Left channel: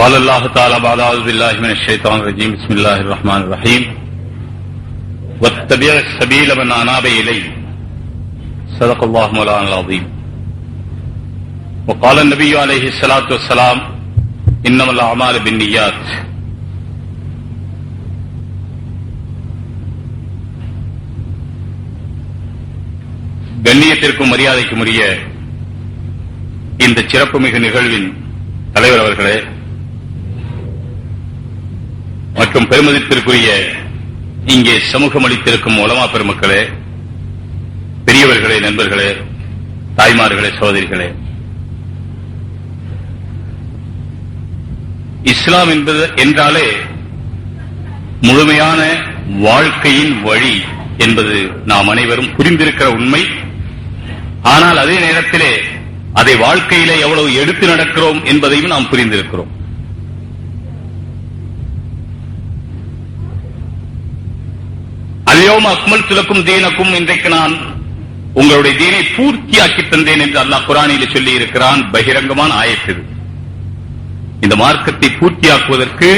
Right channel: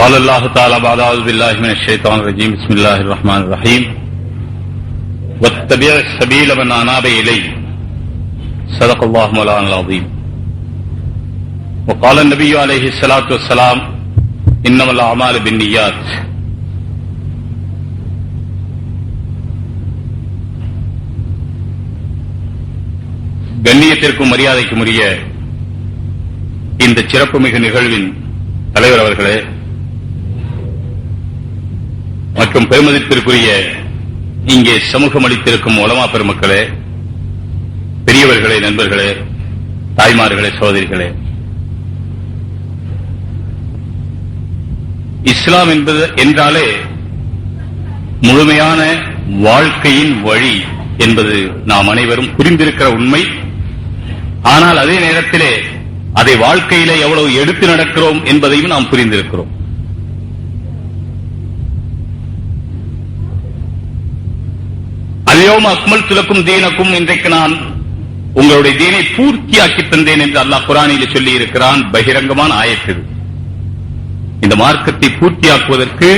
قال الله تعالى بعد أعوذ بالله من الشيطان الرجيم بسم الله الرحمن الرحيم واتبع السبيل من أناب إلي صدق الله مولانا العظيم وقال النبي عليه الصلاة والسلام إنما الأعمال بالنيات. கண்ணியத்திற்கும் மரியாதைக்கும் உரிய இந்த சிறப்புமிகு நிகழ்வின் தலைவர் அவர்களே மற்றும் பெருமதிப்பிற்குரிய இங்கே சமூகம் அளித்திருக்கும் உலமா பெருமக்களே, பெரியவர்களே, நண்பர்களே, தாய்மார்களே, சகோதரிகளே, இஸ்லாம் என்றாலே முழுமையான வாழ்க்கையின் வழி என்பது நாம் அனைவரும் புரிந்திருக்கிற உண்மை. ஆனால் அதே நேரத்திலே அதை வாழ்க்கையிலே எவ்வளவு எடுத்து நடக்கிறோம் என்பதையும் நாம் புரிந்திருக்கிறோம். அல்யௌம அக்மல்து லக்கும் தீனக்கும், இன்றைக்கு நான் உங்களுடைய தீனை பூர்த்தியாக்கி தந்தேன் என்று அல்லாஹ் குர்ஆனிலே சொல்லி இருக்கிறான். பகிரங்கமான ஆயத்து. இந்த மார்க்கத்தை பூர்த்தியாக்குவதற்கு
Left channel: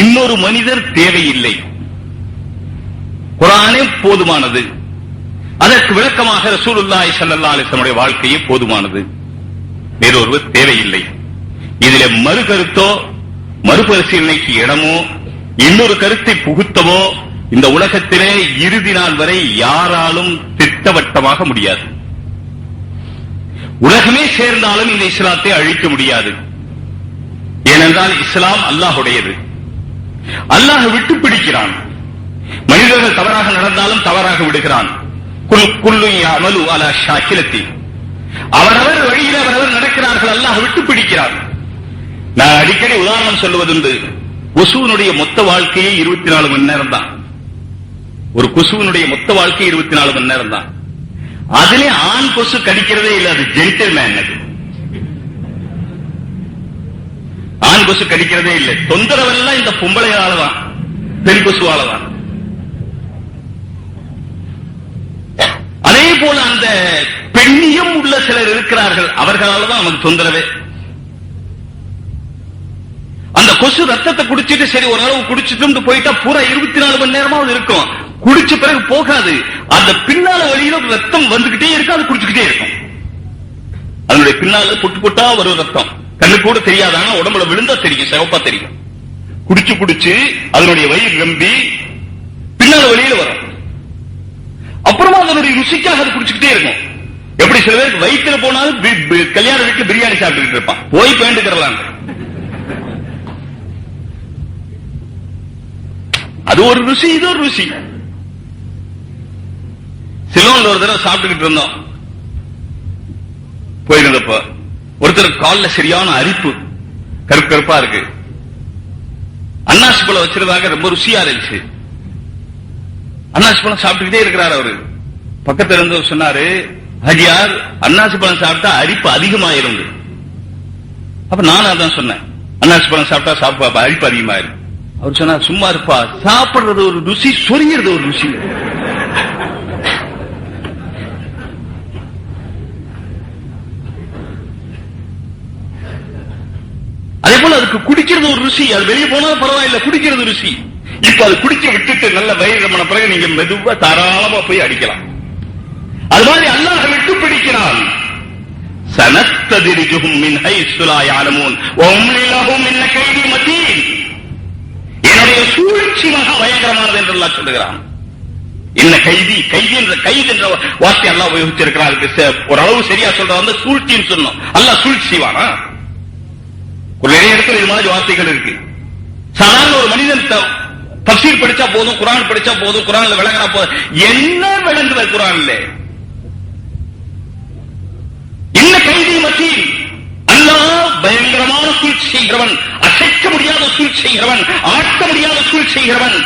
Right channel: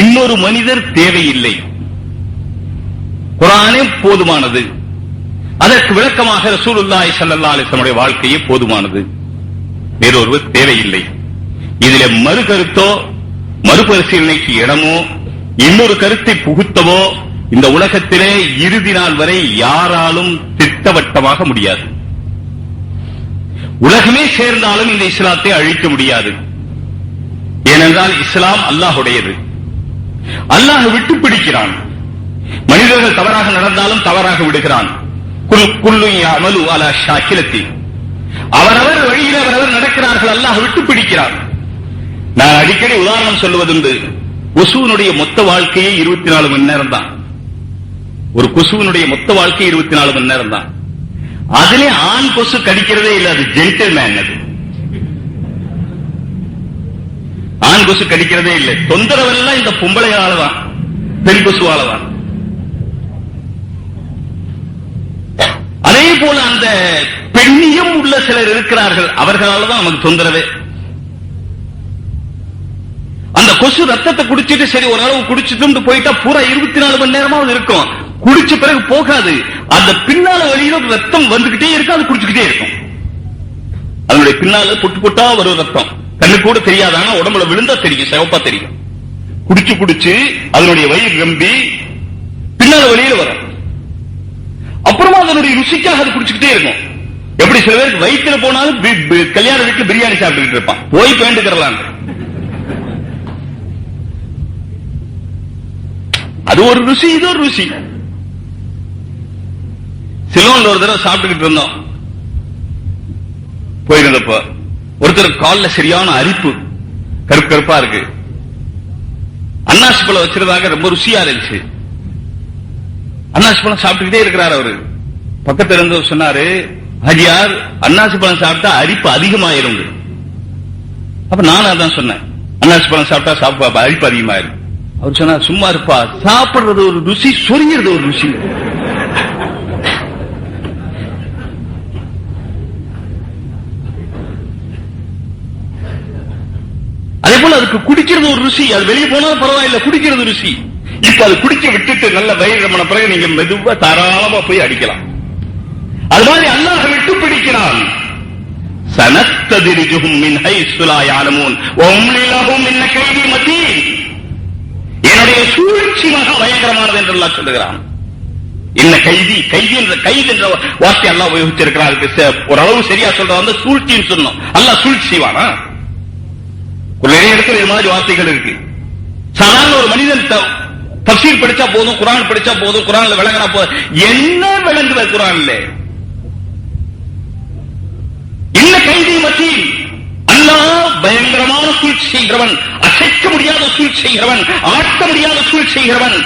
இன்னொரு மனிதர் தேவையில்லை. குர்ஆனே போதுமானது. அதற்கு விளக்கமாக ரசூலுல்லாஹி ஸல்லல்லாஹு அலைஹி வஸல்லம் வாழ்க்கையே போதுமானது. வேறொருவர் தேவையில்லை. இதுல மறுகருத்தோ மறுபரிசீலனைக்கு இடமோ இன்னொரு கருத்தை புகுத்தவோ இந்த உலகத்திலே இறுதி நாள் வரை யாராலும் திட்டவட்டமாக முடியாது. உலகமே சேர்ந்தாலும் இந்த இஸ்லாத்தை அழிக்க முடியாது. ஏனென்றால் இஸ்லாம் அல்லாஹுடையது. அல்லாஹ் விட்டு பிடிக்கிறான். மனிதர்கள் தவறாக நடந்தாலும் தவறாக விடுகிறான். அவரவர் வழியில் அவரவர் நடக்கிறார்கள். அல்லாஹ் விட்டு பிடிக்கிறார். நான் அடிக்கடி உதாரணம் சொல்லுவதுண்டு. கொசுவனுடைய மொத்த வாழ்க்கையே 24 மணி நேரம் தான். ஒரு கொசுவனுடைய மொத்த வாழ்க்கை 24 மணி நேரம் தான். அதுல ஆண் கொசு கடிக்கிறதே இல்லை. அது ஜென்டில்மேன். அது ஆண் கொசு கடிக்கிறதே இல்லை. தொந்தரவெல்லாம் இந்த பொம்பளையாலதான், பெண் கொசுவாலதான். அதே போல அந்த பெண்ணியம் உள்ள சிலர் இருக்கிறார்கள். அவர்களால் தான் நமக்கு தொந்தரவே. அந்த கொசு ரத்தத்தை குடிச்சிட்டு சரி ஒரு அளவு குடிச்சிட்டு போயிட்டா பூரா 24 மணி நேரமாவது இருக்கும். குடிச்ச பிறகு போகாது. அந்த பின்னால வழியில ரத்தம் வந்துகிட்டே இருக்கும். அது குடிச்சுக்கிட்டே இருக்கும். அதனுடைய பின்னால புட்டு புட்டா வரும் ரத்தம். கண்ணு கூட தெரியாதானா உடம்புல விழுந்தா தெரியும், சிவப்பா தெரியும். குடிச்சு குடிச்சு அதனுடைய வயிறு நம்பி பின்னால வழியில வரும். அப்புறமா அதனுடைய ருசிக்காக அது குடிச்சுக்கிட்டே இருக்கும். எப்படி சில பேருக்கு வயிற்றுல போனாலும் கல்யாண வீட்டுல பிரியாணி சாப்பிட்டு இருப்பான். போய் பேண்டுக்கிறலாம். அது ஒரு ருசி, இது ஒரு ருசி. சிலோன்ல ஒரு தடவை சாப்பிட்டுக்கிட்டு இருந்தோம். போயிருந்தப்ப ஒருத்தர் காலில் சரியான அரிப்பு, கருப்பு கருப்பா இருக்கு. அன்னாசி பழம் வச்சிருந்தாங்க. ரொம்ப ருசியா இருந்துச்சு. அன்னாசி பழம் சாப்பிட்டுக்கிட்டே இருக்கிறார். அவரு பக்கத்துல இருந்து சொன்னாரு, ஹஜியார் அன்னாசி பழம் சாப்பிட்டா அரிப்பு அதிகமாயிரும். அப்ப நானும் அதான் சொன்னேன், அன்னாசி பழம் சாப்பிட்டா அரிப்பு அதிகமாயிரும். அவர் சொன்னார், சும்மா இருப்பா, சாப்பிடுறது ஒரு ருசி, சொரிங்கிறது ஒரு ருசி. அதே போல அதுக்கு குடிக்கிறது ஒரு ருசி. அது வெளியே போனாலும் பரவாயில்ல, குடிக்கிறது ருசி. இப்ப அது குடிக்க விட்டுட்டு நல்ல வயது பண்ண பிறகு நீங்க மெதுவா தாராளமா போய் அடிக்கலாம். அது மாதிரி அல்லாஹ் விட்டு பிடிக்கிறான். சனத்ததுரிஜுஹும் மின் ஹைஸு லா யஅலமூன் வ உம்லி லஹும் மின் கைதி மதீன். என்னுடைய சூழ்ச்சி மகா பயங்கரமானது என்று அல்லாஹ் சொல்லுகிறான். என்ன கைதி, கைது என்ற வார்த்தை அல்லாஹ் உபயோகிச்சிருக்கிறார். ஒரு அளவு சரியா சொல்ற வந்து சூழ்ச்சின்னு சொன்னோம். அல்லாஹ் சூழ்ச்சி செய்வானா? நிறைய இடத்துல இது மாதிரி வார்த்தைகள் இருக்கு. சாதாரண ஒரு மனிதன் தஃசீர் படிச்சா போதும், குர்ஆன் படிச்சா போதும், குர்ஆன்ல விளங்கினா போதும். என்ன விளங்குற குர்ஆன்ல? என்ன கைதி மத்தியில் அல்லாஹ் பயங்கரமான சூழ்ச்சி செய்கிறவன், அசைக்க முடியாத சூழ்ச்சி செய்கிறவன், ஆட்ட முடியாத சூழ்ச்சி செய்கிறவன்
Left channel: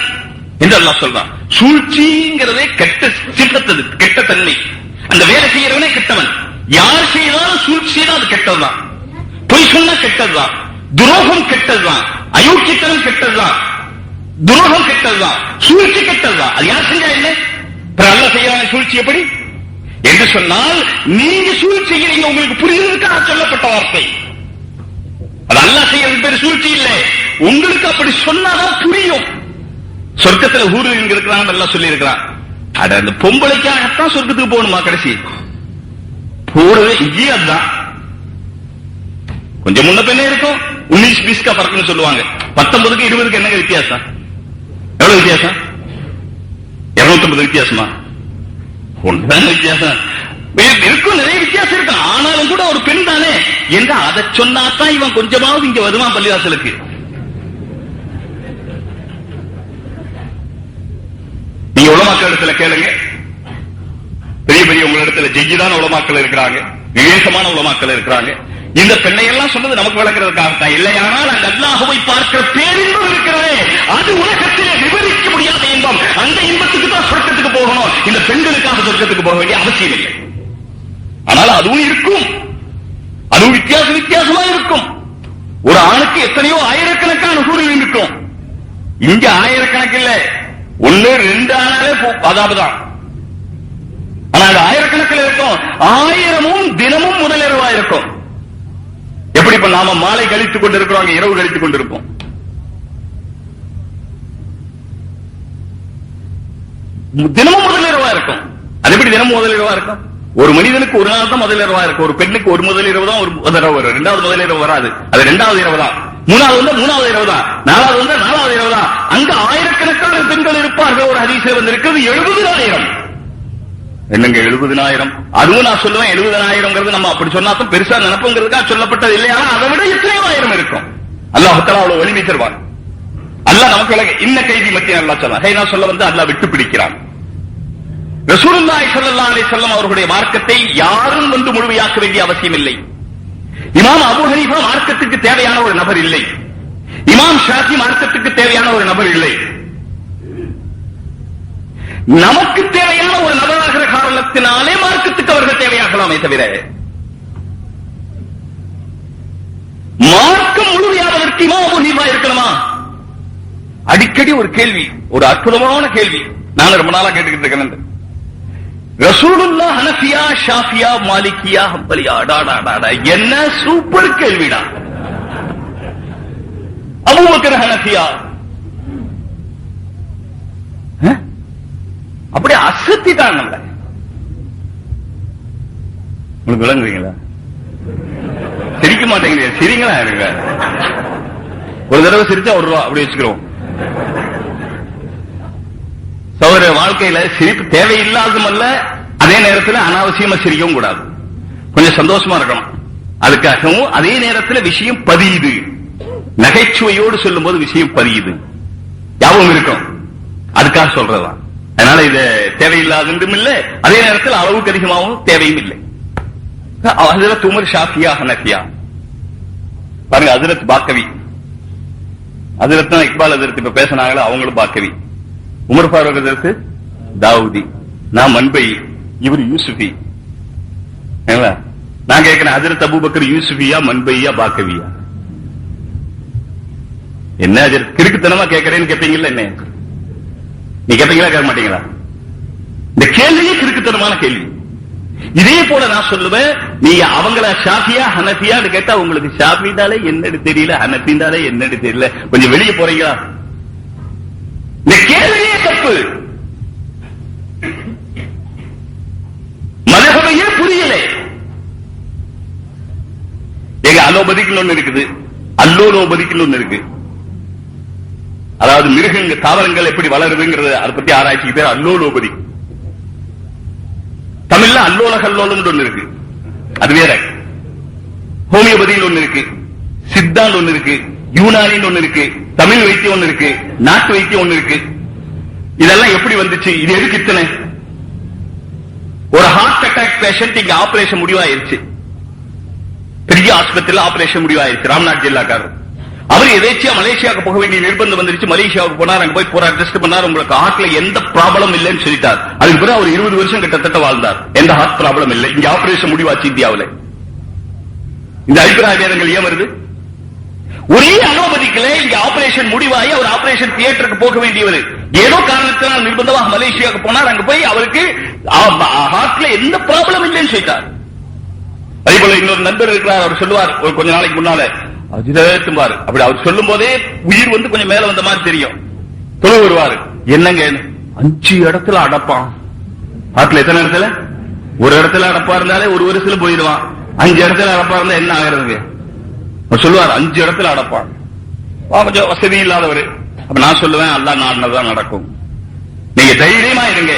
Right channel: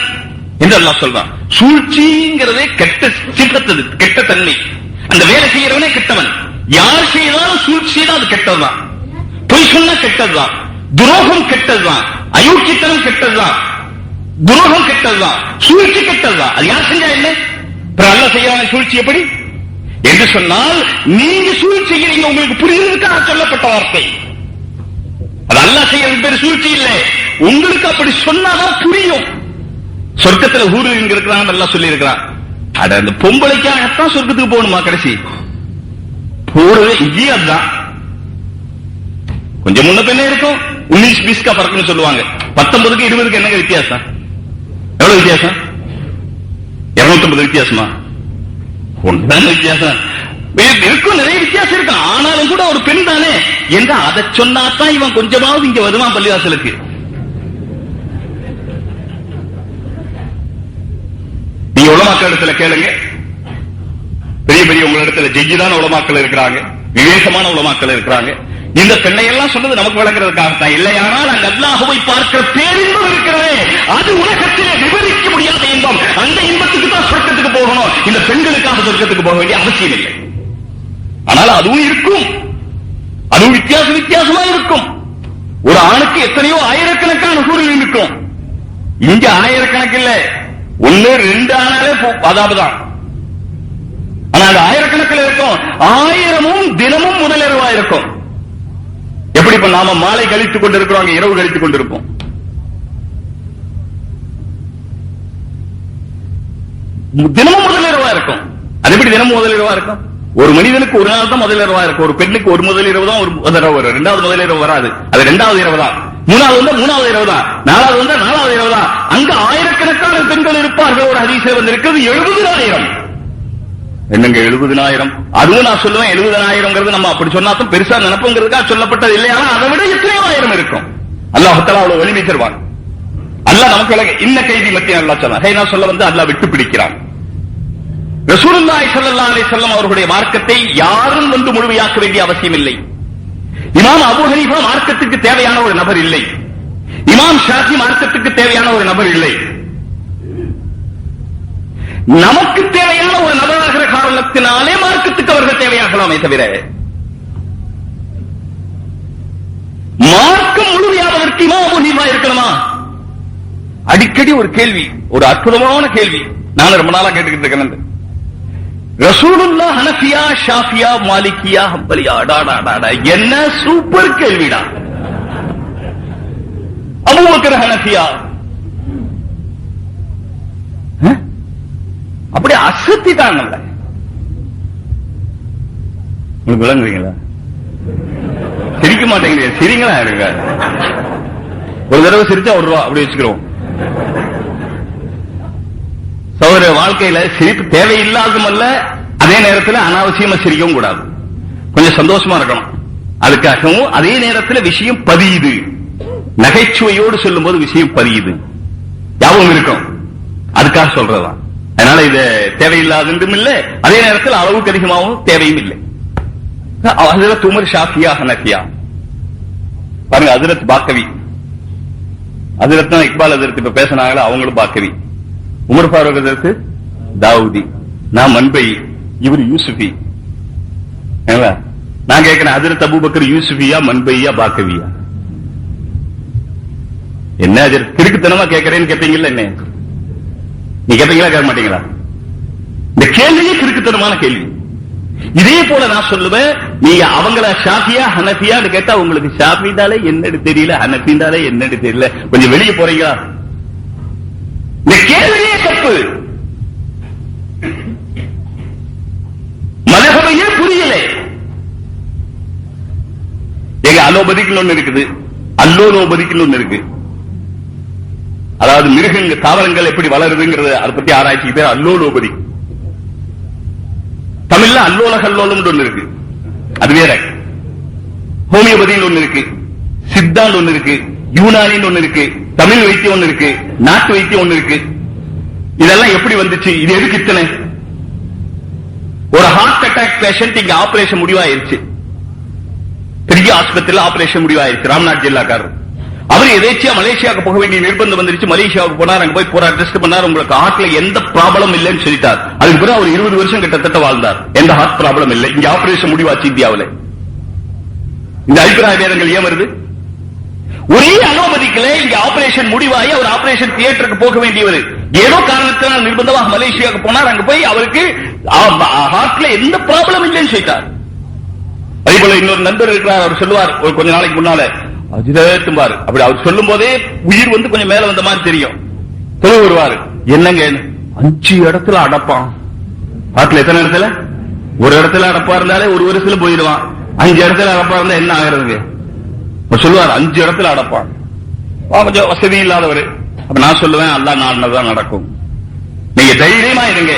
என்று அல்லாஹ் சொல்றான். சூழ்ச்சிங்கிறதே கெட்ட சிறந்தது, கெட்ட தன்மை. அந்த வேலை செய்கிறவனே கெட்டவன். யார் செய்தாலும் சூழ்ச்சி செய்தால் அது கெட்டதுதான். பொய் சொன்னா கெட்டதுதான். துரோகம் கெட்டதுதான். அயோக்கியத்தனம் கெட்டதுதான். துரோகம் கெட்டதுதான். சூழ்ச்சி கெட்டதுதான். அது யார் செய்யறா இல்லை? அல்லாஹ் செய்யறாங்க சூழ்ச்சி எப்படி என்று சொன்னால், நீங்க சூழ்ச்சி செய்கிறீங்க செய்யுங்க, உங்களுக்கு புரியுதுக்காக சொல்லப்பட்ட வார்த்தை. அது அல்லாஹ் செய்யறது சூழ்ச்சி இல்லை, உங்களுக்கு அப்படி சொன்னாதான் புரியும். சொர்க்கத்துல ஊரில் இருக்கிறான் நல்லா சொல்லி இருக்கிறான். அட அந்த பொம்பளைக்காகத்தான் சொர்க்கத்துக்கு போகணுமா? கடைசி போறது இங்கேயே அதுதான். கொஞ்சம் முன்ன பின்ன இருக்கும். 19-20 का फर्क சொல்லுவாங்க. 19க்கு 20க்கு என்ன வித்தியாசம்? எவ்வளவு வித்தியாசம்? 250 வித்தியாசமா? ஒன்றான வித்தியாசம் இருக்கும். நிறைய வித்தியாசம் இருக்கு. ஆனாலும் கூட ஒரு பெண் தானே என்று அதை சொன்னாத்தான் இவன் கொஞ்சமாவது இங்க வருவான் பள்ளிவாசலுக்கு. நீ உலமாக்கள் இடத்துல கேளுங்க, பெரிய பெரிய உங்க இடத்துல ஜெயிதான உலமாக்கள் இருக்கிறாங்க, விவேகமான உலமாக்கள் இருக்கிறாங்க. இந்த பெண்ணையெல்லாம் சொன்னது நமக்கு வழங்குறதுக்காகத்தான். இல்லையானால் அந்த அல்லாஹ்வை பார்க்கிற பேரின்பம் இருக்கிறதே, அது உலகத்திலே விவரிக்க முடியாத இன்பம். அந்த இன்பத்துக்கு தான் சொர்க்கத்துக்கு போகணும். இந்த பெண்களுக்காக சொர்க்கத்துக்கு போக வேண்டிய அவசியம் இல்லை. ஆனால் அதுவும் இருக்கும், அதுவும் வித்தியாசமா இருக்கும். ஒரு ஆணுக்கு எத்தனையோ ஆயிரக்கணக்கான கூறில் இருக்கும். இங்க ஆயிரக்கணக்கில் 1-2 ஆனாலே அதாவதுதான். ஆனா அது ஆயிரக்கணக்கில் இருக்கும். 1000ம் தினமும் முதலிரவா இருக்கும். எப்படி இப்ப நாம மாலை கழித்துக் கொண்டிருக்கிறோம், அங்க இரவு கழித்துக் கொண்டிருப்போம். தினமும் முதலிரவா இருக்கும். அது எப்படி தினமும் முதலிரவா இருக்கும்? ஒரு மனிதனுக்கு ஒரு நாள் தான் முதலிரவா இருக்கும். ஒரு பெண்ணுக்கு ஒரு முதலிரவு தான் ஒரு தடவை வரும். 2வது முதலிரவு வராது. அது 2வது இரவு தான். 3வது வந்தா 3வது இரவு தான். 4வது வந்தா 4வது இரவு தான். அங்க ஆயிரக்கணக்கான பெண்கள் இருப்பார்கள். ஒரு ஹதீஸில் வந்திருக்கிறது 70,000. என்னங்க 70,000? அதுவும் நான் சொல்லுவேன் 70,000 நம்ம அப்படி சொன்னாலும் பெருசா நினைப்புங்கிறதுக்காக சொல்லப்பட்டது இல்லையா? அதை விட எத்தனையோ ஆயிரம் இருக்கும். அல்லாஹ் தஆலா அவ்வளவு வலிமை தருவான். அல்லாஹ் நமக்கு இன்ன கைதி மத்திய அல்லாஹ் சொன்னான். நான் சொல்ல வந்து அல்லாஹ் விட்டு பிடிக்கிறான். ரசூலுல்லாஹி ஸல்லல்லாஹு அலைஹி வஸல்லம் அவர்களுடைய மார்க்கத்தை யாரும் வந்து முழுமையாக்க வேண்டிய அவசியம் இல்லை. இமாம் அபூ ஹனீஃபா மார்க்கத்துக்கு தேவையான ஒரு நபர் இல்லை. இமாம் ஷாஃபி மார்க்கத்துக்கு தேவையான ஒரு நபர் இல்லை. நமக்கு தேவையான ஒரு நபராகிற காரணத்தினாலே மார்க்கத்துக்கு அவர்கள் தேவையாகலாமே தவிர மார்க்கம் முழுமையாவதற்கு இமாம் அபூ ஹனீஃபா இருக்கணுமா? அடிக்கடி ஒரு கேள்வி, ஒரு அற்புதமான கேள்வி நான் ரொம்ப நாளா கேட்டுக்கிட்டு இருக்கேன். ரசூலுல்லாஹ் ஹனஃபியா, ஷாஃபியா, மாலிகியா, ஹம்பலியா? என்ன சூப்பர் கேள்விடா. அபூபக்கர் ஹனஃபியா, அப்படியே அசத்திட்டாங்க. உங்களுக்கு விளங்குறீங்களா? சிரிக்க மாட்டேங்க. சிரிங்களா இருங்க. ஒரு தடவை சிரிச்சா 1 ரூபா அப்படி வச்சுக்கிறோம். சகோதர வாழ்க்கையில சிரிப்பு தேவையில்லாதும் அல்ல, அதே நேரத்தில் அனாவசியமா சிரிக்கவும் கூடாது. கொஞ்சம் சந்தோஷமா இருக்கணும். அதுக்காகவும் அதே நேரத்தில் விஷயம் பதியுது. நகைச்சுவையோடு சொல்லும் போது விஷயம் பதியுது, யாவும் இருக்கும். அதுக்காக சொல்றதா. அதனால இது தேவையில்லாதும் இல்லை, அதே நேரத்தில் அளவுக்கு அதிகமாகவும் தேவையும் இல்லை. ஹஜ்ரத் உமர் ஷாஃபியா ஹனஃபியா பாருங்க. ஹஜ்ரத் பாக்கவி, ஹஜ்ரத் இக்பால் ஹஜ்ரத் இப்ப பேசினாங்களா, அவங்களும் பாக்கவி. உமர் ஃபாரூக் ஹஜ்ரத் தாவூதி, நான் மன்பை, இவர் யூசுஃபி. நான் கேட்கிறேன், ஹஜ்ரத் அபூபக்கர் யூசுஃபியா, மன்பையா, பாக்கவியா? என்ன கிறுக்குத்தனமா கேட்கறேன்னு கேட்டீங்கல்ல, என்ன நீ கேட்டீங்களா கேட்க மாட்டீங்களா? இந்த கேள்வியே கிறுக்குத்தனமான கேள்வி. இதே போல நான் சொல்லுவேன், நீங்க அவங்கள ஷாஃபியா ஹனஃபியான்னு கேட்டா உங்களுக்கு ஷாஃபிதாலே என்னன்னு தெரியல, ஹனஃபிதாலே என்னன்னு தெரியல, கொஞ்சம் வெளியே போறீங்களா? இந்த கேள்வியே தப்பு. மதகபையே புரியல. எங்க அலோபதிக்குள்ள ஒண்ணு இருக்குது, அல்லோலோபதிக்குள்ள ஒண்ணு இருக்கு. அதாவது மிருகங்கள் தாவரங்கள் எப்படி வளருதுங்கிறது அதை பத்தி ஆராய்ச்சி பேர் அல்லோலோபதி. தமிழ்ல அல்லோல கல்லோலம் ஒண்ணு இருக்கு, அது வேற. ஹோமியோபதியில் ஒண்ணு இருக்கு, சித்தால் ஒண்ணு இருக்கு, யூனானின்னு ஒண்ணு இருக்கு, தமிழ் வைத்தியம் ஒண்ணு இருக்கு, நாட்டு வைத்தியம் ஒண்ணு இருக்கு. இதெல்லாம் எப்படி வந்துச்சு? இது எதுக்கு இத்தனை? ஒரு ஹார்ட் அட்டாக் பேஷண்ட் இங்க ஆபரேஷன் முடிவாயிருச்சு, பெரிய ஆஸ்பத்திரியில் ஆபரேஷன் முடிவாயிருச்சு. ராம்நாத் ஜில்லாக்காரர் அவர் எதேச்சியா மலேசியாவுக்கு போக வேண்டிய நிர்பந்தம் வந்துருச்சு. மலேசியாவுக்கு போனார், அங்க போய் போராட டெஸ்ட் பண்ணார். உங்களுக்கு ஹார்ட்ல எந்த ப்ராப்ளம் இல்லைன்னு சொல்லிட்டார். அதுக்கு பிறகு அவர் 20 வருஷம் கிட்டத்தட்ட வாழ்ந்தார், எந்த ஹார்ட் ப்ராப்ளம் இல்லை. இங்க ஆபரேஷன் முடிவாச்சு இந்தியாவில். இந்த அபிப்பிராய பேதங்கள் ஏன் வருது? ஒரே அலோபதிக்கல இந்த ஆபரேஷன் முடிவாகி அவர் ஆபரேஷன் தியேட்டருக்கு போக வேண்டியவர் ஏதோ காரணத்தினால் நிர்பந்தமாக மலேசியாவுக்கு போனார். அங்க போய் அவருக்கு ஹார்ட்ல எந்த ப்ராப்ளம் இல்லைன்னு சொல்லிட்டார். அதே போல இன்னொரு நண்பர் இருக்கிறார், அவர் சொல்லுவார் கொஞ்ச நாளைக்கு முன்னால அஜிதேத்தும்பாரு. அப்படி அவர் சொல்லும் போதே உயிர் கொஞ்சம் மேல வந்த மாதிரி தெரியும். தொழில் வருவாரு, என்னங்க 5 இடத்துல அடப்பான். ஆட்டில் எத்தனை இடத்துல? ஒரு இடத்துல அடப்பா இருந்தாலே ஒரு வருஷத்துல போயிடுவான். 5 இடத்துல அடப்பா இருந்தா என்ன ஆகிறது? சொல்லுவார் 5 இடத்துல அடப்பான். கொஞ்சம் வசதி இல்லாதவரு. அப்ப நான் சொல்லுவேன், அல்லாஹ் நாடினதான் நடக்கும். நீங்க தைரியமா இருங்க.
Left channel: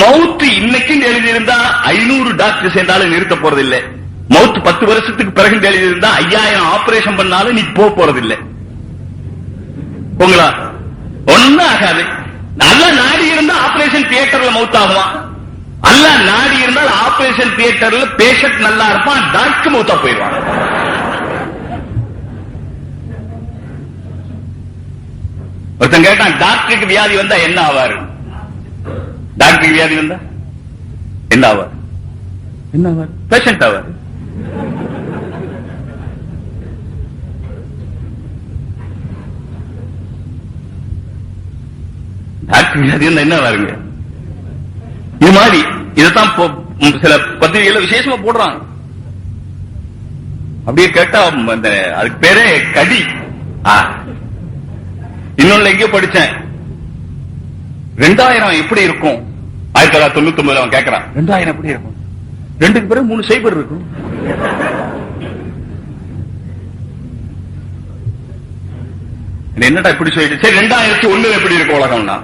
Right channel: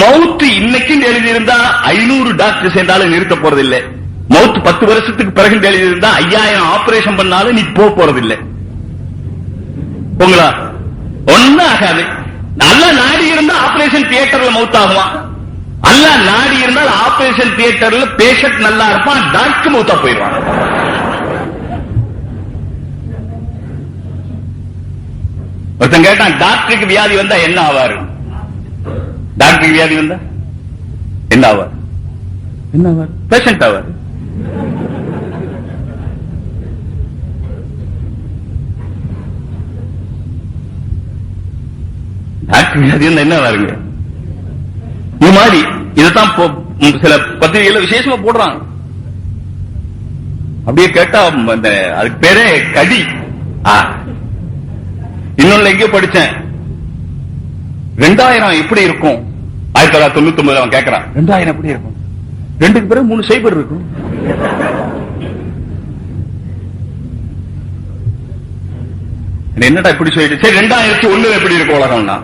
மவுத்து இன்னைக்கும் எழுதியிருந்தா 500 டாக்டர் சேர்ந்தாலும் நிறுத்த போறதில்லை. மவுத்து 10 வருஷத்துக்கு பிறகு எழுதியிருந்தா 5000 ஆபரேஷன் பண்ணாலும் நீ போறதில்லை. உங்களா ஒன்னும் ஆகாது. நல்லா நாடி இருந்தா ஆபரேஷன் தியேட்டர்ல மவுத் ஆகுவான். அல்ல நாடி இருந்தால் ஆபரேஷன் தியேட்டர்ல பேஷண்ட் நல்லா இருப்பான், டாக்டர் மவுத்தா போயிடுவான். ஒருத்தன் கேட்டான், டாக்டருக்கு வியாதி வந்தா என்ன ஆவாரு? டாக்டருக்கு வியாதி வந்தா என்ன ஆவார்? என்ன ஆவார்? பேஷண்ட் ஆவார். டாக்டர் வியாதி என்ன ஆவாருங்க? இது மாதிரி இதைத்தான் சில பத்திரிகையில விசேஷமா போடுறாங்க. அப்படியே கேட்டா அதுக்கு பேரே கடி. இன்னொன்னு எங்கேயோ படிச்சேன், 2000 எப்படி இருக்கும்? 1999 அவன் கேட்கிறான், 2000 எப்படி இருக்கும்? 2க்கு பிறகு 3 சைபர் இருக்கும். என்னடா இப்படி சொல்லிட்டு, சரி 2001 எப்படி இருக்கும் உலகம்னா?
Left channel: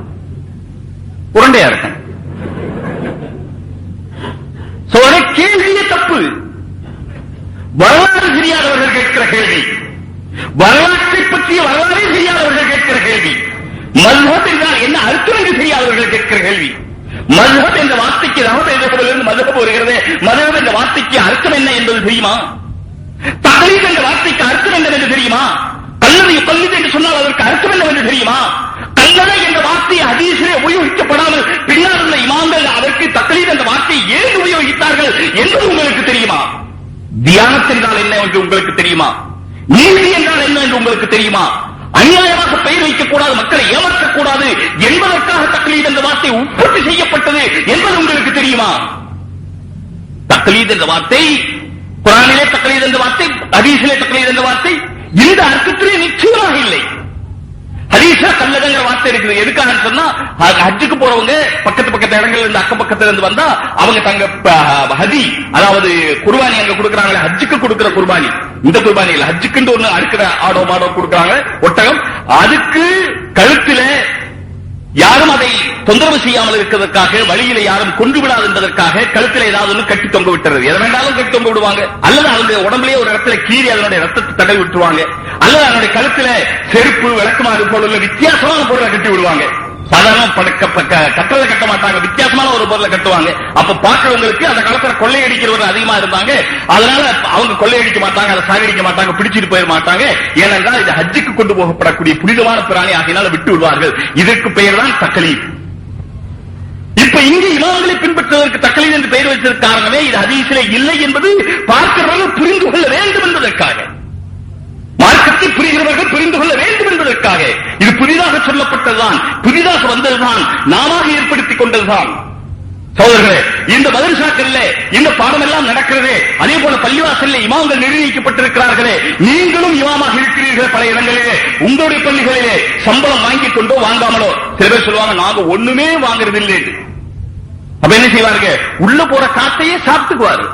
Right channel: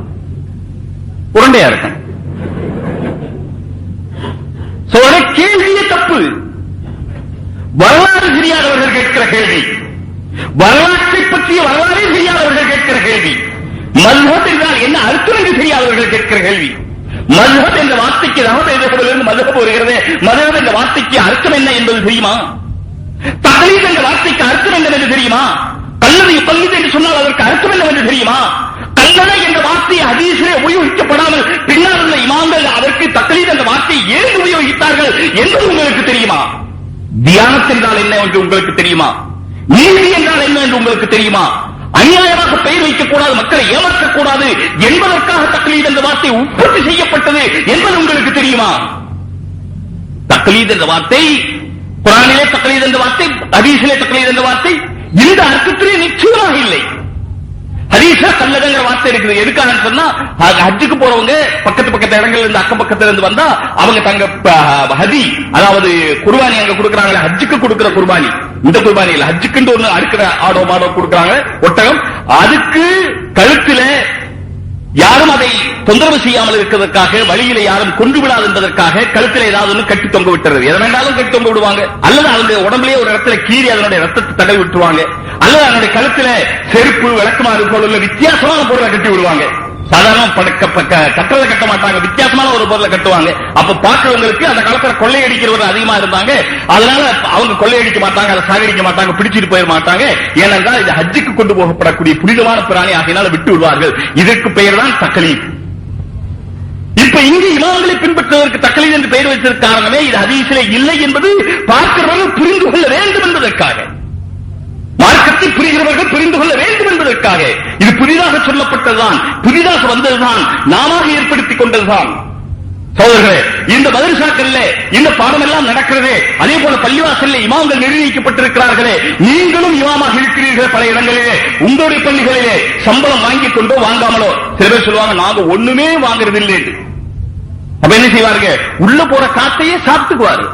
உருண்டையா இருக்கும். கேள்வியே தப்பு. வரலாறு தெரியாதவர்கள் கேட்கிற கேள்வி, வரலாற்றை பற்றிய வரலாறு தெரியாதவர்கள் கேட்கிற கேள்வி, மதுஹப் என்றால் என்ன அர்த்தம் என்று தெரியாதவர்கள் கேட்கிற கேள்வி. மதுஹப் என்ற வார்த்தைக்கு ரஹபேதத்திலிருந்து மதுஹப் வருகிறது. மதுஹப் என்ற வார்த்தைக்கு அர்த்தம் என்ன என்பது தெரியுமா? தக்லீத் என்ற வார்த்தைக்கு அர்த்தம் என்னவென்று தெரியுமா? கல்லறை பள்ளித் என்று சொன்னால் அதற்கு அர்த்தம் என்னவென்று தெரியுமா? கல்லறை என்ற வார்த்தையை ஹதீஸிலே உபயோகிக்கப்படாமல் பின்னால் உள்ள இமாம்கள் அதற்கு தக்லீத் என்ற வார்த்தையை ஏன் உபயோகித்தார்கள் என்பது உங்களுக்கு தெரியுமா? தியானத் என்றால் என்ன என்று உங்களுக்கு தெரியுமா? நீதி என்றால் என்ன என்று உங்களுக்கு தெரியுமா? அநியாயமாக பெயர் வைக்கக்கூடாது, மக்களை ஏமாற்றக்கூடாது என்பதற்காக தக்லீத் என்ற வார்த்தை உற்பத்தி செய்யப்பட்டது என்பது உங்களுக்கு தெரியுமா? தக்லீத் என்ற வார்த்தை குர்ஆனிலே தக்லீத் என்ற வார்த்தை, ஹதீஸிலே தக்லீத் என்ற வார்த்தை இந்த அர்த்தத்திலே நிச்சயமாக இல்லை. ஹதீஸ்ல கல்லறைங்கிற வார்த்தை இருக்குது. எதுக்காக சொன்னா, ஹஜ்ஜுக்கு போறவங்க பக்கத்து இடங்கள்ல இருந்து அக்கம் பக்கத்துல இருந்து வந்தா அவங்க தங்க ஹதி, அதாவது குர்பானி அங்க கொடுக்கறாங்க. ஹஜ்ஜுக்கு கொடுக்கிற குர்பானி இந்த குர்பானி இல்ல, ஹஜ்ஜுக்கு ஒண்ணு அறுக்கிற ஆடோ மாடோ கொடுக்கறாங்க, ஒட்டகம். அதுக்கு கழுத்துல யாரும் அதை தொந்தரவு செய்யாமல் இருக்கிறதற்காக, வழியில யாரும் கொண்டு விடாது என்பதற்காக கழுத்தில் ஏதாவது ஒன்று கட்டி தொங்க விட்டுறது. எதை வேண்டாலும் கட்டி தொங்க விடுவாங்க. அல்லது அவருடைய உடம்புலேயே ஒரு இடத்துல கீறி அதனுடைய ரத்தத்தை தடவி விட்டுருவாங்க. அல்லது அவருடைய கழுத்துல செருப்பு விளக்குமாறு போல உள்ள வித்தியாசமான பொருளை கட்டி விடுவாங்க. சாதாரண கட்டளை கட்ட மாட்டாங்க, வித்தியாசமான ஒரு பொருளை கட்டுவாங்க. அப்ப பார்க்கிறவங்களுக்கு அந்த காலத்துல கொள்ளையடிக்கிறவர்கள் அதிகமா இருந்தாங்க. அதனால அவங்க கொள்ளையடிக்க மாட்டாங்க, அதை சாகடிக்க மாட்டாங்க, பிடிச்சிட்டு போயிட மாட்டாங்க. ஏனென்றால் இது ஹஜ்ஜுக்கு கொண்டு போகப்படக்கூடிய புனிதமான பிராணி, அதனால விட்டு விடுவார்கள். இதற்கு பெயர் தான் தக்லீத். இப்ப இங்கு இமாம்களை பின்பற்றுவதற்கு தக்லீத் என்று பெயர் வைத்ததற்கு காரணமே இது ஹதீஸிலே இல்லை என்பது பார்க்கிறவர்கள் புரிந்து கொள்ள வேண்டும் என்பதற்காக, மார்க்கத்தை புரிகிறவர்கள் புரிந்து கொள்ள வேண்டும் என்பதற்காக. இது புதிதாக சொல்லப்பட்டதுதான், புதிதாக வந்ததுதான், நாம ஏற்படுத்திக் கொண்டதுதான். சோதரர்களே, இந்த மதரசாக்களிலே இந்த பாடம் எல்லாம் நடக்கிறது. அதே போல பள்ளிவாசலில் இமாம்கள் நிர்ணயிக்கப்பட்டிருக்கிறார்களே, நீங்களும் இமாமாக இருக்கிறீர்கள். பல இடங்களிலே உங்களுடைய பள்ளிகளிலே சம்பளம் வாங்கிக் கொண்டோ வாங்காமலோ சில பேர் சொல்லுவாங்க, நாங்க ஒண்ணுமே வாங்குறது இல்லை. அப்ப என்ன செய்வாங்க, உள்ள போற காத்தையே சாப்பிட்டுக்குவாரு.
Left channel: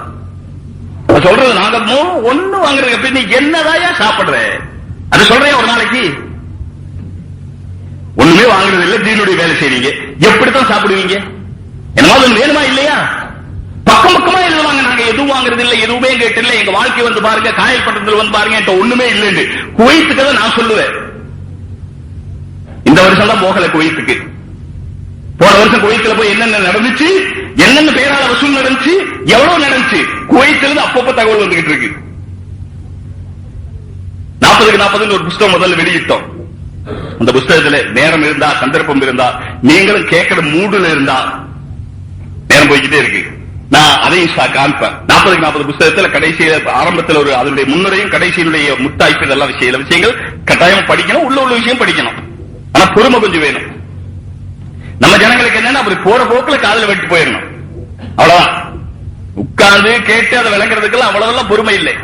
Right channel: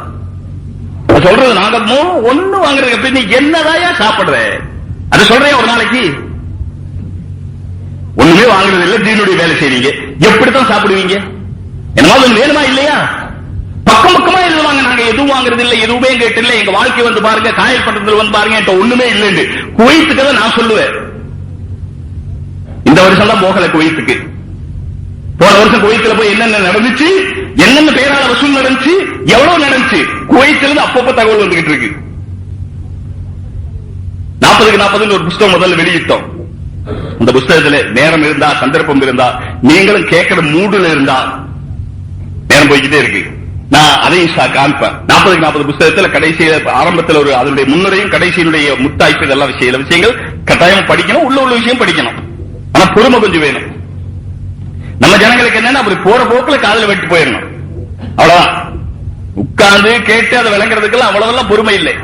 சொல்றது நாங்க ஒண்ணு வாங்குறது, என்னதாயா சாப்பிடுற அது சொல்றேன். ஒரு நாளைக்கு ஒண்ணுமே வாங்குறது இல்லை, தீனுடைய வேலை செய்வீங்க, எப்படித்தான் சாப்பிடுவீங்க? என்னமா வேணுமா இல்லையா? பக்கம் பக்கமா எழுதுவாங்க, நாங்க எதுவும் வாங்குறது இல்லை, எதுவுமே கேட்டில்லை, எங்க வாழ்க்கை வந்து பாருங்க, காயல் பண்றதுல வந்து பாருங்க, ஒண்ணுமே இல்லை. குவைத்துக்கு நான் சொல்லுவேன், இந்த வருஷம் தான் போகல குவைத்துக்கு. போன வருஷம் குவைத்துல போய் என்னென்ன நடந்துச்சு, என்னென்ன பேரால வசூல் நடந்துச்சு, எவ்வளவு நடந்துச்சு, குவைத்திலிருந்து அப்பப்ப தகவல் வந்துகிட்டு இருக்கு. 40க்கு 40 ஒரு புத்தகம் முதல்ல வெளியிட்டோம். அந்த புத்தகத்துல நேரம் இருந்தா, சந்தர்ப்பம் இருந்தா, நீங்களும் கேட்கிற மூடுல இருந்தா நேரம் போய்கிட்டே இருக்கு. நான் அதையும் காண்பேன். 40க்கு 40 புத்தகத்துல கடைசி ஆரம்பத்தில் ஒரு அதனுடைய முன்னுரையும் கடைசியினுடைய முத்தாய்ப்பு எல்லாம் விஷயங்கள் கட்டாயம் படிக்கணும். உள்ள விஷயம் படிக்கணும். ஆனா பொறுமை கொஞ்சம் வேணும். நம்ம ஜனங்களுக்கு என்னன்னா அப்படி போற போக்குல காதல வெட்டி போயிடணும், அவ்வளவுதான். உட்கார்ந்து கேட்டு அதை விளங்குறதுக்கெல்லாம் அவ்வளவெல்லாம் பொறுமை இல்லை.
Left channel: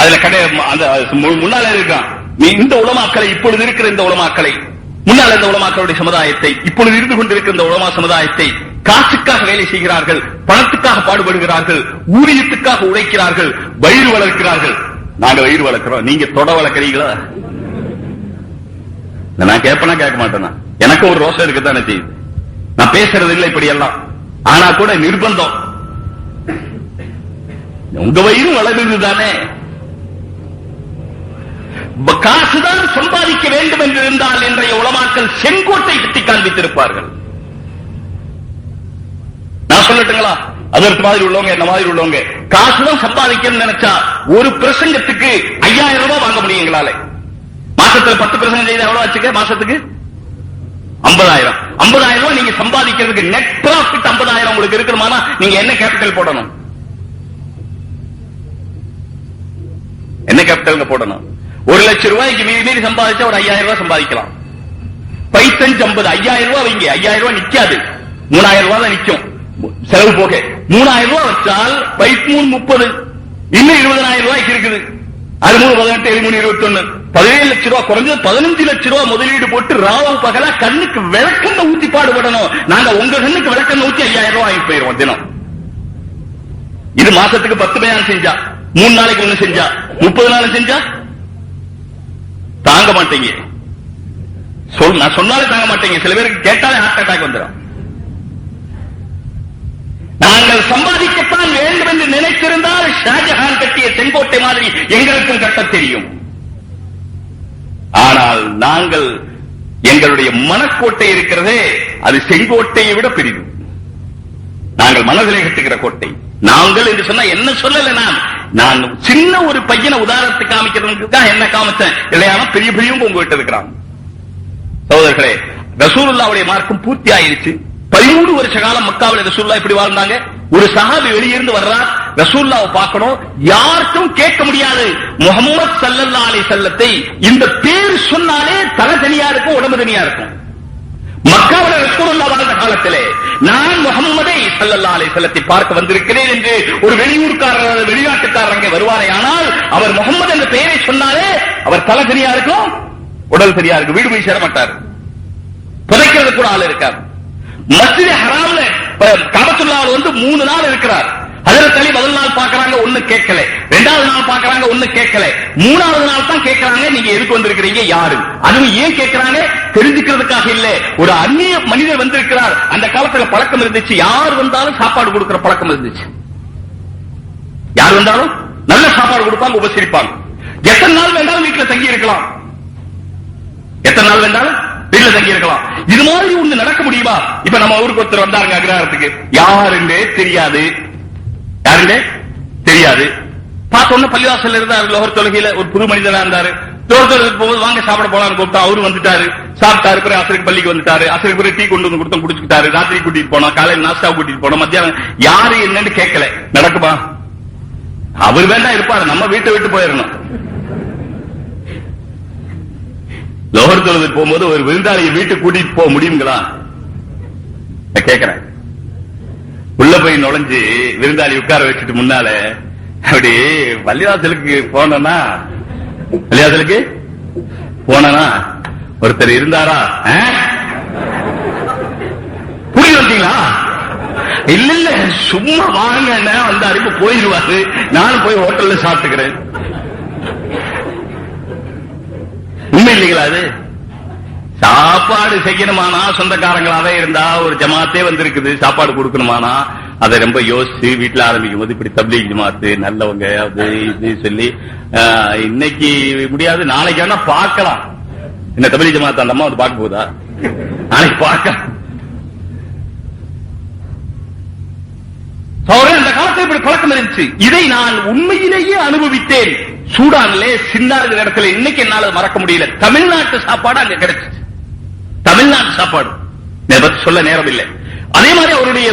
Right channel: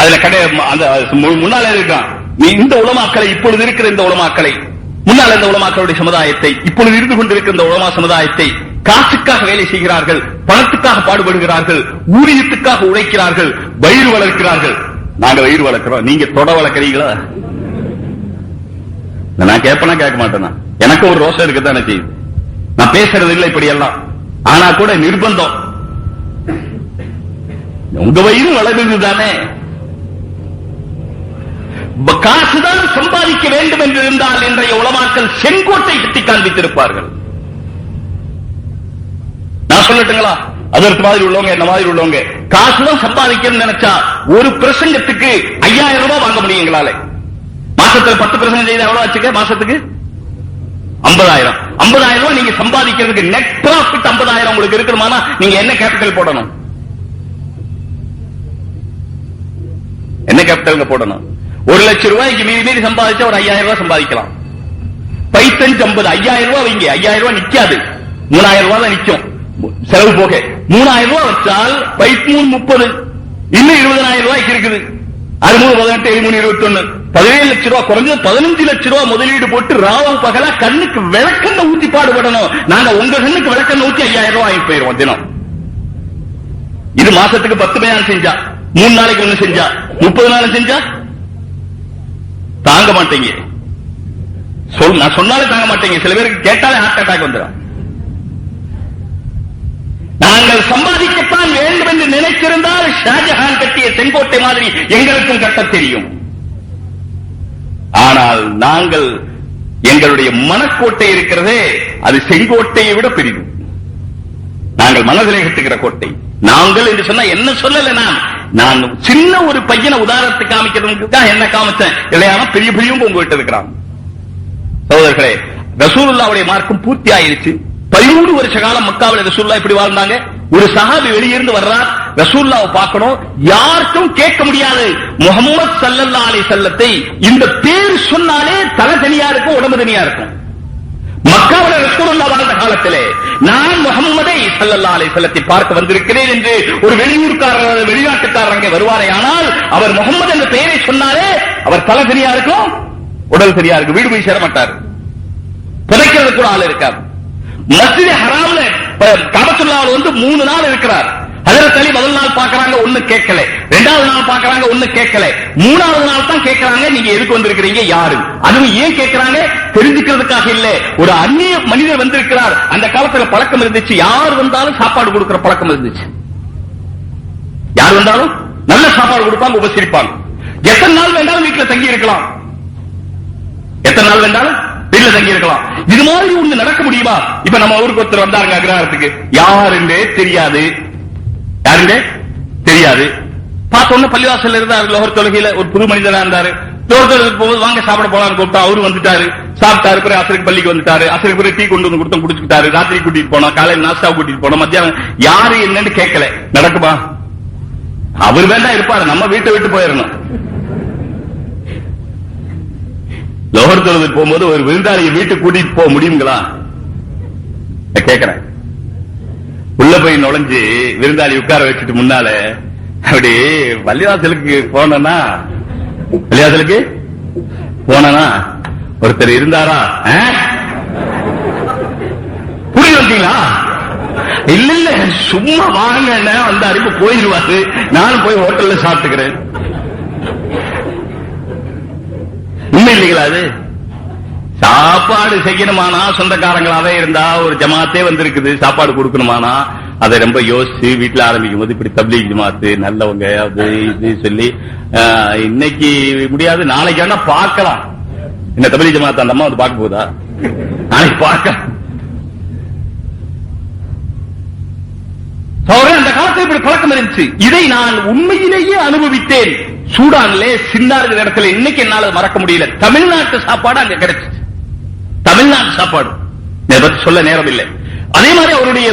அதுல முன்னால இருக்கான். நீ இந்த உலமாக்களை, இப்பொழுது இருக்கிற இந்த உலமாக்களை, முன்னால் இந்த உலமாக்களுடைய சமுதாயத்தை, இப்பொழுது இருந்து கொண்டிருக்கிற இந்த உலமா சமுதாயத்தை காசுக்காக வேலை செய்கிறார்கள், பணத்துக்காக பாடுபடுகிறார்கள், ஊதியத்துக்காக உழைக்கிறார்கள், வயிறு வளர்க்கிறார்கள். நாங்க வயிறு வளர்க்கிறோம், நீங்க தொட வளர்க்கிறீங்களா? நான் கேட்பனா கேட்க மாட்டேனா? எனக்கு ஒரு ரோஷம் இருக்குதான் எனக்கு. நான் பேசுறது இல்லை இப்படி எல்லாம். ஆனா கூட நிர்பந்தம். உங்க வயிறு வளர்கிறது தானே. காசுதான் சம்பாதிக்க வேண்டும் என்று இருந்தால் இன்றைய உலமாக்கள் செங்கோட்டை கட்டி காண்பித்திருப்பார்கள். நான் சொல்லட்டுங்களா? அதற்கு மாதிரி உள்ளவங்க, என்ன மாதிரி உள்ளவங்க காசுதான் சம்பாதிக்கணும்னு நினைச்சா ஒரு பிரசங்கத்துக்கு 5000 ரூபாய் வாங்க முடியும் எங்களால. மாசத்துல 10% எவ்வளவு வச்சுக்க? மாசத்துக்கு 50,000. 50,000 ரூபாய் நீங்க சம்பாதிக்கிறதுக்கு நெட் ப்ராஃபிட் 50,000 உங்களுக்கு இருக்கணுமானா நீங்க என்ன கேபிட்டல் போடணும்? என்ன கேபிட்டல் போடணும்? 1,00,000 ரூபாய்க்கு மீறி சம்பாதிச்சா ஒரு 5,000 ரூபாய் சம்பாதிக்கலாம். பைத்தஞ்சு 50, 5,000 ரூபாய் வைங்க. 5,000 ரூபாய் நிக்காது, 3,000 ரூபாய் தான் நிக்கும் செலவு போக. 3,000 ரூபாய் வச்சால் பைத்து 30, இன்னும் 20,000 ரூபாய்க்கு இருக்குது. 6, 18, 13, 21, 17 லட்சம் ரூபாய் குறைஞ்சது 15 லட்சம் ரூபாய் முதலீடு போட்டு ராவம் பகலா கண்ணுக்கு விளக்கண்ண ஊற்றி பாடுபடணும். நாங்க உங்க கண்ணுக்கு விளக்கண்ண ஊற்றி 5,000 ரூபாய் வாங்கி போயிடுவோம் தினம். இது மாசத்துக்கு 10 நாள் செஞ்சா, 3 நாளைக்கு ஒண்ணு செஞ்சா, 30 நாள் செஞ்சா தாங்க மாட்டீங்க. நான் சொன்னாலே தாங்க மாட்டீங்க. சில பேருக்கு கேட்டாலே ஹார்ட் அட்டாக் வந்துடும். நாங்கள் சம்பாதிக்கத்தான் வேண்டும் என்று நினைத்திருந்தால் ஷாஜஹான் கட்டிய செங்கோட்டை மாதிரி எங்களுக்கும் கட்ட தெரியும். ஆனால் நாங்கள் எங்களுடைய மனக்கோட்டை இருக்கிறதே, அது செங்கோட்டையை விட பெரிது. நாங்கள் மனதிலே கட்டுகிற கோட்டை. நாங்கள் என்று சொன்னா என்ன சொல்லல. நான் சின்ன ஒரு பையனை உதாரணத்துக்கு காமிக்கிறதுக்கு தான் என்ன காமிச்சேன். இல்லையானா பெரிய பெரியவங்க உங்ககிட்ட இருக்கிறாங்க. சகோதரர்களே, ரசூலுல்லாஹ்வுடைய மார்க்கம் பூர்த்தி ஆயிருச்சு. 13 வருஷ காலம் மக்காவில் ரசூலுல்லாஹ் இப்படி வாழ்ந்தாங்க. ஒரு சஹாபி வெளியிருந்து வர்றார், ரசூலுல்லாஹ்வை பார்க்கணும். யாருக்கும் கேட்க முடியாது. முஹம்மது ஸல்லல்லாஹு அலைஹி வஸல்லத்தை இந்த பேர் சொன்னாலே தலை தனியா இருக்கும், உடம்பு தனியா இருக்கும். மக்காவில் ரசூலுல்லாஹ் வாழ்ந்த காலத்திலே நான் முஹம்மதை ஸல்லல்லாஹு அலைஹி வஸல்லத்தை பார்க்க வந்திருக்கிறேன் என்று ஒரு வெளியூர்காரர், வெளிநாட்டுக்காரங்க வருவாரே, ஆனால் அவர் முஹம்மது என்ற பெயரை சொன்னாலே அவர் தலை தனியா இருக்கும், உடல் தனியா இருக்கும். வீடு போய் சேர மாட்டார், பிழைக்கிறது கூட ஆள் இருக்காது. மஸ்ஜித் ஹராம்ல காபத்துல்லாஹ்ல 3 நாள் இருக்கிறார். ஹஜ்ரத் அலி முதல் நாள் பாக்குறாங்க, ஒண்ணு கேட்கல. 2வது நாள் பாக்குறாங்க, ஒண்ணு கேட்கல. 3வது நாள் தான் கேட்கறாங்க, நீங்க எதுக்கு வந்திருக்கிறீங்க, யாரு? அதுவும் ஏன் கேட்கறாங்க? தெரிஞ்சுக்கிறதுக்காக இல்ல. ஒரு அந்நிய மனிதர் வந்திருக்கிறார். அந்த காலத்துல பழக்கம் இருந்துச்சு, யார் வந்தாலும் சாப்பாடு கொடுக்கிற பழக்கம் இருந்துச்சு. யார் வந்தாலும் நல்ல சாப்பாடு கொடுப்பாங்க, உபசரிப்பாங்க. எத்தனை நாள் வேண்டாலும் வீட்டுல தங்கி இருக்கலாம், எத்தனை நாள் வேண்டாலும் வீட்டுல தங்கி இருக்கலாம். இது மாதிரி ஒண்ணு நடக்க முடியுமா? இப்ப நம்ம ஊருக்கு ஒருத்தர் வந்தாருங்க அக்ரஹாரத்துக்கு, யாருன்னு தெரியாது, யாருன்னு தெரியாது. பார்த்தோன்னு பள்ளிவாசல் இருந்தாரு, லோகர் தொழுகையில ஒரு புது மனிதனா இருந்தாரு. லோகர் தொழுகைக்கு போகும்போது வாங்க சாப்பிட போலான்னு கூப்பிட்டா அவரு வந்துட்டாரு, சாப்பிட்டாரு. பிறகு அசருக்கு பள்ளிக்கு வந்துட்டாரு, அசருக்கு பிறகு டீ கொண்டு வந்து கொடுத்தோம், குடிச்சுட்டாரு. ராத்திரி கூட்டிட்டு போனோம், காலையில் நாஸ்டா கூட்டிட்டு போனோம், மத்தியானம் யாரு என்னன்னு கேட்கல. நடக்குமா? அவர் வேண்டாம் இருப்பாரு, நம்ம வீட்டை விட்டு போயிடணும். லோகர் தொழுகைக்கு போகும்போது ஒரு விருந்தாளியை வீட்டுக்கு கூட்டிட்டு போக முடியுங்களா? கேட்கிறேன். உள்ள போய் நுழைஞ்சு விருந்தாளி உட்கார வச்சுட்டு முன்னால அப்படி பள்ளிவாசலுக்கு போனா, பள்ளிவாசலுக்கு போனா ஒருத்தர் இருந்தாரா, புரிய வந்தீங்களா? இல்ல இல்ல சும்மா வாங்க வந்தாரு, இப்ப போயிடுவாரு, நானும் போய் ஹோட்டல்ல சாப்பிட்டுக்கிறேன். உண்மை இல்லைங்களா? அது சாப்பாடு செய்யணுமானா சொந்தக்காரங்களாவே இருந்தா, ஒரு ஜமாத்தே வந்திருக்குது, சாப்பாடு கொடுக்கணுமானா அதை ரொம்ப யோசிச்சு வீட்டுல ஆரம்பிக்கும் போது இப்படி தப்லீக் ஜமாத்து நல்லவங்க அது இது சொல்லி இன்னைக்கு முடியாது, நாளைக்கு வேணா பார்க்கலாம். இந்த தப்லீக் ஜமாத்து அந்த அம்மா வந்து பார்க்க போதா? நாளைக்கு பார்க்க. அந்த காலத்தில் இப்படி பழக்கம் இருந்துச்சு. இதை நான் உண்மையிலேயே அனுபவித்தேன். சூடான்ல சின்ன இடத்துல இன்னைக்கு என்னால மறக்க முடியல. தமிழ்நாட்டு சாப்பாடு அங்க கிடைச்சிச்சு, தமிழ்நாட்டு சாப்பாடு சொல்ல நேரம் இல்லை. அதே மாதிரி அவருடைய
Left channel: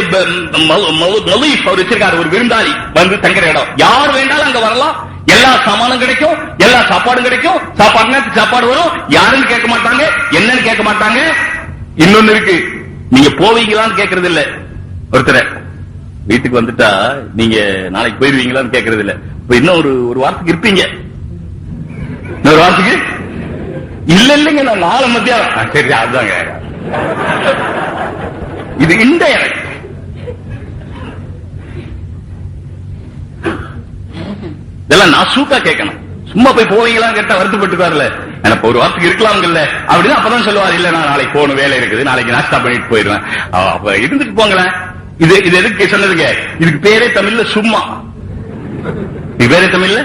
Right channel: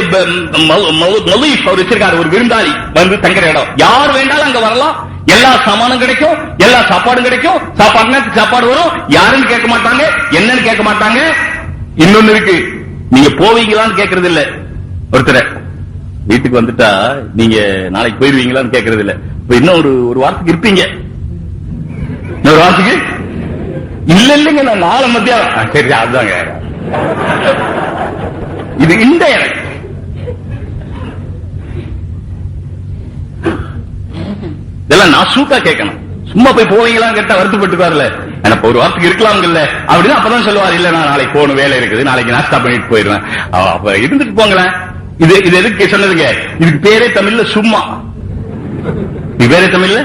வச்சிருக்காரு, ஒரு விருந்தாளி வந்து தங்குற இடம், யார் வேண்டாலும் அங்க வரலாம், எல்லா சாமானும் கிடைக்கும், எல்லா சாப்பாடும் கிடைக்கும். சாப்பாடு வரும், யாரும் கேட்க மாட்டாங்க, என்னன்னு கேட்க மாட்டாங்க. இன்னொன்னு இருக்கு, நீங்க போவீங்களான்னு கேட்கறது இல்ல. ஒருத்தர் வீட்டுக்கு வந்துட்டா நீங்க நாளைக்கு போயிருவீங்களான்னு கேட்கறது இல்ல. இப்ப இன்னும் ஒரு வாரத்துக்கு இருப்பீங்க, இன்னொரு வாரத்துக்கு இல்லைங்க நான் நாளை மத்தியானம். சரி அதுதாங்க இது இந்த இதெல்லாம் நான் சூட்டா கேட்கணும். சும்மா போய் போவீங்களான்னு கேட்டா வருத்தப்பட்டுக்காருல, எனக்கு ஒரு வாரத்துக்கு இருக்கலாம் இல்ல அப்படின்னு அப்பதான் சொல்லுவார். இல்ல நான் நாளைக்கு போகணும், வேலை இருக்குது, நாளைக்கு நாஸ்டா பண்ணிட்டு போயிடுறேன். அப்ப இருந்துட்டு போங்களேன். இது எதுக்கு சொன்னதுங்க? இதுக்கு பேரே தமிழ்ல சும்மா. இது பேரே தமிழ்ல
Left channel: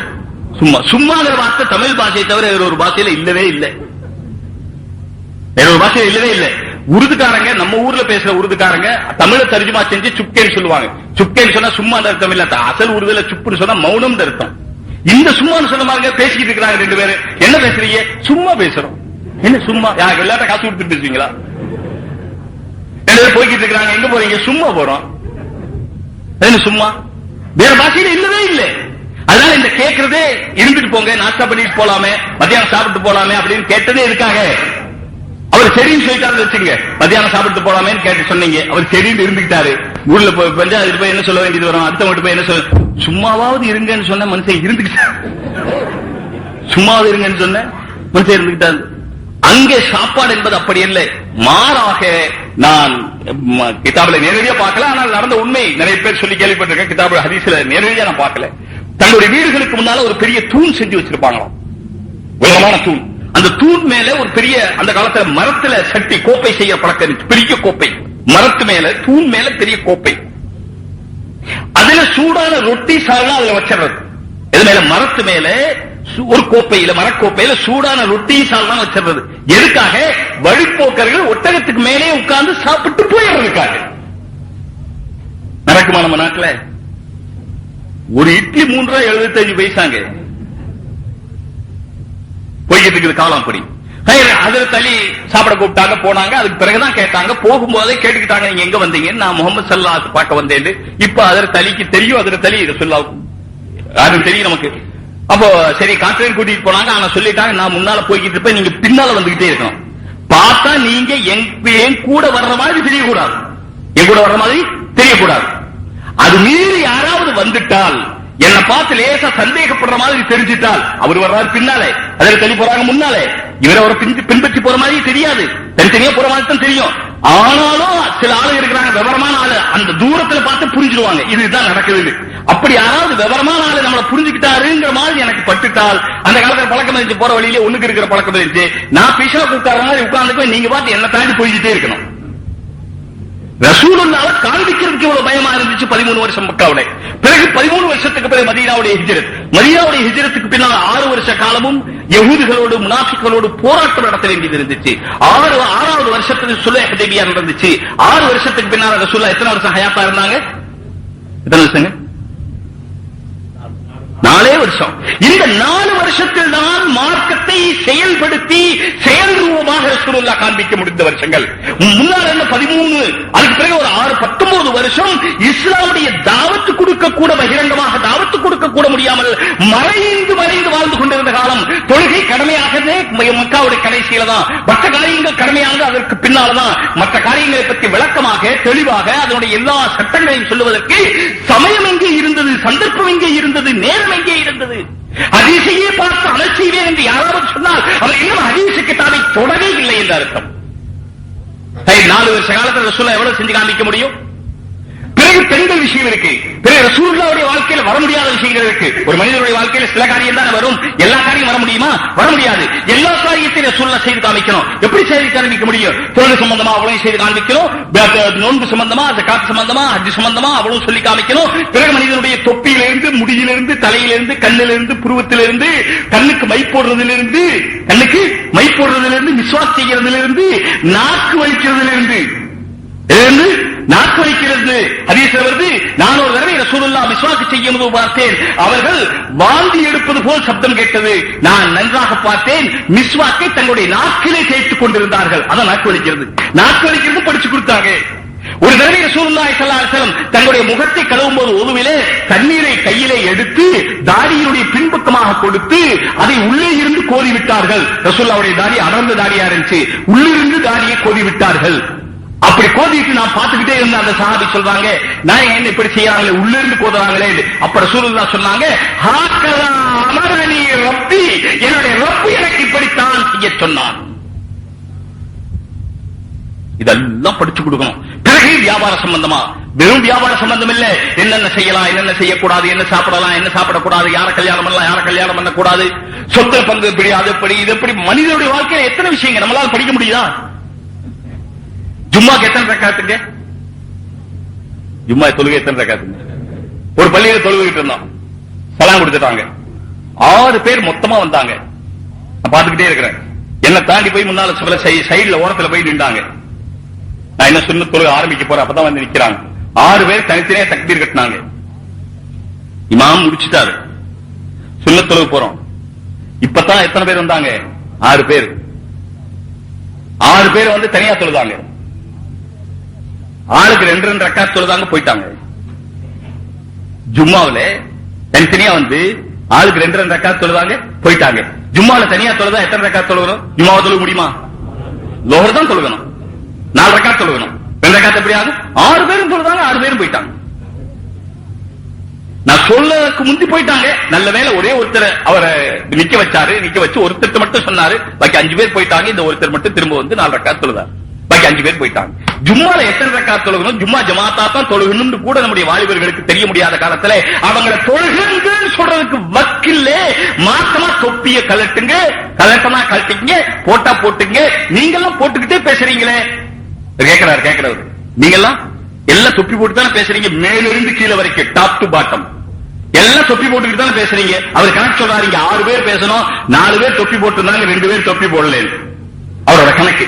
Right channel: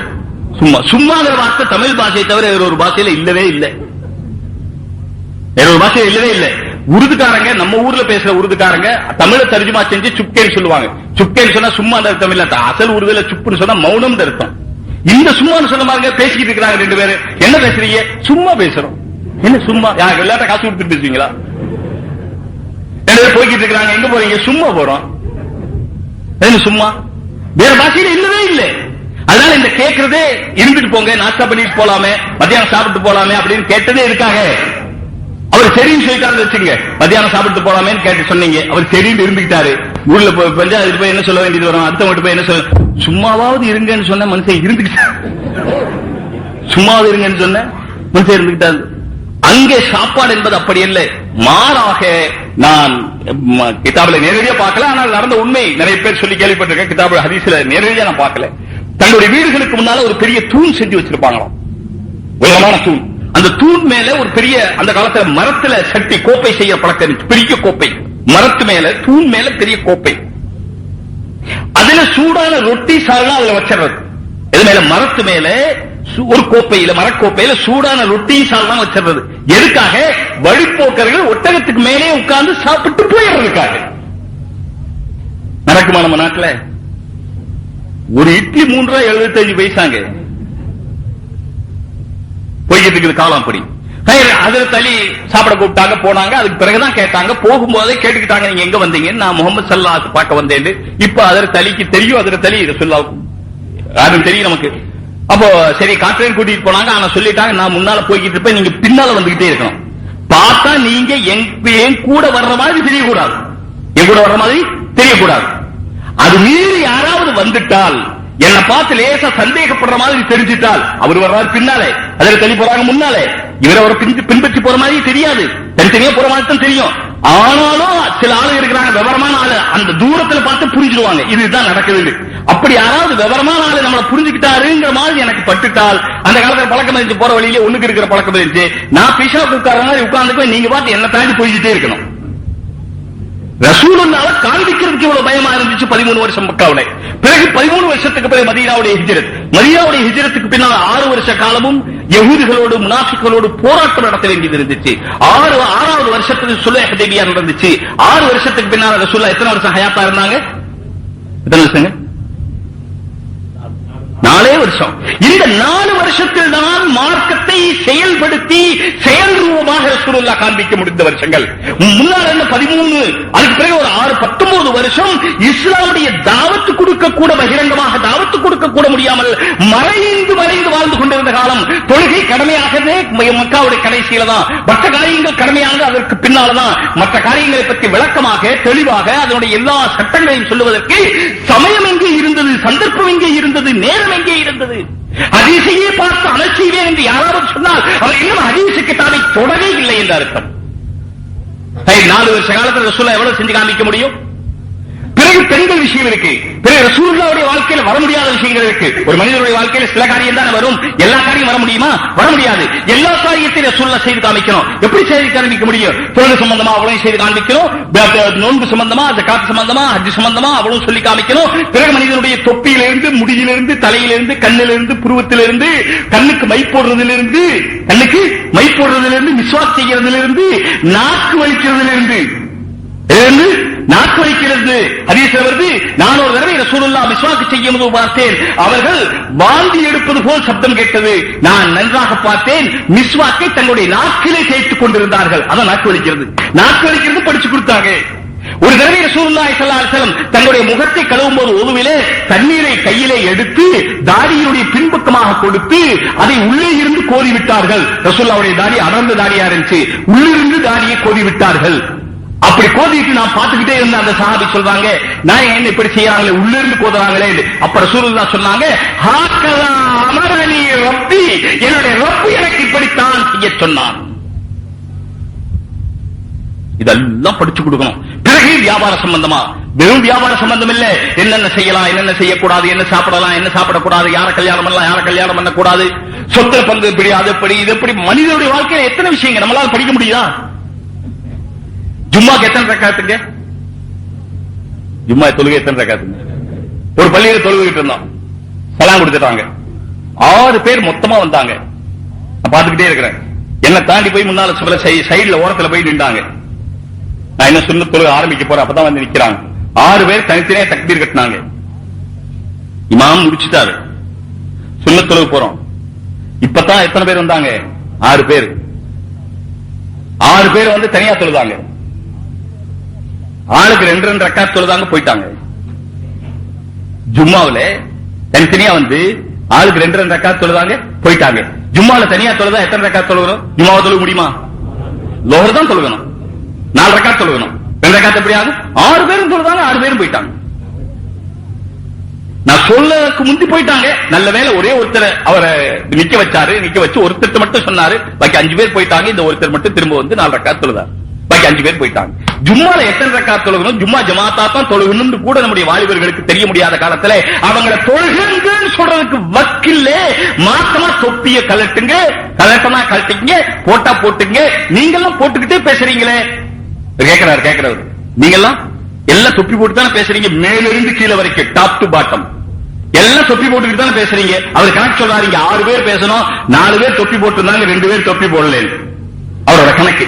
சும்மா. சும்மாங்கிற வார்த்தை தமிழ் பாஷையை தவிர வேற ஒரு பாஷையில இல்லவே இல்லை. வேற ஒரு பாஷையில இல்லவே இல்லை. உருதுக்காரங்க, நம்ம ஊர்ல பேசுற உருதுக்காரங்க தமிழ தர்ஜுமா செஞ்சு சுப்கேன்னு சொல்லுவாங்க. சுப்கேன்னு சொன்னா சும்மா அர்த்தம் இல்ல. அசல் உருதுல சுப்புன்னு சொன்னா மௌனம் அர்த்தம். இந்த சும்மான்னு சொன்ன மாதிரி பேசிக்கிட்டு இருக்கிறாங்க ரெண்டு பேரும். என்ன பேசுறீங்க? சும்மா பேசுறோம். என்ன சும்மா? எல்லாத்த காசு கொடுத்துட்டு இருக்கீங்களா? ரெண்டு பேரும் போய்கிட்டு இருக்கிறாங்க. எங்க போறீங்க? சும்மா போறோம். என்ன சும்மா? வேற பாஷையில இல்லவே இல்லை. அதனால இந்த கேட்கறதே இருந்துட்டு போங்க, நாஸ்டா பண்ணிட்டு போலாமே, மத்தியானம் சாப்பிட்டு போலாமே அப்படின்னு கேட்டதே இருக்காங்க. அவர் சரின்னு சொல்லிட்டாரு வச்சுங்க. மத்தியானம் சாப்பிட்டு போலாமேன்னு கேட்டு சொன்னீங்க, அவர் சரின்னு இருந்துக்கிட்டாரு. ஊர்ல பஞ்சாயத்து போய் என்ன சொல்ல வேண்டியது வரும்? அடுத்தவங்க போய் என்ன சொல்ல? சும்மாவாவது இருங்கன்னு சொன்ன மனுஷன் இருந்துக்கிட்டாரு. சும்மாவது இருங்கன்னு சொன்ன மனுஷன் இருந்துக்கிட்டாரு. அங்கே சாப்பாடு என்பது அப்படி இல்லை. மாறாக நான் கிதாபுல நேரடியா பார்க்கல, ஆனால் நடந்த உண்மை நிறைய பேர் சொல்லி கேள்விப்பட்டிருக்கேன். கிதாபுல ஹதீஸ்ல நேரடியா நான் பார்க்கல. தங்களுடைய வீடுகளுக்கு முன்னால ஒரு பெரிய தூண் செஞ்சு வச்சிருப்பாங்களாம், உயரமான தூண். அந்த தூண் மேல ஒரு பெரிய, அந்த காலத்துல மரத்துல சட்டி கோப்பை செய்ய பழக்கம், பெரிய கோப்பை மரத்து மேல, தூண் மேல பெரிய கோப்பை. அதுல சூடான ரொட்டி சால்னா அதுல வச்சிடறது. இது மேல மரத்து மேல ஒரு கோப்பையில, மரக்கோப்பையில சூடான ரொட்டி சால்னா வச்சிடறது. எதுக்காக? வழிபோக்கர்கள் ஒட்டகத்துக்கு மேலே உட்கார்ந்து சாப்பிட்டு போயிடுறதுக்காக. நடக்குமா நம்ம நாட்டுல? ஒரு இட்லி 3.75 பைசாங்க போய்கிட்டு இருக்குது காலம். அப்படி அதுல தள்ளி சாப்பிட கூப்பிட்டாங்க, போனாங்க. அதுக்கு பிறகுதான் கேட்டாங்க, போகும்போதே கேட்டுக்கிட்டாங்க, நீங்க எங்க வந்தீங்க? நான் முகமது ஸல்லல்லாஹு பார்க்க வந்தேன். இப்ப அதில் தலிக்கு தெரியும், அதில் தலி ரசூலுல்லாஹ் அது தெரியும் நமக்கு. அப்போ சரி காட்டுறேன் கூட்டிட்டு போனாங்க. ஆனா சொல்லிட்டாங்க, நான் முன்னால போய்கிட்டு இருப்பேன், நீங்க பின்னால வந்துகிட்டே இருக்கணும். பார்த்தா நீங்க என் கூட வர்ற மாதிரி தெரியக்கூடாது, என் கூட வர்ற மாதிரி தெரியக்கூடாது. அது மீறி யாராவது வந்துட்டால், என்னை பார்த்து லேசா சந்தேகப்படுற மாதிரி தெரிஞ்சிட்டால், அவர் வர்றாரு பின்னாலே, அதில் தள்ளி போறாங்க முன்னாலே, இவரை ஒரு பின்பற்றி போற மாதிரி தெரியாது, தனித்தனியா போற மாதிரி தான் தெரியும். ஆனாலும் சில ஆளு இருக்கிறாங்க, விவரமான ஆளு, அந்த தூரத்துல பார்த்து புரிஞ்சிடுவாங்க இதுதான் நடக்க வேண்டும். அப்படி யாராவது விவரமான ஆளு நம்மளை புரிஞ்சுக்கிட்டாருங்கிற மாதிரி எனக்கு பட்டுட்டால், அந்த காலத்துல பழக்கம் இருக்கு, போற வழியில ஒண்ணுக்கு இருக்கிற பழக்கம் இருக்கு, நான் பிஷா உட்கார மாதிரி உட்கார்ந்து நீங்க பார்த்து என்ன தாண்டி போய்கிட்டே இருக்கணும். ரசூலுல்லாஹ் காண்பிக்கிறதுக்கு இவ்வளவு பயமா இருந்துச்சு 13 வருஷம் மக்காவுடைய. பிறகு 13 வருஷத்துக்கு பிறகு மதீனாவுடைய ஹிஜ்ரத். மதீனாவுடைய ஹிஜ்ரத்துக்கு பின்னால் 6 வருஷ காலமும் யஹூதிகளோடு முனாஃபிக்குகளோடு போராட்டம் நடத்த வேண்டியது இருந்துச்சு. 6வது வருஷத்துக்கு சுல்ஹ் ஹுதைபியா நடந்துச்சு. 6 வருஷத்துக்கு பின்னால் ரசூலுல்லாஹ் எத்தனை வருஷம் ஹயாத்தா இருந்தாங்க? எத்தனை வருஷங்க? 4 வருஷம். இந்த 4 வருஷத்தில் தான் மார்க்கத்தை செயல்படுத்தி செயல் ரூபமாக ரசூலுல்லாஹ் காண்பிக்க முடிந்த வருஷங்கள். முன்னால் 13, அதுக்கு பிறகு ஒரு 19 வருஷம் இஸ்லாமுடைய தாவத்து கொடுக்க கூட, பகிரங்கமாக தாவத்து கொடுக்க கூட முடியாமல் மறைந்து வாழ்ந்து கொண்டிருந்த காலம். தொழுகை கடமையாகவே மக்காவுடைய கடைசியில தான், மற்ற காரியங்கள் கடமையாக அதற்கு பின்னால்தான். மற்ற காரியங்களை பற்றி விளக்கமாக தெளிவாக அதனுடைய எல்லா சட்டங்களையும் சொல்லுவதற்கு சமயம் எங்கே இருந்தது, சந்தர்ப்பம் எங்கே இருந்தது, நேரம் எங்கே இருந்தது? ஹதீஸையே பார்த்து அமல் செய்வேன் என்று யாராவது சொன்னால் அவர் இன்னும் ஹதீஸுக்கு தானே தொடரவே இல்லை என்ற அர்த்தம். 4 வருஷ காலத்தில் ரசூலுல்லாஹ் எவ்வளவு செஞ்சு காமிக்க முடியும்? பிறகு பெண்கள் விஷயம் இருக்கு. பிறகு ரசூலுல்லாஹ்வுடைய வாழ்க்கையில் வர முடியாத விஷயங்கள் இருக்கு. ஒரு மனிதனுடைய வாழ்க்கையில சில காரியம் தான் வரும், எல்லா காரியம் வர முடியுமா? வர முடியாது. எல்லா காரியத்தையும் ரசூலுல்லாஹ் செய்து காமிக்கணும். எப்படி செய்து காமிக்க முடியும்? தொழுகை சம்பந்தமா அவளையும் செய்து காமிக்கணும், நோன்பு சம்பந்தமா, ஜகாத் சம்பந்தமா, ஹஜ் சம்பந்தமா அவளும் சொல்லி காமிக்கணும். பிறகு மனிதனுடைய தொப்பியிலிருந்து, முடியிலிருந்து, தலையிலிருந்து, கண்ணிலிருந்து, புருவத்திலிருந்து, கண்ணுக்கு மை போடுறதிலிருந்து, மிஸ்வாக் செய்யறதிலிருந்து, நாக்கு வலிக்கிறதிலிருந்து, நாக்கு வைக்கிறது ஹதீஸ்ல வருது. நான் ஒரு தடவை ரசூலுல்லாஹ் மிஸ்வாக் செய்யும் போது பார்த்தேன், அவர்கள் வாந்தி எடுப்பது போல் சப்தம் கேட்டது. நான் நன்றாக பார்த்தேன், மிஸ்வாக்கை தங்களுடைய நாக்கிலே கேட்டுக் கொண்டிருந்தார்கள். அதான் நாக்கு வலிக்கிறது படிச்சு கொடுத்தாங்க. ஒரு தடவை ரசூலுல்லாஹி ஸல்லல்லாஹு அலைஹி வஸல்லம் தங்களுடைய முகத்தை கழுவும் போது ஒருவிலே தண்ணீரை கையிலே எடுத்து தாடியினுடைய பின்பக்கமாக கொடுத்து அதை உள்ளே இருந்து கோரி விட்டார்கள். ரசூலுல்லாஹ்வுடைய தாடி அடர்ந்த தாடியா இருந்துச்சு, உள்ளிருந்து தாடியை கோரி விட்டார்கள். அப்படி கோதிட்டு நான் பார்த்துக்கிட்டே இருந்த அந்த சஹாபி சொல்றாங்க, நான் எங்க இப்படி செய்யறாங்களே, உள்ள இருந்து கோதுறாங்களே. அப்ப ரசூலுல்லாஹ் சொன்னாங்க, ரப்பி, என்னுடைய ரப்பி எனக்கு இப்படித்தான் செய்ய சொன்னான். இதெல்லாம் படிச்சு கொடுக்கணும். பிறகு வியாபார சம்பந்தமா, வெறும் வியாபார சம்பந்தம் இல்ல, என்னென்ன செய்யலாம், என்னென்ன செய்யக்கூடாது, என்ன சாப்பிடலாம், என்ன சாப்பிடக்கூடாது, யாரை கல்யாணம் பண்ணலாம், யாரை கல்யாணம் பண்ணக்கூடாது, சொத்து பங்கு எப்படி, அது எப்படி, இது எப்படி, மனிதனுடைய வாழ்க்கையில எத்தனை விஷயங்கள் நம்மளால படிக்க முடியுதா? ஜும்மாக்கு எத்தனை ரக்காத்துங்க? ஜும்மா தொழுகை எத்தனை ரக்காத்துங்க? ஒரு பள்ளியில தொழுகிட்டு இருந்தோம், சலாம் கொடுத்துட்டாங்க, 6 பேர் மொத்தமா வந்தாங்க. நான் பார்த்துக்கிட்டே இருக்கிறேன். என்ன தாண்டி போய் முன்னால சைடுல ஓரத்துல போய் நின்றாங்க. நான் என்ன சுன்னத் தொழுகை ஆரம்பிக்க போறேன், அப்பதான் வந்து நிக்கிறாங்க. 6 பேர் தனித்தனியா தக்பீர் கட்டினாங்க. இமாம் முடிச்சுட்டாரு, சுன்னத் தொழுகை போறோம். இப்பதான் எத்தனை பேர் வந்தாங்க? 6 பேர். 6 பேர் வந்து தனியா தொழுதாங்க. ஆளுக்கு 2 ரக்காத் தொழுதாங்க, போயிட்டாங்க. ஜும்மாவில தனித்தனியா வந்து ஆளுக்கு 2 ரக்காத் தொழுதாங்க, போயிட்டாங்க. ஜும்மாவில தனியா தொழுதா எத்தனை ரக்காத் தொழுகணும்? ஜும்மாவை தொழுக முடியுமா? லோஹர் தான் தொழுகணும், 4 ரக்காத் தொழுகணும். 2 ரக்காத் எப்படியாவது? 6 பேரும் தொழுதாங்க, 6 பேரும் போயிட்டாங்க. நான் சொல்லக்கு முந்தி போயிட்டாங்க. நல்ல வேளை ஒரே ஒருத்தர் அவரை நிக்க வச்சாரு. நிக்க வச்சு ஒருத்தர் மட்டும் சொன்னாரு, பாக்கி 5 பேர் போயிட்டாங்க. இந்த ஒருத்தர் மட்டும் திரும்ப வந்து 4 ரக்காத் தொழுதாரு, பாக்கி 5 பேர் போயிட்டாங்க. ஜும்மால எத்தனை ரக்காத் தொழுகணும்? ஜும்மா ஜமாத்தா தான் தொழுகணும்னு கூட நம்முடைய வாலிபர்களுக்கு தெரிய முடியாத காலத்துல அவங்களை தொழுகன்னு சொல்றதுக்கு வக்கில்ல. மாசமா தொப்பிய கலட்டுங்க, கலட்டமா கலட்டிங்க, போட்டா போட்டுங்க. நீங்கெல்லாம் போட்டுக்கிட்டே பேசுறீங்களே. கேட்கிறவர், நீங்கெல்லாம் எல்லாம் தொப்பி போட்டு தானே பேசுறீங்க, மேலிருந்து கீழே வரைக்கும், டாப் டு பாட்டம் எல்லாம் தொப்பி போட்டுக்கிட்டு தான் பேசுறீங்க. அவர் கணக்கு சொல்றாரு, 6 பேர் பேசணும், 4 பேர் தொப்பி போட்டிருந்தாங்க, 2 பேர் தொப்பி போடல. அவரோட கணக்கு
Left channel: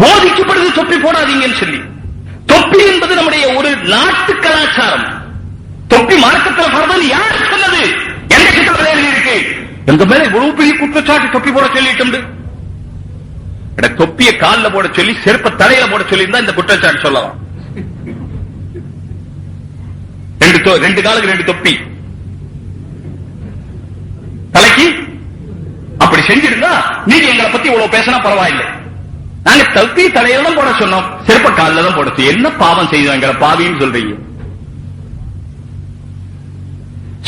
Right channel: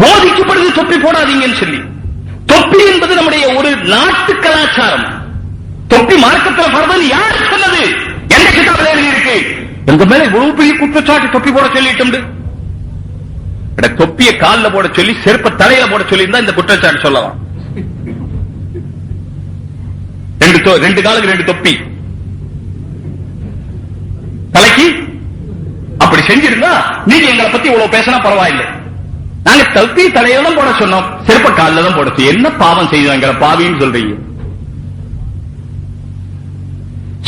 போதிக்கப்படுது, தொப்பி போடாதீங்கன்னு சொல்லி. தொப்பி என்பது நம்முடைய ஒரு நாட்டு கலாச்சாரம். தொப்பி மார்க்கத்தில் பரவல் யார் சொன்னது? எந்த சிக்கல் இருக்கு? எங்க மேல இவ்வளவு பெரிய குற்றச்சாட்டு தொப்பி போட சொல்லிட்டு, தொப்பிய காலில் போட சொல்லி செருப்ப தலையில போட சொல்லி இருந்தா இந்த குற்றச்சாட்டு சொல்லலாம். 2 காலுக்கு 2 தொப்பி தலைக்கு அப்படி செஞ்சிருந்தா நீங்க எங்களை பத்தி இவ்வளவு பேசினா பரவாயில்லை. நாங்க தொப்பி தலையோட போட சொன்னோம், செருப்ப காலில் தான் போட. என்ன பாவம் செய்வாங்க, பாவின்னு சொல்றீங்க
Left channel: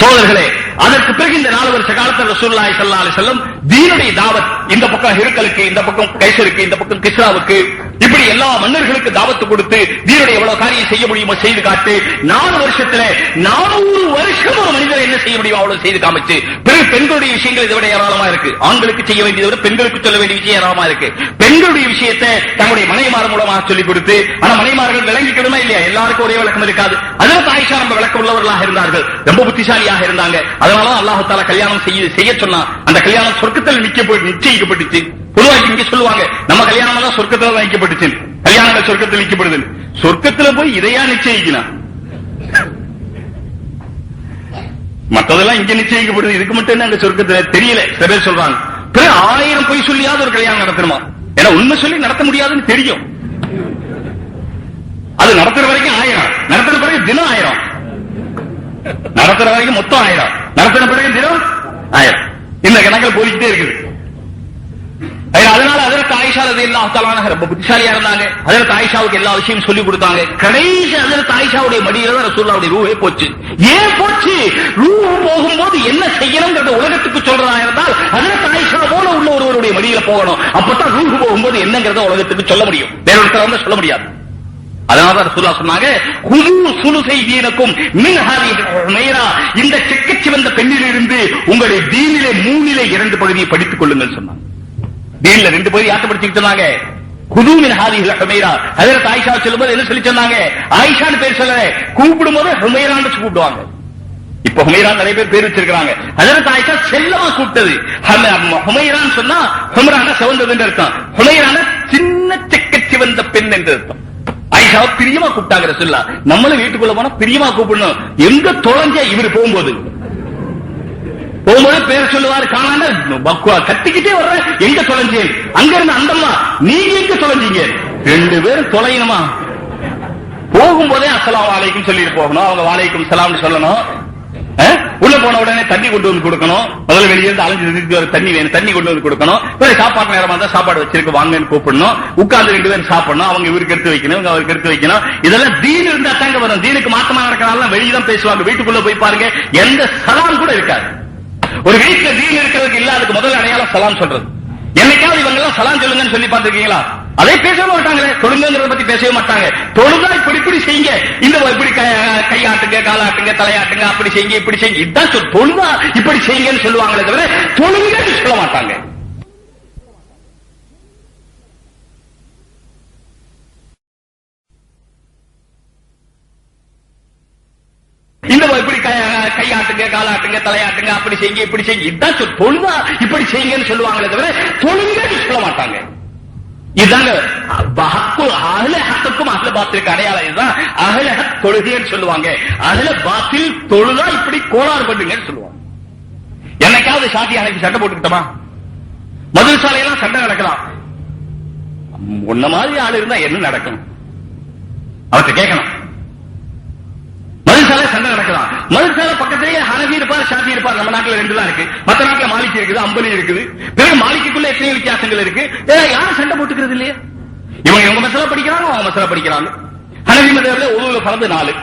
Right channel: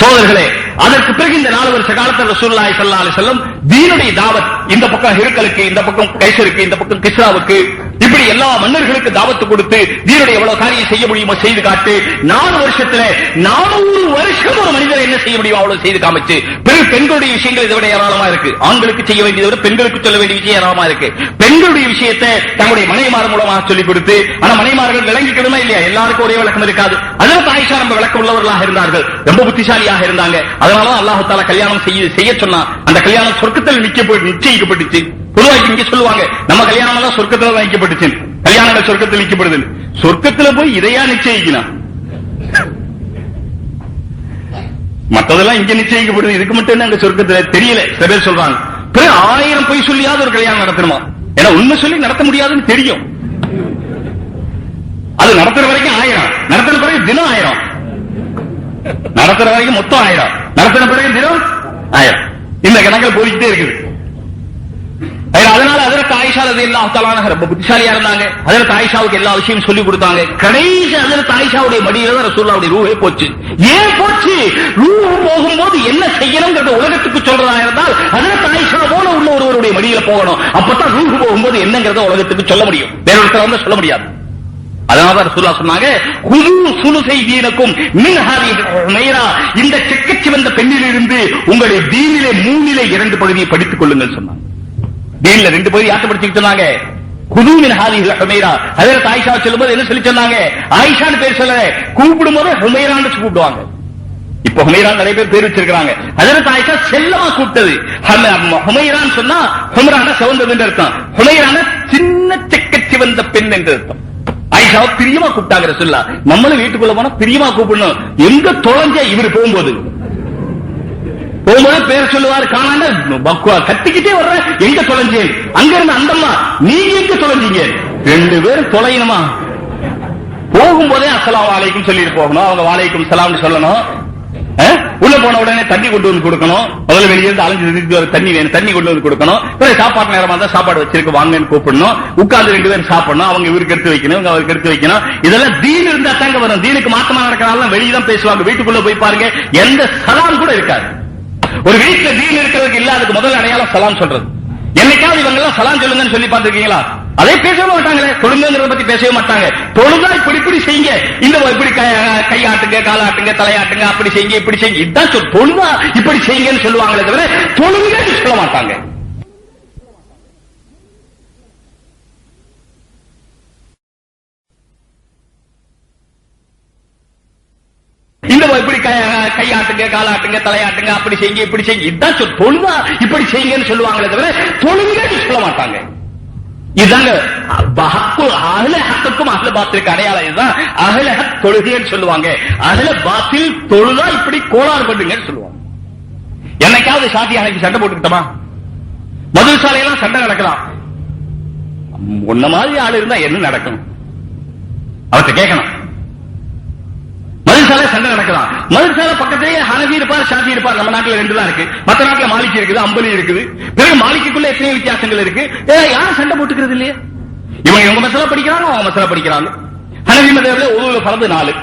சோதர்களே. அதற்கு பிறகு இந்த 4 வருஷ காலத்தில் ரசூலுல்லாஹி ஸல்லல்லாஹு அலைஹி வஸல்லம் தீனுடைய தாவத் இந்த பக்கம் ஹிருக்கலுக்கு, இந்த பக்கம் கைசருக்கு, இந்த பக்கம் கிஸ்ராவுக்கு, இப்படி எல்லா மன்னர்களுக்கு தாவத்து கொடுத்து தீனுடைய எவ்வளவு காரியம் செய்ய முடியுமோ செய்து காட்டு. 4 வருஷத்துல 400 வருஷம் ஒரு மனிதர் என்ன செய்ய முடியும் அவ்வளவு செய்து காமிச்சு. பிறகு பெண்களுடைய விஷயங்கள் இதை விட ஏராளமா இருக்கு. ஆண்களுக்கு செய்ய வேண்டியதை விட பெண்களுக்கு சொல்ல வேண்டிய விஷயம் ஏராளமா இருக்கு. பெண்களுடைய விஷயத்தை தங்களுடைய மனைவிமார் மூலமாக சொல்லிக் கொடுத்து, ஆனா மனைவிமார்கள் விளங்கிக்கணுமா இல்லையா? எல்லாருக்கும் ஒரே விளக்கம் இருக்காது. அதில் ஆயிஷா ரொம்ப விளக்கம் உள்ளவர்களாக இருந்தார்கள், ரொம்ப புத்திசாலியாக இருந்தாங்க. அதனால அல்லாஹ் தஆலா கல்யாணம் செய்ய சொன்னா அந்த கல்யாணம் சொர்க்கத்தில் நிச்சயிக்கப்பட்டுச்சு. பொதுவாக இங்க சொல்லுவாங்க, நம்ம கல்யாணம் எல்லாம் சொர்க்கத்துல தான் நிச்சயிக்கப்பட்டுச்சு, கல்யாணங்கள் சொர்க்கத்தில் நிச்சயப்படுது. சொர்க்கத்துல போய் இதையா நிச்சயிக்கலாம்? மற்றதெல்லாம் இங்க நிச்சயிக்கப்படுது, இதுக்கு மட்டும் என்ன அங்க சொர்க்கத்துல தெரியல. சில பேர் சொல்றாங்க 1000 பொய் சொல்லியாவது ஒரு கல்யாணம் நடத்தணுமா? ஏன்னா உண்மை சொல்லி நடத்த முடியாதுன்னு தெரியும். அது நடத்துற வரைக்கும் 1000, நடத்துற பிறகு தினம் 1000, நடத்துற வரைக்கும் மொத்தம் 1000, நடத்தின பிறகு தினம் 1000. இந்த கணக்கில் போய்கிட்டே இருக்குது. அதனால அதற்கு ஆயிஷா ரலியல்லாஹு தஆலா அன்ஹா ரொம்ப புத்திசாலியா இருந்தாங்க. அதற்கு ஆயிஷாவுக்கு எல்லா விஷயமும் சொல்லி கொடுத்தாங்க. கடைசி அதற்கு ஆயிஷாவுடைய மடியில தான் ரசூலுல்லாஹ்வுடைய ரூஹே போச்சு. ஏன் போச்சு? ரூஹ் போகும்போது என்ன செய்யணும்ங்கறத உலகத்துக்கு சொல்றதா இருந்தால் அதற்கு ஆயிஷா போல உள்ள ஒருவருடைய மடியில போகணும். அப்பதான் ரூஹ் போகும்போது என்னங்கறத உலகத்துக்கு சொல்ல முடியும், வேற ஒருத்தர் வந்து சொல்ல முடியாது. அதனால ரசூலுல்லாஹ் சொன்னாங்க, குது சுலுசை தீனக்கும் மின் ஹாதிஹி ஹுமைரா, இந்த சிக்கச்சிவந்த பெண்ணிலிருந்து உங்களுடைய தீனிலே 3 2 பகுதியை படித்துக் கொள்ளுங்கள் சொன்னாங்க. தீன்ல 2 பகுதி யார்ட்ட படிச்சுட்டு சொன்னாங்க? குது மின் ஹாதிஹி ஹுமைரா. ஹஜ்ரத் ஆயிஷா சொல்லும்போது என்ன சொல்லி சொன்னாங்க? ஆயிஷான்னு பேர் சொல்ல, கூப்பிடும் போது ஹுமைரான்னு கூப்பிடுவாங்க. இப்ப ஹுமைரா நிறைய பேர் வச்சிருக்காங்க. ஹஜ்ரத் ஆயிஷா செல்லமா கூப்பிட்டது. ஹுமைரான்னு சொன்னா ஹும்ரான சிவந்தது என்று அர்த்தம், ஹுமைரான சின்ன சிக்கச்சிவந்த பெண் என்று அர்த்தம். ஆயிஷாவை பிரியமா கூப்பிட்டாங்க ரசூலுல்லாஹ். நம்மளும் வீட்டுக்குள்ள போனா பிரியமா கூப்பிடணும். எங்க தொலைஞ்ச இவர் போகும்போது பேர் சொல்லுவார், காணாம கட்டிக்கிட்டே வர்ற, எங்க தொலைஞ்சேன்? அங்க இருந்து அந்தம்மா, நீங்க எங்க தொலைஞ்சீங்க? 2 பேரும் தொலையணுமா? போகும்போதே அஸ்ஸலாமு அலைக்கும் சொல்லிட்டு போகணும். அவங்க வலைக்கும் சலாம் சொல்லணும். உள்ள போன உடனே தண்ணி கொண்டு வந்து கொடுக்கணும், முதல்ல வெளியிருந்து அலைஞ்சு தண்ணி வேணும், தண்ணி கொண்டு வந்து கொடுக்கணும். சாப்பாடு நேரமா தான் சாப்பாடு வச்சிருக்கு வாங்கன்னு கூப்பிடணும், உட்கார்ந்து 2 பேரும் சாப்பிடணும், அவங்க இவருக்கு எடுத்து வைக்கணும், இவங்க அவருக்கு எடுத்து வைக்கணும். இதெல்லாம் தீன் இருந்தா தாங்க வரும். தீனுக்கு மாத்தமா இருக்கிறனால வெளியில பேசுவாங்க. வீட்டுக்குள்ள போய் பாருங்க, எந்த சலாம் கூட இருக்காது. ஒரு வீட்டுல தீன் இருக்கிறதுக்கு இல்ல, அதுக்கு முதல் அடையாளம் சலாம் சொல்றது. என்னைக்காவது இவங்க எல்லாம் சலாம் சொல்லுங்கன்னு சொல்லி பார்த்திருக்கீங்களா? அதே பேசவே மாட்டாங்களே, தொழுங்கிறத பத்தி பேசவே மாட்டாங்க. தொழுதா இப்படி செய்யுங்க, இந்த இப்படி கையாட்டுங்க, காலாட்டுங்க, தலையாட்டுங்க, அப்படி செய்யுங்க, இப்படி செய்யுங்க, இதுதான் தொழுதா இப்படி செய்யுங்கன்னு சொல்லுவாங்களே தவிர தொழுங்க சொல்ல மாட்டாங்க. இந்த இப்படி கையாட்டுங்க, காலாட்டுங்க, தலையாட்டுங்க, அப்படி செய்யுங்க, இப்படி செய்யுங்க, இதுதான் தொழுதா இப்படி செய்யுங்கன்னு சொல்லுவாங்களே தவிர தொழுங்க சொல்ல மாட்டாங்க. இதாங்க அகல ஹக்குக்கும் அகல பாத்திலுக்கு அடையாளம். இதுதான் அகல ஹக் தொழுகைன்னு சொல்லுவாங்க. அகல பாத்தில் தொழுதா இப்படி கோளாறு பண்ணுங்கன்னு சொல்லுவாங்க. என்னைக்காவது சாத்தி அன்னைக்கு சண்டை போட்டுக்கிட்டோமா? மதுசாலையெல்லாம் சண்டை நடக்கலாம். உன்ன மாதிரி ஆள் இருந்தா என்ன நடக்கும் அவர்கிட்ட கேட்கணும். மதுசாலை சண்டை நடக்கலாம். மதுசாலை பக்கத்திலே ஹனபி இருப்பார், ஷாஃபி இருப்பார். நம்ம நாட்டில் 2 தான் இருக்கு. மற்ற நாட்டில் மாலிகி இருக்குது, அம்பலி இருக்குது. பிறகு மாலிக்குள்ள எத்தனை வித்தியாசங்கள் இருக்கு. யாரும் சண்டை போட்டுக்கிறது இல்லையே. இவங்க மசாலா படிக்கிறாங்க, அவங்க மசாலா படிக்கிறாங்க. ஹனபி மதத்துல ஒருவரு பரது 4,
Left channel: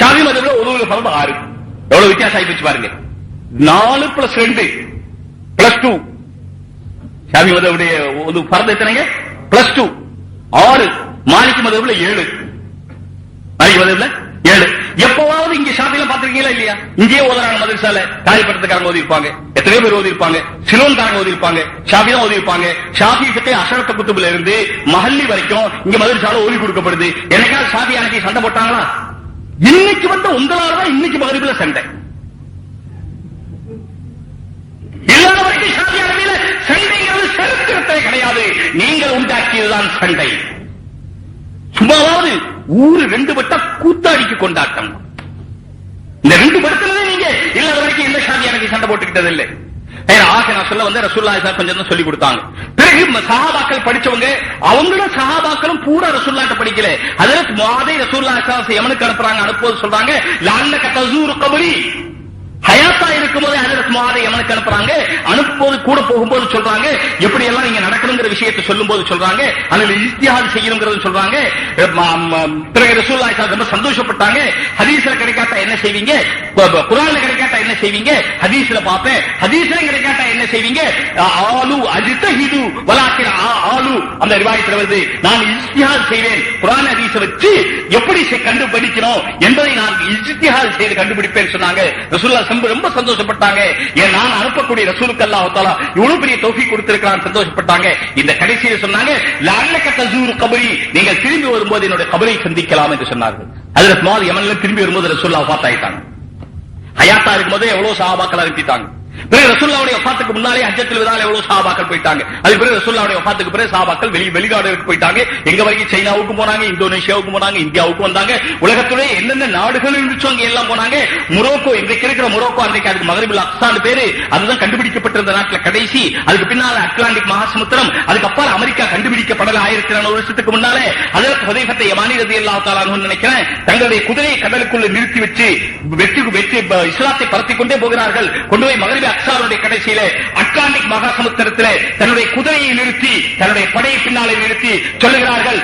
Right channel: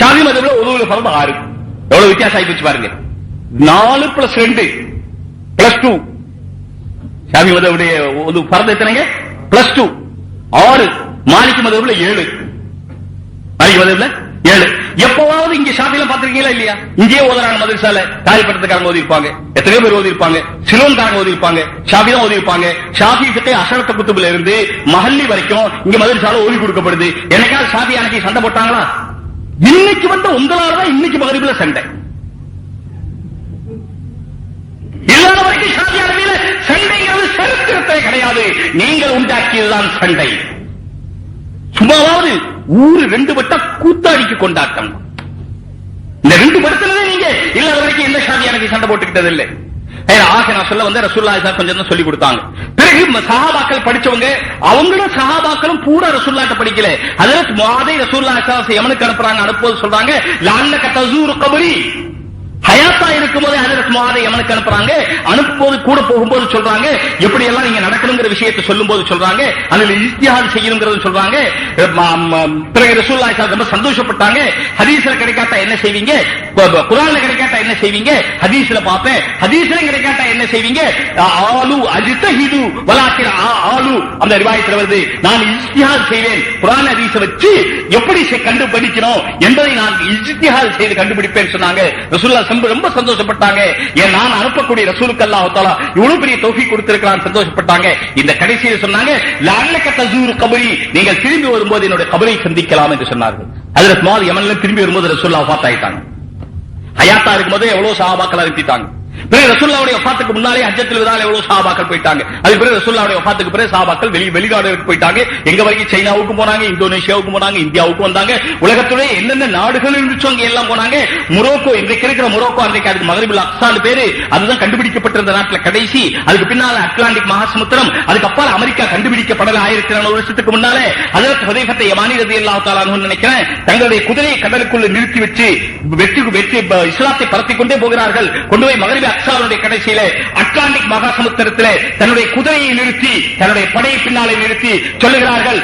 ஷாஃபி மதத்துல ஒருவரு பரது 6. எவ்வளவு வித்தியாசம் ஆகி போச்சு பாருங்க. 4 + 2 + 2. ஷாஃபி மதவுடைய ஒரு பரது எத்தனைங்க? +2 6. மாலிகி மதத்துல 7. மாலிகி மதத்துல 7. எப்பவாவது இங்க ஷாஃபில பாத்திருக்கீங்களா இல்லையா? இங்கேயே ஓதுறாங்க மதரசால. தாய்பட்டத்துக்காரங்க ஓதி இருப்பாங்க, எத்தனையோ பேர் ஓதி இருப்பாங்க, சிலோன்காரங்க ஓதி இருப்பாங்க, ஷாஃபியும் ஓதி இருப்பாங்க. ஷாஃபி கிட்ட அஷரத்த குத்துபுல இருந்து மஹல்லி வரைக்கும் இங்க மதரசால ஓதி கொடுக்கப்படுது. எனக்காவது ஷாஃபி அன்னைக்கு சண்டை போட்டாங்களா? இன்னைக்கு வந்து உங்களாலதான் இன்னைக்கு மகரிபில சண்டை. இல்லாத வரைக்கும் ஷாஃபி அன்னையில சண்டைங்கிறது சரித்திரத்தை கிடையாது, நீங்கள் உண்டாக்கியதுதான் சண்டை. சும்மாவது ஊரு 2 வட்டம் கூத்தாடிக்கு கொண்டாட்டம். இந்த 2 படத்திலே நீங்க இல்லாத வரைக்கும் எந்த ஷாஃபி எனக்கு சண்டை போட்டுக்கிட்டது இல்லை. ஆசை நான் சொல்ல வந்து ரசூலுல்லாஹி கொஞ்சம் தான் சொல்லி கொடுத்தாங்க. பிறகு சஹாபாக்கள் படிச்சவங்க, அவங்களும் சஹாபாக்களும் பூரா ரசூலுல்லாஹி படிக்கல. ஹஜ்ரத் முஆதை ரசூலுல்லாஹி யமனுக்கு அனுப்புவது சொல்றாங்க. லஅல்லக தஸூரு கபரி, ஹயாத்தா இருக்கும்போது ஹஜ்ரத் முஆதை யமனுக்கு அனுப்புறாங்க. அனுப்பும்போது கூட போகும்போது சொல்றாங்க, எப்படி எல்லாம் இங்க நடக்கணுங்கிற விஷயத்தை சொல்லும் போது சொல்றாங்க, அதுல இஜ்திஹாத் செய்யணுங்கிறது சொல்றாங்க. பிறகு ரசூலுல்லாஹி ரொம்ப சந்தோஷப்பட்டாங்க. ஹதீஸ்ல கிடைக்காட்டா என்ன செய்வீங்க, குர்ஆன்ல கிடைக்காட்டா என்ன செய்வீங்க, ஹதீஸ்ல பாப்பேன், ஹதீஸ்ல கிடைக்காட்டா என்ன செய்வீங்க, ஆலு அஜ்தஹிது வலாக்கின் ஆலு அந்த ரிவாயத்துல வருது, நான் இஜ்திஹாத் செய்வேன், குர்ஆன் ஹதீஸை வச்சு எப்படி கண்டுபிடிக்கணும் என்பதை நான் இஜ்திஹாத் செய்து கண்டுபிடிப்பேன் சொன்னாங்க. ரசூலுல்லாஹி ரொம்ப சந்தோஷப்பட்டாங்க. ஏன் நான் அனுப்பக்கூடிய ரசூலுக்கு அல்லாஹ் தஆலா இவ்வளவு பெரிய தௌஃபீக் கொடுத்திருக்கிறான், சந்தோஷப்பட்டாங்க. இந்த கடைசியில் சொன்னாங்க, லஅல்லக தஸூரு கபரி, நீங்கள் திரும்பி வரும்போது என்னுடைய கபரை சந்திக்கலாம் என்று சொன்னார்கள். ஹஜ்ரத் முஆத் யமன்ல திரும்பி வரும்போது ரசூலுல்லாஹ் வஃபாத் ஆயிட்டாங்க. ஹயாத்தா இருக்கும்போது எவ்வளவு சஹாபாக்கள் அனுப்பிட்டாங்க. பிறகு ரசூலுல்லாஹ்வுடைய வஃபாத்துக்கு முன்னாலே ஹஜ்ஜத்துல் விதால எவ்வளவு சஹாபாக்கள் போயிட்டாங்க. அதுக்கு பிறகு ரசூலுல்லாஹ்வுடைய வஃபாத்துக்கு பிறகு சஹாபாக்கள் வெளிநாடுகளுக்கு போயிட்டாங்க. எங்க வரைக்கும் சைனாவுக்கு போனாங்க, இந்தோனேஷியாவுக்கு போனாங்க, இந்தியாவுக்கு வந்தாங்க. உலகத்திலே எந்தெந்த நாடுகள் இருந்துச்சோ அங்க எல்லாம் போனாங்க. மொரோக்கோ, இன்றைக்கு இருக்கிற மொரோக்கோ, அன்றைக்கு அதுக்கு மக்ரிபுல் அக்ஸான்னு பேரு, அதுதான் கண்டுபிடிக்கப்பட்டிருந்த நாட்டில் கடைசி. அதுக்கு பின்னால அட்லாண்டிக் மகாசமுத்திரம், அதுக்கப்புறம் அமெரிக்கா கண்டுபிடிக்கப்படல 1400 வருஷத்துக்கு முன்னாலே. ஹஜ்ரத் ஹுதைஃபா யமானி ரலியல்லாஹு தஆலா அன்ஹு நினைக்கிறேன், தங்களுடைய குதிரையை கடலுக்குள்ள நிறுத்தி வச்சு வெற்றி இஸ்லாத்தை பரப்பிக் கொண்டே போகிறார்கள். கொண்டு போய் மக்ரிபுல் அக்ஸாவுடைய கடைசியில அட்லாண்டிக் மகாசமுத்திரத்திலே தன்னுடைய குதிரையை நிறுத்தி, தன்னுடைய படையை பின்னாலே நிறுத்தி சொல்லுகிறார்கள்,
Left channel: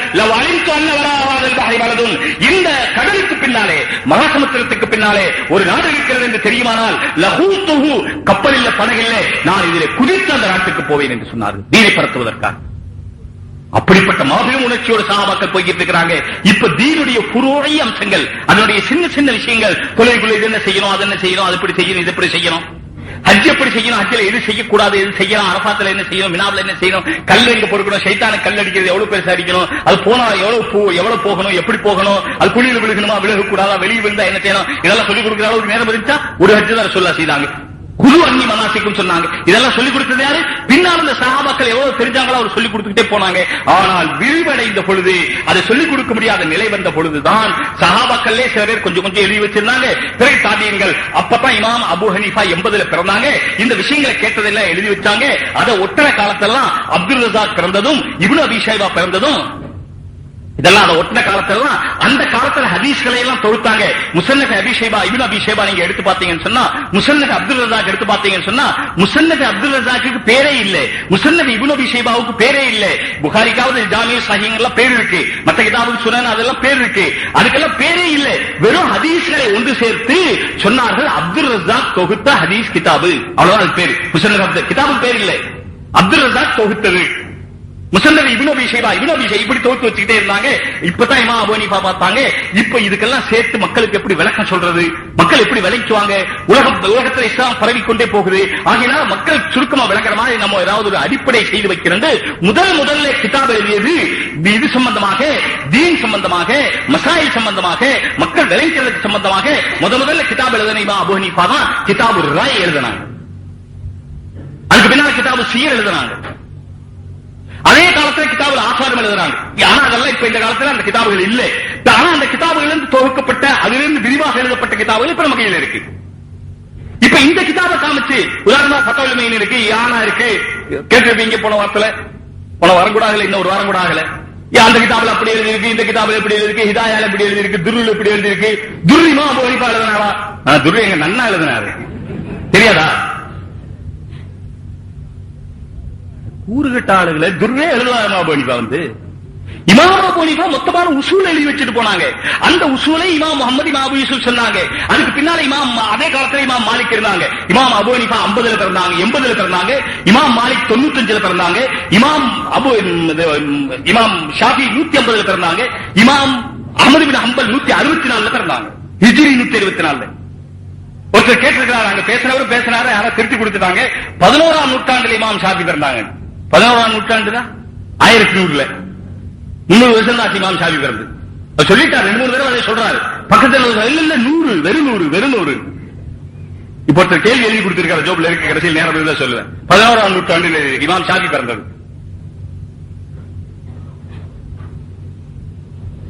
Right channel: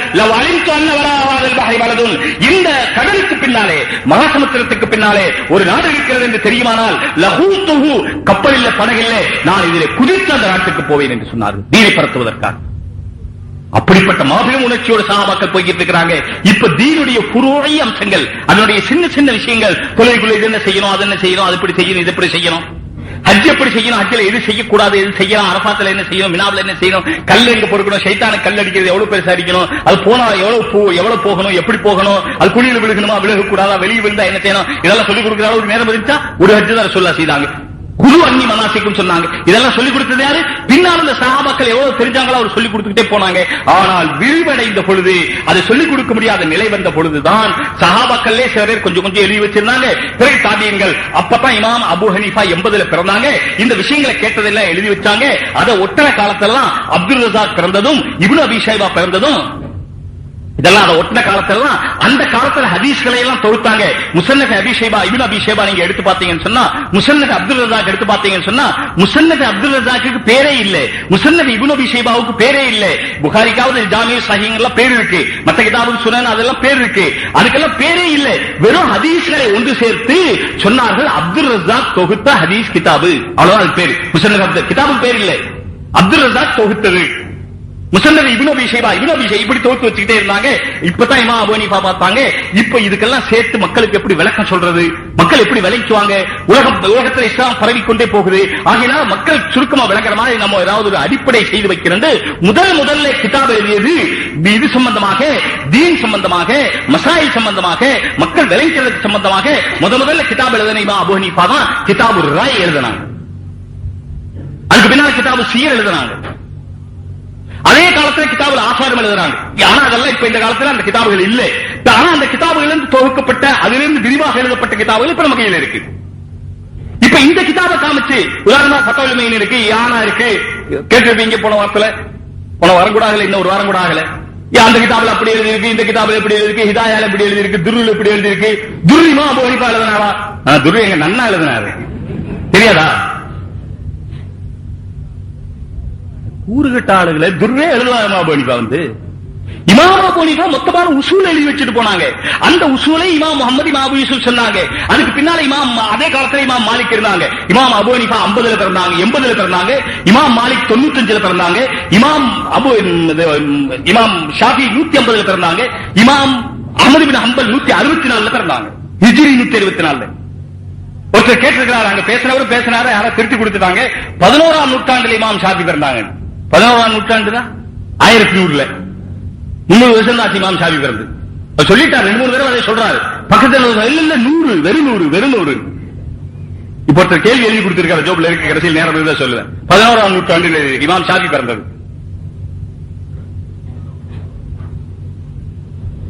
இந்த கடலுக்கு பின்னாலே, மகாசமுத்திரத்துக்கு பின்னாலே ஒரு நாடு இருக்கிறது என்று தெரியுமானால் லஹூத்துஹு, கப்பலில் படகில்லை, நான் இதில் குதித்து அந்த நாட்டுக்கு போவேன் என்று சொன்னார்கள், தீனை பரத்துவதற்காக. அப்படிப்பட்ட மாபெரும் உணர்ச்சியோடு சஹாபாக்கள் போய்கிட்டு இருக்கிறாங்க. இப்ப தீனுடைய புரோய அம்சங்கள், அதனுடைய சின்ன சின்ன விஷயங்கள், தொழில்குள்ள இது என்ன செய்யணும், அது என்ன செய்யணும், அது எப்படி செய்யணும், இது எப்படி செய்யணும், ஹஜ் எப்படி செய்யணும், ஹஜ்ஜில் எது செய்யக்கூடாது, எது செய்யணும், அரபாத்துல என்ன செய்யணும், மினாவில் என்ன செய்யணும், கல் எங்க பொறுக்கணும், சைத்தான கல் அடிக்கிறது எவ்வளவு பெருசா அடிக்கணும், அது போனா எவ்வளவு போகணும், எப்படி போகணும், அது குழியில் விழுகணுமா, விழுகக்கூடாதா, வெளியே விழுந்தா என்ன செய்யணும், இதெல்லாம் சொல்லிக் கொடுக்கிற ஒரு நேரம் இருந்தா ஒரு ஹஜ் தான் ரசூலுல்லாஹ் செய்தாங்க. குழு அன்னி மனாசிக்கும் சொன்னாங்க. இதெல்லாம் சொல்லிக் கொடுத்தது யாரு? பின்னால் இந்த சஹாபாக்கள் எவ்வளவு தெரிஞ்சாங்களோ அவர் சொல்லிக் கொடுத்துட்டே போனாங்க. ஆனால் விரிவடைந்த பொழுது, அதை சொல்லிக் கொடுக்க முடியாத நிலை வந்த பொழுதுதான் சஹாபாக்களே சில பேர் கொஞ்சம் கொஞ்சம் எழுதி வச்சிருந்தாங்க. பிறகு தாபியீன்கள், அப்பதான் இமாம் அபூ ஹனீஃபா 80ல பிறந்தாங்க. இந்த விஷயங்களை கேட்டதெல்லாம் எழுதி வச்சாங்க. அதை ஒட்டன காலத்தெல்லாம் அப்துல் ரஸாக் பிறந்ததும், இப்னு அபீ ஷைபா பிறந்ததும் இதெல்லாம் அதை ஒட்டின காலத்துல அந்த காலத்துல ஹதீஸ்களை எல்லாம் தொகுத்தாங்க. முஸன்னத் அபீ ஷைபா, இப்னு அபீ ஷைபா நீங்க எடுத்து பாத்தீங்கன்னு சொன்னா, முஸன்னத் அப்துல் ரஸாக் எடுத்து பாத்தீங்கன்னு சொன்னா, முஸன்னத் அப்துல் ரஸாக்கு பேரே இல்ல, முஸன்னத் இப்னு அபீ ஷைபாவுக்கு பேரே இல்ல. புகாரிக்காவது ஜாமிஉ ஸஹீஹ் எல்லாம் பேர் இருக்கு, மத்த கிதாபுல் சுனன் அதெல்லாம் பேர் இருக்கு, அதுக்கெல்லாம் பேரே இல்ல. வெறும் ஹதீஸ்களை ஒன்று சேர்த்து சொன்னார்கள் அப்துல் ரஸாக் தொகுத்த ஹதீஸ் கிதாபு, அவ்வளவுதான் அது பேரு. முஸன்னத் கிதாபுக்கு பேர் இல்ல, அப்துல் ரஸாக் தொகுத்தது. முஸன்னத் இப்னு அபீ ஷைபா இப்படி தோத்து வச்சுக்கிட்டே இருந்தாங்க. இப்பதான் இமாம் அபூ ஹனீஃபா பார்த்தாங்க, இப்ப இதுக்கெல்லாம் சேர்த்து மக்களுக்கு எப்படி விளக்கம் சொல்றது, மக்கள் எப்படி விளக்குவாங்க, உலகத்தில் இஸ்லாம் பரவிக்கொண்டே போகுது. ஆகையினால் மக்கள் சுருக்கமா விளங்குற மாதிரி நம்ம ஏதாவது ஒரு அடிப்படை செய்து வைக்கிறது. முதல்ல கிதாப் எழுதியது இது சம்பந்தமாக, தீன் சம்பந்தமாக, மசாயில் சம்பந்தமாக, மக்கள் விளைவிக்கிறதுக்கு சம்பந்தமாக முதல்ல கிதாப் எழுதின இமாம் அபூ ஹனீஃபா தான் கிதாபுர் ராய் எழுதினாங்க. அதுக்கு பின்னால் கிதாபு சியர் எழுதினாங்க. அதே காலத்துல கிதாபுல ஆசாரம் எழுதுறாங்க. ஆனா அதெல்லாம் இப்ப இந்த காலத்துல அந்த கிதாபுகள் இல்லை. ஆனா அந்த கிதாபுகளிலிருந்து தொகுக்கப்பட்ட, அதிலிருந்து விரிவாக எழுதப்பட்ட கிதாபுகள் இப்ப நம்ம கையில இருக்கு. இப்ப இந்த கிதாபை காமிச்சு உதாரணமா ஃபத்வா மெயின் இருக்கு, யானா இருக்கு, கேட்டது இங்க போன வாரம் கூட ஆகல, இன்னும் ஒரு வாரம் கூட ஆகல. அந்த கிதாபுல அப்படி எழுதி இருக்கு, இந்த கிதாபுல எப்படி எழுதி இருக்கு, ஹிதாயால எப்படி எழுதி இருக்கு, துருல் எப்படி எழுதி இருக்கு. துருலிமா அபூ ஹனீஃபா எழுதினாரா? துருல் எங்க நன்னா எழுதினாரு, தெரியாதா? கூறுகட்ட ஆளுகளை துர்ரே எழுதுவாங்க. இமாம் அபூ ஹனீஃபா இமாம் அபூ ஹனீஃபா மொத்தமான உசூல் எழுதி வச்சுட்டு போனாங்க. அந்த உசூலை இமாம் முஹம்மது இப்னு அபூ யூசுப் சொன்னாங்க. அதுக்கு பின்னால அதே காலத்துல இமாம் மாலிக் இருந்தாங்க. இமாம் அபூ ஹனீஃபா 50ல பிறந்தாங்க, 80ல பிறந்தாங்க. இமாம் மாலிக் 95ல பிறந்தாங்க. இமாம் ஷாஃபி 150ல பிறந்தாங்க. இமாம் அஹ்மது பின் ஹம்பல் 164ல பிறந்தாங்க, ஹிஜ்ரி 124. ஒருத்தர் கேட்டிருக்கிறார், அங்க பேசினாரு, யாரா திருத்தி கொடுத்துட்டாங்க. 11ஆம் நூற்றாண்டில் இமாம் ஷாஃபி பிறந்தாங்க. 11ஆம் நூற்றாண்டு தான் 1100ல 300 வருஷம் தான் இமாம் ஷாஃபி பிறந்து. சொல்லிட்டாரு, 2-3 தடவை அதை சொல்றாரு. பக்கத்தில் இல்ல 100, வெறும் 100. இப்ப ஒருத்தர் கேள்வி எழுதி கொடுத்திருக்காரு, ஜோப்ல இருக்கு, கடைசியில் நேரம் தான் சொல்லுவேன். 11ஆம் நூற்றாண்டில் இமாம் ஷாஃபி பிறந்தது.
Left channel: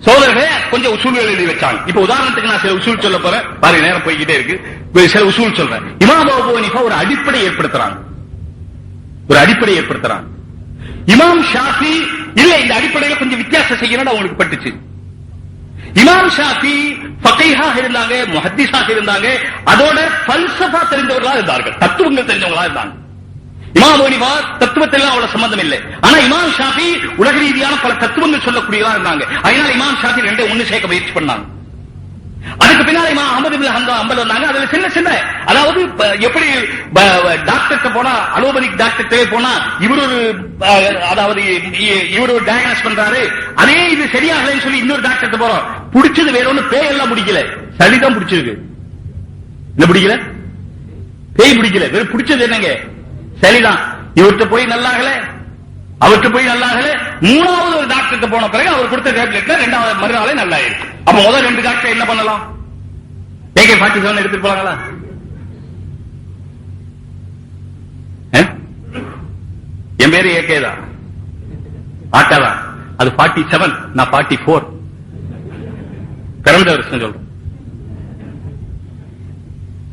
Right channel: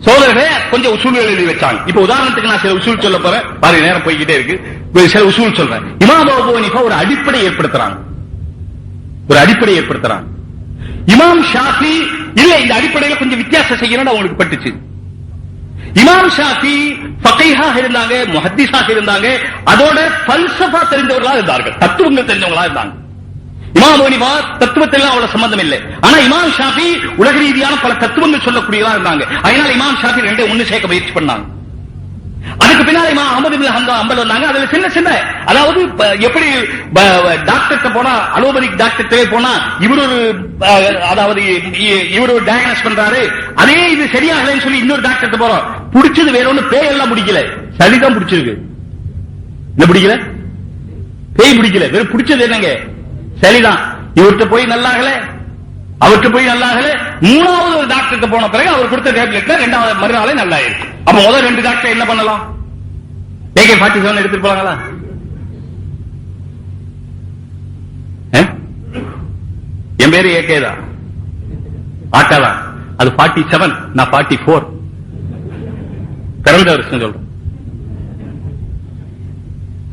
சோழர்களே கொஞ்சம் உசூல் எழுதி வச்சாங்க. இப்ப உதாரணத்துக்கு நான் சில உசூல் சொல்ல போறேன், பாரு நேரம் போய்கிட்டே இருக்கு. சில உசூல் சொல்றேன். இமாம் அபூ ஹனீஃபா ஒரு அடிப்படை ஏற்படுத்துறாங்க. இமாம் ஷாஃபி இல்ல, இந்த அடிப்படையில கொஞ்சம் வித்தியாசம் செய்யணும் அவங்களுக்கு பட்டுச்சு. இமாம் ஷாஃபி ஃபகீஹாக இருந்தாங்க, முஹத்திஸாக இருந்தாங்க, அதோட ஃபல்சஃபா தெரிஞ்சவர்களா இருந்தார்கள், தத்துவங்கள் தெரிஞ்சவங்களா இருந்தாங்க. இமாம் அபூ ஹனீஃபா தத்துவத்தெல்லாம் அவ்வளவு சம்பந்தம் இல்லை. ஆனா இமாம் ஷாஃபி உலக ரீதியான பல தத்துவங்கள் சொல்லக்கூடியவா இருந்தாங்க. அதனால இமாம் ஷாஃபி ரெண்டே ஒண்ணு சேர்க்க முயற்சி பண்ணாங்க. அதுக்கு பின்னால இமாம் அஹ்மது பின் ஹம்பல் வந்தாங்க. அதுல சின்ன அதாவது எப்படி டாக்டர்கிட்ட போனா, அலோபதிக் டாக்டர்கிட்டே போனா இவரு டயக்னோஸ் பண்றாரு, அதே இது சரியாகலன்னு சொல்லி இன்னொரு டாக்டர்கிட்ட போறோம். பிடிச்சது வேற ஒண்ணு, பேய் எல்லாம் பிடிக்கல, சளிதான் பிடிச்சிருக்கு. என்ன பிடிக்கல? பேய் பிடிக்கல, வேற பிடிச்சது என்னங்க? சளிதான். இவர்கிட்ட போய் நல்லாகல, அவருக்கு போய் நல்லாகல, 3வது ஒரு டாக்டர்கிட்ட போன பிறகு அவர் கொடுத்த டேப்லெட் 2வது மறுநாளே நல்லா இருக்கு. அப்ப முதல் 2 டாக்டர் என்ன பண்ணலாம்? AK-47 எடுத்துட்டு போறாங்களா? என் பேரு AK தான், ஆக்காதான். அது 47, நான் 44. பிறந்த வருஷம் சொல்றேன்.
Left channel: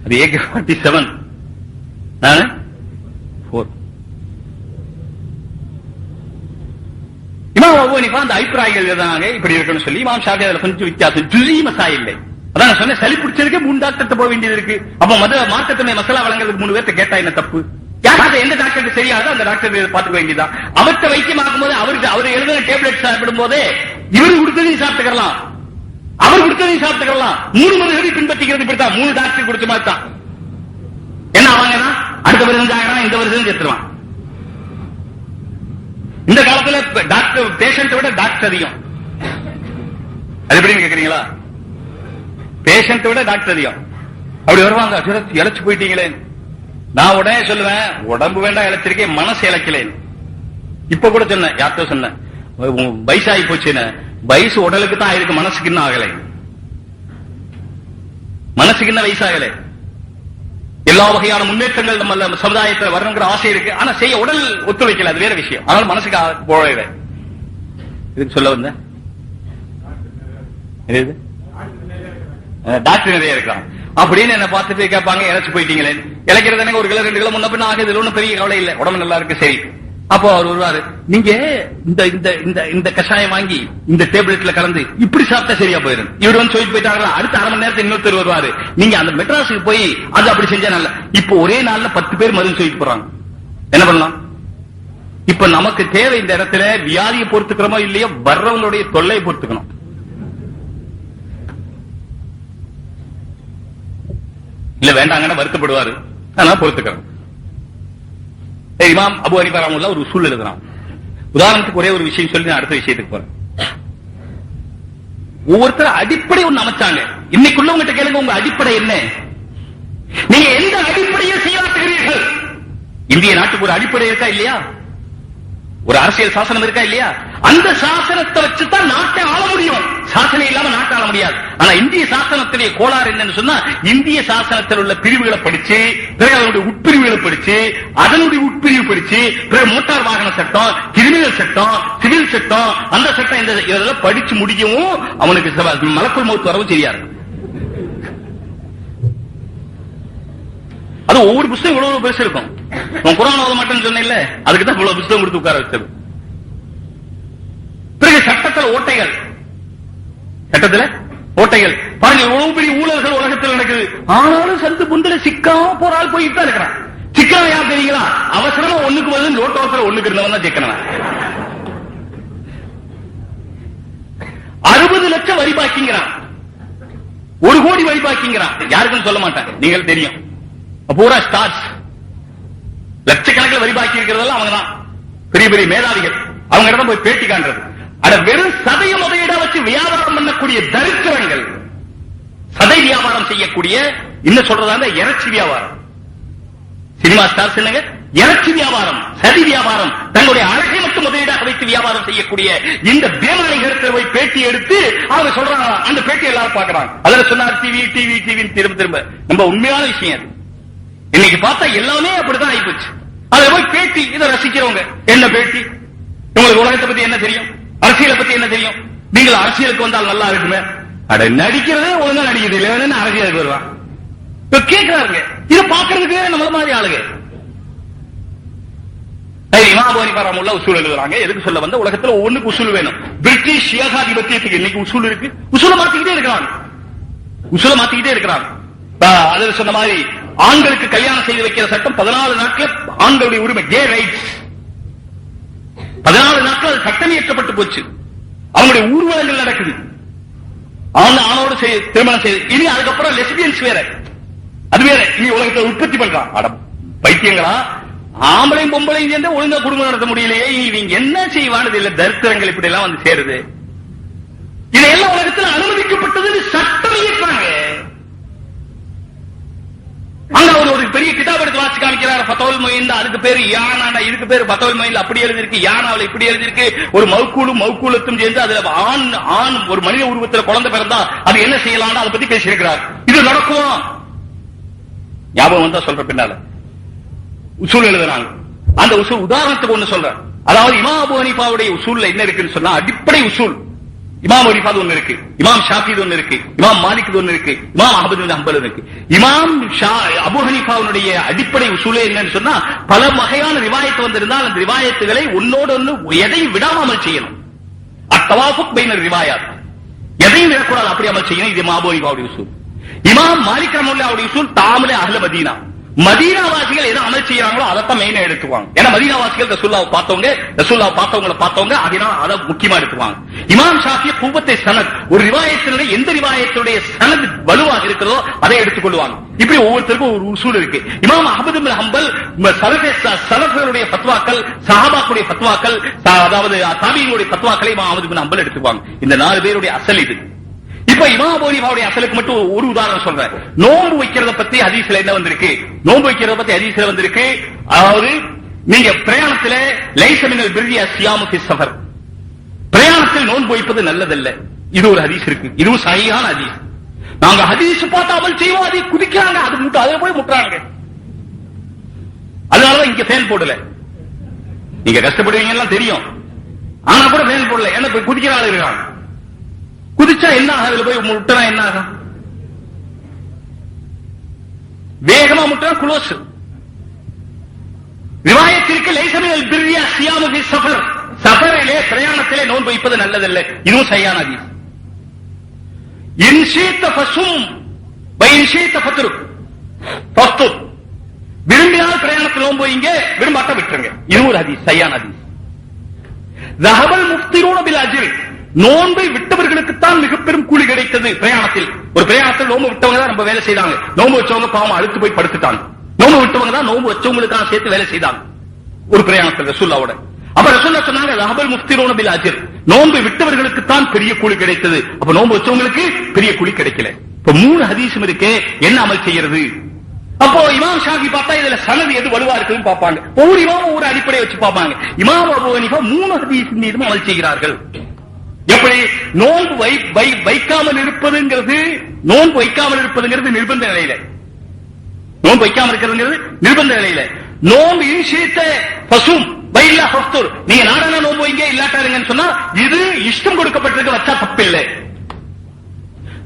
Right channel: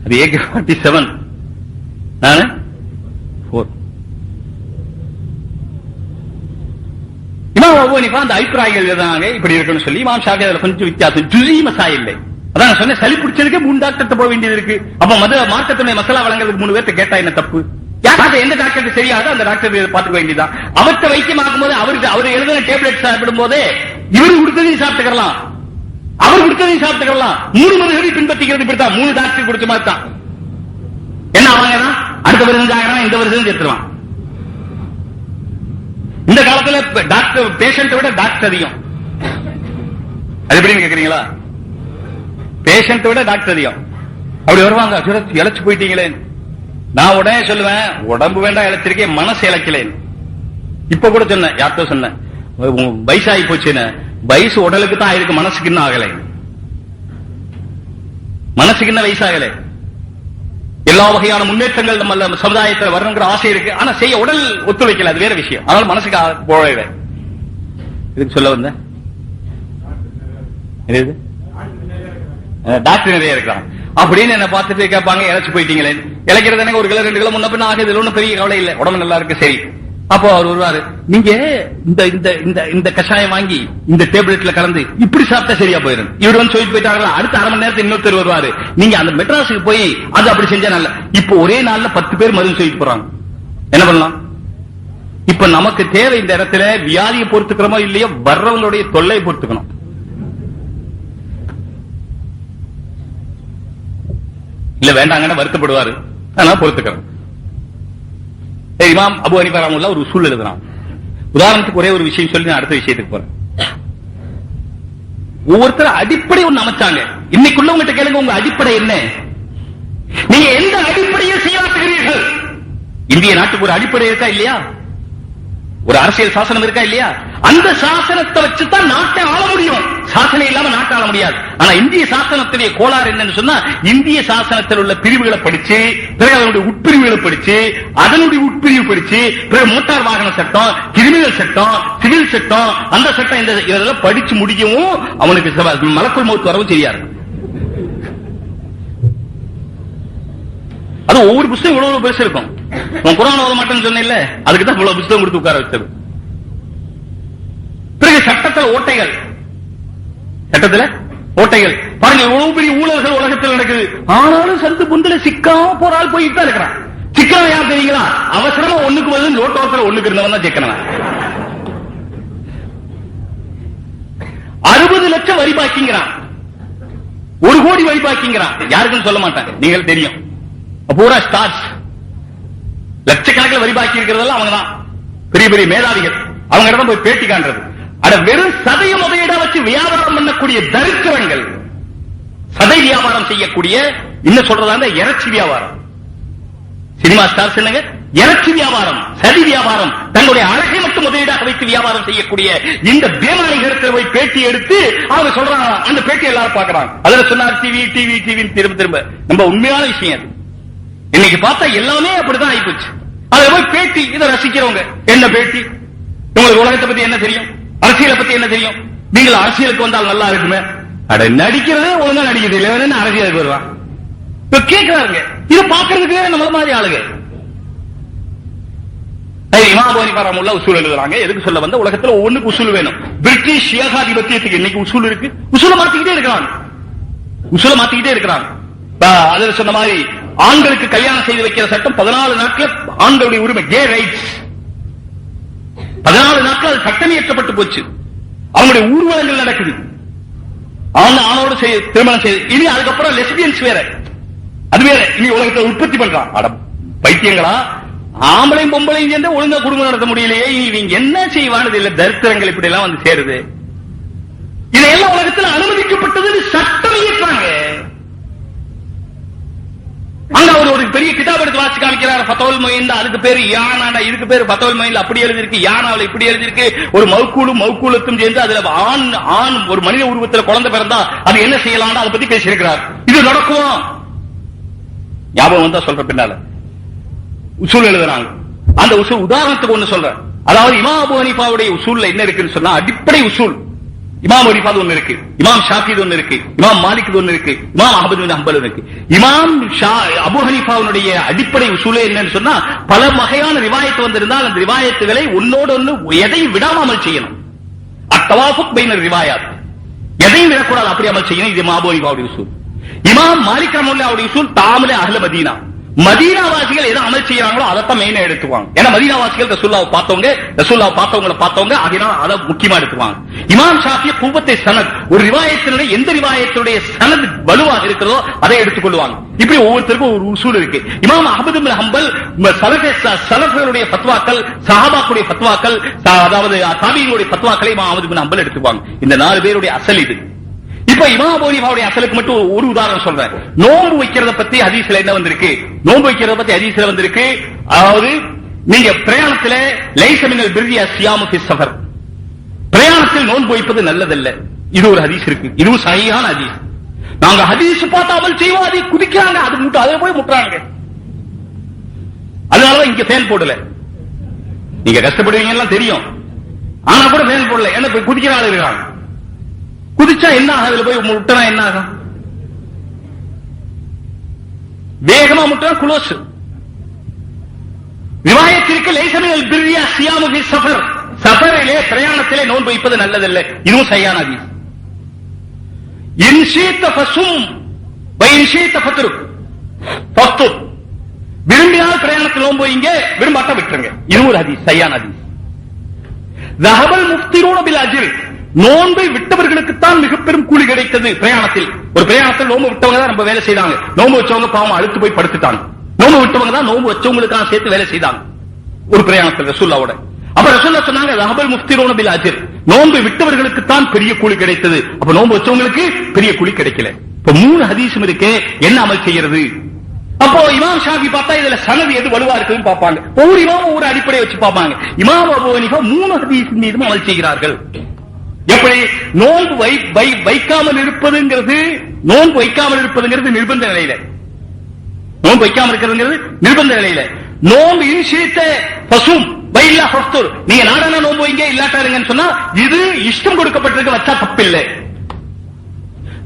அது AK-47, நானு 4. இமாம் அபூ ஹனீஃபா அந்த அபிப்பிராயங்கள் எழுதினாங்க, இப்படி இருக்குன்னு சொல்லி. இமாம் ஷாஃபி அதுல கொஞ்சம் வித்தியாசம், ஜுஸீ மசாயில். அதான் நான் சொன்னேன், சளி பிடிச்சதுக்கே 3 டாக்டர்கிட்ட போக வேண்டியது இருக்கு. அப்ப மார்க்கத்துடைய மசாலா வழங்குறதுக்கு 3 பேர்ட்ட கேட்டா என்ன தப்பு? எந்த டாக்டருக்கு சரியாக அந்த டாக்டர் பார்த்துக்க வேண்டியதான். அவர்கிட்ட வைத்தியம் ஆகும்போது அவர் எழுதின டேப்லெட் சாப்பிடும் போதே இவரு கொடுத்ததையும் சாப்பிட்டுக்கலாம், அவர் கொடுத்ததையும் சாப்பிட்டுக்கலாம். 3 மருந்துகளை பின்பற்றிக்கிறது இப்படித்தான். 3 டாக்டர் கொடுத்த மாதிரி தான். என்ன அவங்க அடுத்த வருஷம் ஆகிறான், இந்த வருஷம் சேர்த்துலாம். இந்த காலத்துல டாக்டர் பேஷண்ட் விட டாக்டர் அதிகம். அது எப்படி கேக்குறீங்களா? பேஷண்ட் விட டாக்டர் அதிகம். அப்படி வருவாங்க, இழைச்சு போயிட்டீங்களே. நான் உடனே சொல்லுவேன், உடம்பு வேண்டாம் இழைச்சிருக்கேன், மனசு இழைக்கலேன். இப்ப கூட சொன்னேன், யார்கிட்ட சொன்னேன், வயசாகி போச்சுன்னு. வயசு உடலுக்கு தான் ஆயிருக்கு, மனசுக்கு இன்னும் ஆகலை. மனசுக்கு இன்னும் வயசாகல. எல்லா வகையான முன்னேற்றங்கள் நம்ம சமுதாயத்தில் வரணுங்கிற ஆசை இருக்கு, ஆனா செய்ய உடல் ஒத்துழைக்கல, அது வேற விஷயம். ஆனால் மனசுக்கு போகவே. இதுக்கு சொல்ல வந்த டாக்டர் நிறைய இருக்கான் அப்படின்னு என்ன பார்த்துட்டு கேட்பாங்க, இழைச்சு போயிட்டீங்களே. இழைக்கிறது எனக்கு 1 கிலோ 2 கிலோ முன்ன பின்ன ஆகுது, ஒன்றும் பெரிய கவலை இல்லை, உடம்பு நல்லா இருக்கு, சரி. அப்போ அவர் வருவாரு, நீங்க இந்த இந்த இந்த இந்த கஷாயம் வாங்கி இந்த டேப்லெட்ல கலந்து இப்படி சாப்பிட்டா சரியா போயிடும். இவர் வந்து சொல்லிட்டு போயிட்டாங்களா, அடுத்த அரை மணி நேரத்தில் இன்னொருத்தர் வருவாரு, நீங்க அந்த மெட்ராஸுக்கு போய் அது அப்படி செஞ்சா நல்ல. இப்போ ஒரே நாள்ல 10 பேர் மருந்து சொல்லிட்டு போறாங்க. என்ன பண்ணலாம்? இப்ப நமக்கு தேவை இந்த இடத்துல வியாதியை பொறுத்துக்கிறோமோ இல்லையோ, வர்றவங்களுடைய தொல்லையை பொறுத்துக்கணும். இல்ல வேண்டாங்கன்னா வருத்தப்படுவாரு, அதனால பொறுத்துக்கிறோம். இமாம் அபு ஹனீஃபா ரஹ்மத்துல்லாஹி ஒரு உசூல் எழுதுறான். உதாரணத்துக்கு ஒரே ஒரு விஷயம் சொல்லி நான் அடுத்த விஷயத்துக்கு போறேன். ஒவ்வொருத்தர் அடிப்படை ஒண்ணு அமைச்சாங்க. இன்னைக்குள்ளவங்கிட்ட கேளுங்க, உங்க அடிப்படை என்ன? நீங்க எந்த அடிப்படையில் செய்யாற்றுகிறீர்கள்? இந்திய நாட்டுக்கு ஒரு அடிப்படை இருக்கா இல்லையா? ஒரு அரசியல் சாசனம் இருக்கா இல்லையா? அந்த சாசனத்தை வச்சுதான் நாட்டை ஆள முடியும். சாசனம் இல்லாம நாட்டை ஆள முடியாது. ஆனா இந்திய சாசனத்துடைய கோளாறு என்னன்னு சொன்னா, இந்திய சாசனத்தில் உள்ள பிரிவுகளை படிச்சு, பிறகு அதனுடைய உட்பிரிவுகளை படிச்சு, அதனுடைய உட்பிரிவு படிச்சு, பிறகு மோட்டார் வாகன சட்டம், கிரிமினல் சட்டம், சிவில் சட்டம், அந்த சட்டம் இதெல்லாம் படிச்சு முடிக்கவும் அவனுக்கு மலக்குள் மௌத் வரவும் செய்யாரு. அது ஒவ்வொரு புத்தகம் இவ்வளவு பெருசு இருக்கும். குர்ஆன் ஓத மாட்டேன்னு சொன்னேன்ல, அதுக்கு தான் இவ்வளவு புத்தகம் கொடுத்து உட்கார வச்சது. பிறகு சட்டத்தில் ஓட்டைகள், சட்டத்தில் ஓட்டைகள் பாருங்க, எவ்வளவு பெரிய ஊழல்கள் உலகத்தில் நடக்குது. ஆனாலும் சந்து புந்தில சிக்காம போறால் போயிட்டு தான் இருக்கிறான். சிக்கன யார் தெரியுங்களா? அவசரமா ஒண்ணுக்கு பதில் ரோட்டோரத்தில் ஒண்ணுக்கு இருந்தவன் தான் சிக்கனவன். 60 லட்சம் வரி பாக்கிங்கிறான், 1 கோடி வரி பாக்கிங்கிறான். யாருக்குன்னு சொல்ல மாட்டாங்க, நீங்கள் தெரியும். பூரா ஸ்டார்ஸ் லட்சக்கணக்கில் வரி பாக்கி இருக்கிறதெல்லாம் அவங்க தான், பெரிய பெரிய மேதாவிகள். அவங்க இடம் போய் பேட்டி காண்றது. அட வெறும் சதையும் அதையிட வச்சு வியாபாரம் பண்ணக்கூடிய தரித்திரங்கள், சதை வியாபாரம் செய்யக்கூடிய, என்ன சொல்றதா, இறைச்சி வியாபாரம். சினிமா ஸ்டார்ஸ் என்னங்க, இறைச்சி வியாபாரம், சதி வியாபாரம், தங்களுடைய அழகை மட்டும் முதலீடாக வைத்து வியாபாரம் செய்யக்கூடிய இந்த தேவாலயத்தில் போய் பேட்டி எடுத்து அவங்க சொல்றாங்க. அந்த பேட்டி எல்லாரும் பாக்குறாங்க. அதுல சொன்னார் டிவி டிவி டிவி திரும்ப திரும்ப. நம்ம உண்மையான விஷயம் அது. இன்னைக்கு பார்த்தா எல்லாமே அப்படிதான் ஆயிப்போச்சு. அதுல போய் பேட்டி, இதை ரசிக்கிறவங்க. என்ன பேட்டி? உங்களுக்கு உலகத்தை பத்தி என்ன தெரியும்? அரசியலை பத்தி என்ன தெரியும்? நீங்கள் அரசியலுக்கு வந்தால் நல்லா இருக்குமே. அட நடிக்கிறதே ஒழுங்கா நடிக்கிறது இல்லைன்னு அரசியலுக்கு வருவான். இப்ப கேட்கிறாரு, இதை பாக்குறதுக்கு நம்மள மாதிரி ஆளுங்க. இமாம் அபூ ஹனீஃபா ரஹ்மத்துல்லாஹி உசூல் எழுதுறாங்க. எதுக்கு சொல்ல வந்த, உலகத்துல ஒவ்வொன்றுக்கு உசூல் வேணும். பிரிட்டிஷ் ஏகாதிபத்தியத்துக்கு இன்னைக்கு உசூல் இருக்கு. உசூலை மாத்திக்கிட்டே இருக்கிறாங்க, உசூலை மாத்திக்கிட்டே இருக்கிறாங்க. அதில் சொன்ன மாதிரி ஆண்களுக்கு கல்யாணம் செய்து வைக்கிற சட்டம் 14 நாட்கள் ஆண்களுடைய உரிமை, கே ரைட்ஸ். 14 நாட்கள் சட்டம் இயற்றப்பட்டு போச்சு. அவங்களுடைய ஊர்வலங்கள் நடக்குது. ஆணோடு திருமணம் செய்து, இனி அதுக்கப்புறம் லெஸ்பியன்ஸ் வேற, அது வேற. இனி உலகத்தை உற்பத்தி பண்றான். அட பைத்தியங்களா, ஆம்பளையும் பொம்பளையும் சேர்ந்து ஒழுங்கா குடும்பம் நடத்த முடியலையே, நீங்க என்ன செய்வானது இல்ல. தரித்திரங்கள் இப்படி எல்லாம் வந்து சேருது. இதெல்லாம் உலகத்தில் அனுமதிக்கப்பட்டது, சட்டம் இயற்றாங்க. அங்க அவர் ஒரு பெரிய கிதாப் எடுத்து வாசி காமிக்கிறார், ஃபத்வல் முயின். அதுக்கு பேரு யானா, இதுக்கு பேரு ஃபத்வல் முயின். அப்படி எழுதிருக்கு, யானாவில் இப்படி எழுதிருக்கு. ஒரு மௌக்கூலுக்கும் சேர்ந்து அதுல ஆண் ஒரு மனித உருவத்தில் குழந்தை பிறந்தா அது என்ன செய்யலாம், அதை பத்தி பேசியிருக்கிறார். இது நடக்கும். ஞாபகம் வந்தா சொல்ற பின்னால உசூல் எழுதுறாங்க. அந்த உசூல் உதாரணத்துக்கு ஒண்ணு சொல்ற. அதாவது இமாம் அபூ ஹனீஃபாவுடைய உசூல்ல என்ன இருக்குன்னு சொன்னா, அடிப்படை உசூல் இமாம் ஹனீஃபா ஒன்னு இருக்கு, இமாம் ஷாஃபி ஒன்னு இருக்கு, இமாம் மாலிக் ஒன்னு இருக்கு, இமாம் அஹ்மது பின் ஹம்பல் இருக்கு. இமாம் அபூ ஹனீஃபாவுடைய அடிப்படை உசூலே என்னன்னு சொன்னா, பல வகையான ரிவாயத்து வந்திருந்தால் அந்த ரிவாயத்துகளை ஒன்னோடு ஒன்று எதையும் விடாமல் செய்யணும். அத்தவாஃபுக் பைன ரிவாயாத், எதையும் விடக்கூடாது, அப்படி அமல் செய்யணும். இது இமாம் அபூ ஹனீஃபாவுடைய உசூல். இமாம் மாலிக் ரஹ்மத்துல்லாஹி உசூல் தாமலே அஹ்ல மதீனா, மதீனாவாசிகள் எதை அமல் செய்யறாங்களோ அதைத்தான் மெயினா எடுத்துவாங்க. ஏன்னா மதீனாவாசிகள் ரசூலுல்லாஹ் பார்த்தவங்க, அதனால அதை முக்கியமா எடுத்துவாங்க. இமாம் ஷாஃபி குவத்தை சனத், ஒரு ரிவாயத்தினுடைய எந்த ரிவாயத்துடைய சனத் வலுவாக இருக்கிறதோ அதை எடுத்துக்கொள்வாங்க. இப்படி ஒவ்வொருத்தருக்கும் ஒரு உசூல் இருக்கு. இமாம் அஹ்மது பின் ஹம்பல் சலஃபுடைய ஃபத்வாக்கள், சஹாபாக்களுடைய ஃபத்வாக்கள், அதாவது தாபீகளுடைய ஃபத்வாக்களை இமாம் அஹ்மது பின் ஹம்பல் எடுத்துக்குவாங்க. இந்த 4 பேருடைய அசல் இது. இப்ப இமாம் அபூ ஹனீஃபாவுடைய அசலுக்கு மட்டும் ஒரு உதாரணம் சொல்றேன். நோன்பு வைக்கிறத பத்தி ஹதீஸ்ல என்ன வந்திருக்கு? நோன்பு வைக்கிறத பத்தி ஹதீஸ்ல வந்திருக்கு. அதாவது நீங்க பிரயாணத்துல லைஸ மினல் பிர்ரி அஸ்ஸியாமு ஃபி ஸஃபர், பிரயாணத்தில் நோன்பு வைப்பது நல்லதல்ல. இது ஒரு ஹதீஸ் இருக்கு. இதுவும் சரியான ஹதீஸ். நாங்க ஹதீஸ் பார்த்தாமல் செய்வோம், அதை குதிக்கிறாங்க, அது மட்டும் அதை போய் முட்டுறாங்க. அதனாலதான் இந்த ஃபேன் போடல. நீங்க கஷ்டப்படுவீங்க எல்லாம் தெரியும், ஆனா கூட ஃபேன் போடல. என்ன போய் குதிக்கிற ஆள் இருக்காங்க. குதிச்சா என்ன ஆகும்? அதுல போய் முட்டனா என்ன ஆகும்? வேகமா முட்டா குளோஸ். ரிவாயத்திற்கு லைசமியல் பிர்ரியா சியாமு சஃபர், சஃபரிலே பிரயாணத்திலே நோன்பு வைப்பது நல்லதில்லை. இதுவும் சரியான ஹதீஸ். இன்ஷீத்த ஃபஸும் வஇன்ஷீத்த ஃபத்ருக், ஃபத்ர், விரும்பினால் பிரயாணத்தில் நோன்பு வைங்க, விரும்பாட்ட விட்டுருங்க. இதுவும் ஒரு ஹதீஸ், சரியான ஹதீஸ். ذهبல் முஃப்திரூன பில் அஜ்ர், நோன்பை விட்டவர்களுக்குத்தான் மிக பெரும் கூலி கிடைத்தது. பிரயாணத்தில் ஒரு பிரயாணத்தில் நோன்பு விட்டவங்க தான் நம்ம வேலை செய்தாங்க. நோன்பு வச்சவங்க பாவம் அழுத்து போய் படுத்துட்டாங்க. நோன்பு விட்டவங்க தான் நோன்பு வச்சவங்களுக்காக சேர்த்து வேலை செய்தாங்க ஒரு பிரயாணத்தில் ரசூலுல்லாவோட. அப்ப ரசூலுல்லாஹ் சொன்னாங்க ذهبல் முஃப்திரூன பில் அஜ்ர், நோன்பை விட்டவர்களுக்குத்தான் பெரிய கூலி கிடைத்தது. அப்ப நோன்பு வச்சவங்களுக்கு பெரிய கூலி கிடைக்கல. இப்ப 3 ஹதீஸும் இருக்கு, என்ன அமல் செய்யறது? அப்போ இமாம் ஷாஃபி பார்த்தா இதுல சனது எது வலுவா இருக்குன்னு பார்ப்பாங்க. ஒவ்வொரு இமாமும் ஒரு அடிப்படையை வச்சு பார்ப்பாங்க. இமாம் அபூ ஹனீஃபா 3 ஹதீஸ் மீதும் அமல் செய்கிறார்கள். எப்படி? நோன்பு வைக்காமல் இருப்பதுங்கிறது, நோன்பு வைக்காமல் இருப்பதுங்கிறது நிர்பந்த நிலையில, நோன்பு வைக்காமல் இருக்கிறது நிர்பந்த நிலையில. நோன்பு இன்ஷீத்த ஃபஸும் வைல்லா ஃபத்ர், நீங்க நாடான நோன்பு வைங்க, இல்லாட்டா இருங்கன்னு சொன்னா இது இஷ்டம் கொடுக்கப்பட்டிருக்க, வச்சா தப்பு இல்லை.